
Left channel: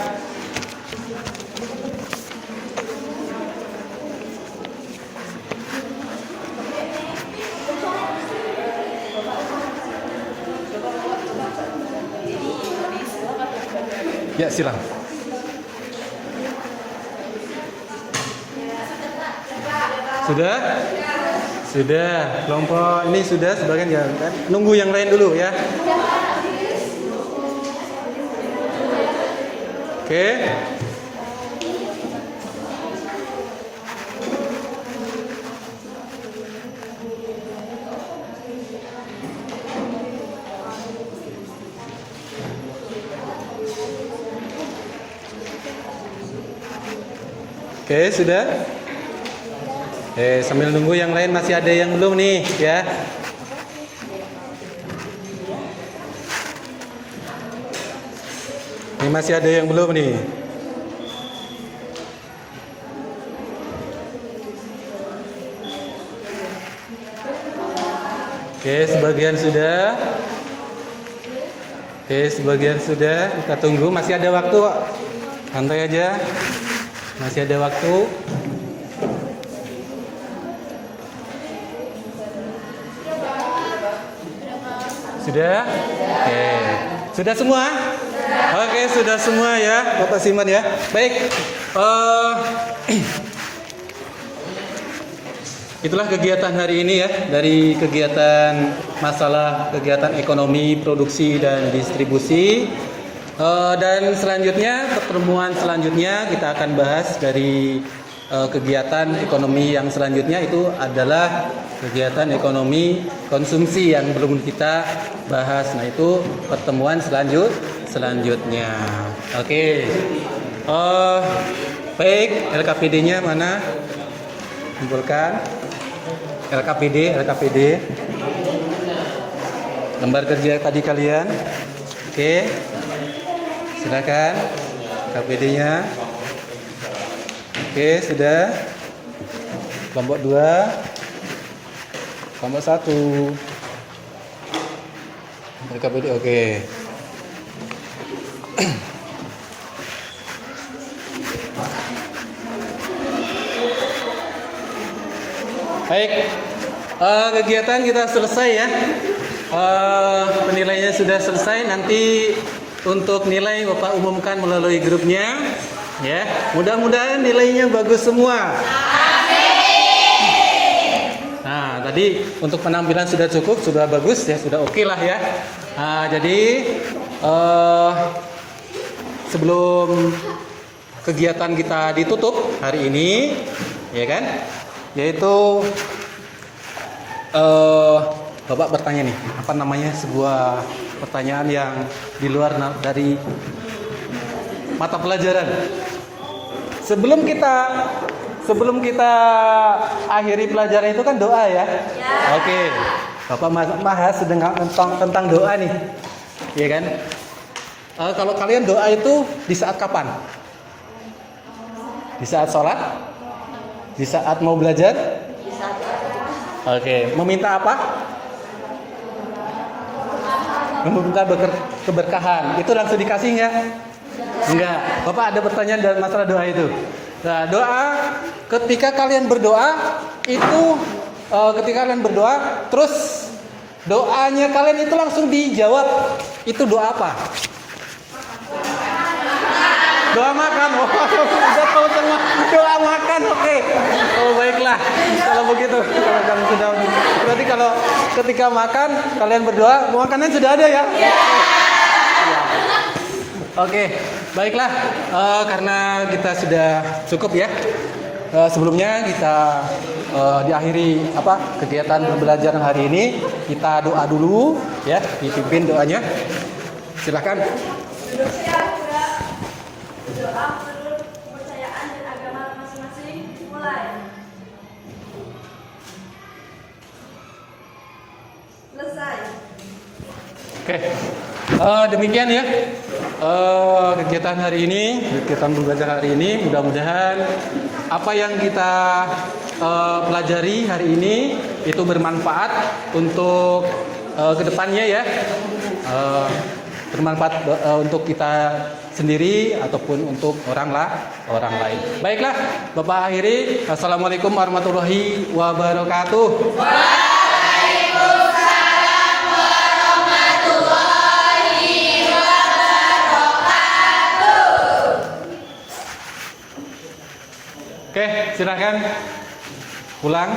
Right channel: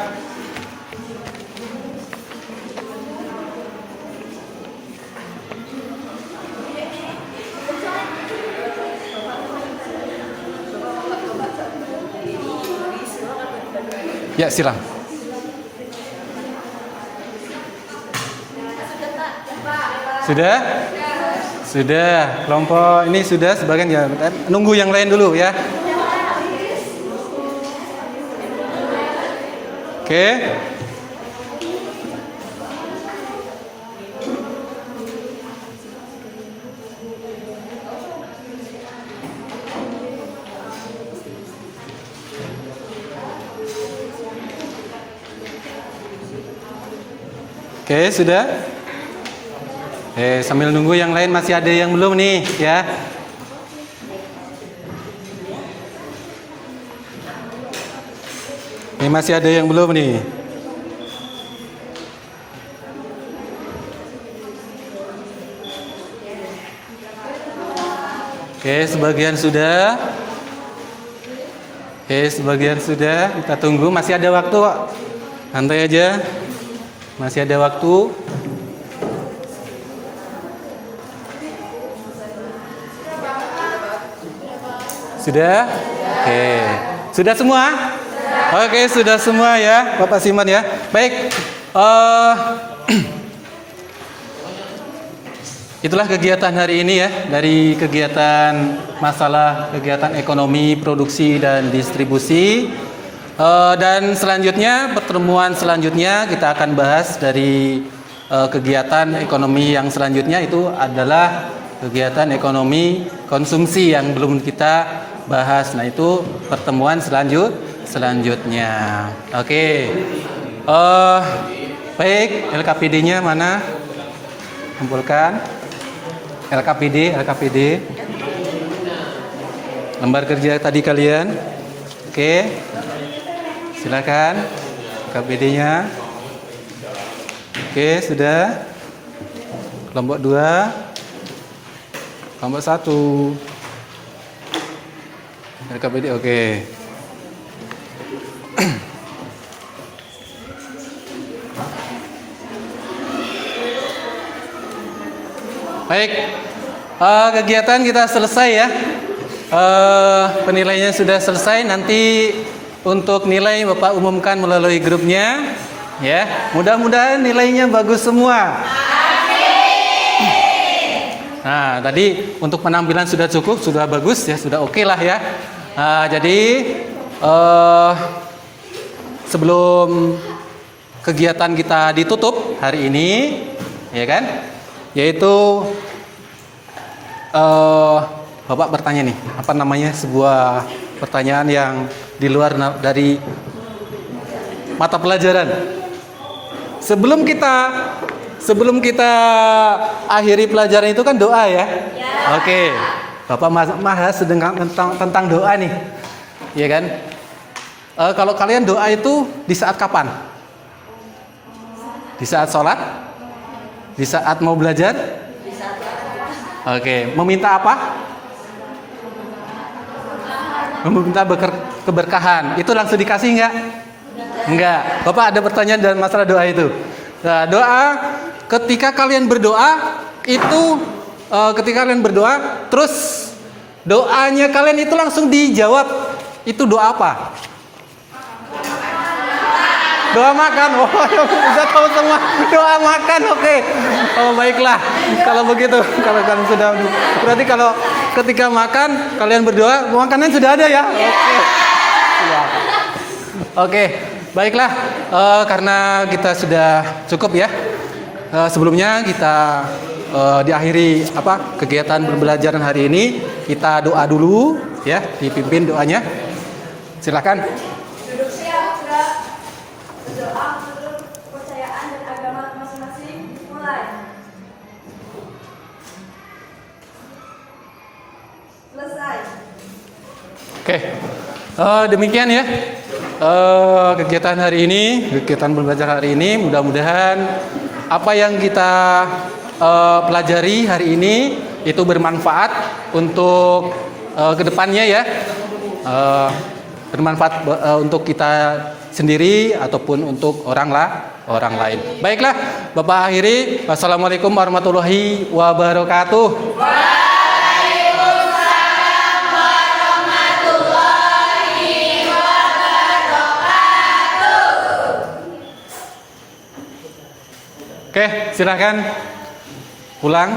Ya, silang. Sudah? Sudah. Kelompok ini sudah sebagian ya. Nunggu yang lain dulu ya. Oke. Oke, sudah. Sambil nunggu yang lain masih ada yang belum nih ya. Ini masih ada yang belum nih. Oke, sebagian sudah. Oke, sebagian sudah. Kita tunggu, masih ada waktu kok. Santai aja. Masih ada waktu. Sudah? Oke. Sudah semua? Oke, sudah semua ya, Bapak Siman ya. Baik. Itulah kegiatan hari ini ya, dari kegiatan masalah kegiatan ekonomi, produksi dan distribusi. Dan selanjutnya, pertemuan selanjutnya kita akan bahas dari kegiatan ekonomi yang selanjutnya itu adalah kegiatan ekonomi konsumsi yang belum kita bahas. Nah, itu pertemuan selanjutnya. Oke. Baik, LKPD-nya mana? Kumpulkan. LKPD. Lembar kerja tadi kalian. Oke. Silakan LKPD-nya. Oke, sudah. Kelompok 2. Kelompok 1. LKPD, oke. Baik, kegiatan kita selesai ya. Penilaiannya sudah selesai. Nanti untuk nilai Bapak umumkan melalui grupnya, ya. Mudah-mudahan nilainya bagus semua. Nah, tadi untuk penampilan sudah cukup, sudah bagus ya, sudah oke lah ya. Jadi sebelum kegiatan kita ditutup hari ini, ya kan? Yaitu Bapak bertanya nih, apa namanya, sebuah pertanyaan yang di luar dari mata pelajaran. Sebelum kita akhiri pelajaran itu kan doa ya. Oke. Bapak bahas tentang doa nih. Iya kan? Kalau kalian doa itu di saat kapan? Di saat sholat? Di saat mau belajar? Oke, meminta apa? Meminta keberkahan. Itu langsung dikasih nggak? Enggak. Bapak ada pertanyaan dalam masalah doa itu. Nah, doa ketika kalian berdoa itu terus doanya kalian itu langsung dijawab. Itu doa apa? Doa makan. Oh, sudah tahu semua. Doa makan. Oke. Oh, baiklah. Kalau begitu, kalau kalian sudah berarti kalau ketika makan kalian berdoa, makanan sudah ada ya? Oke. Baiklah. Karena kita sudah cukup ya. Sebelumnya kita diakhiri kegiatan pembelajaran hari ini, kita doa dulu ya, dipimpin doanya. Silakan. Berdoa menurut kepercayaan dan agama masing-masing. Mulai. Selesai. Oke. Demikian ya kegiatan hari ini, kegiatan pembelajaran hari ini. Mudah-mudahan apa yang kita pelajari hari ini itu bermanfaat untuk kedepannya ya. Bermanfaat untuk kita sendiri ataupun untuk orang lain. Baiklah, Bapak akhiri. Wassalamualaikum warahmatullahi wabarakatuh. Waalaikumsalam warahmatullahi wabarakatuh. Oke, silakan pulang.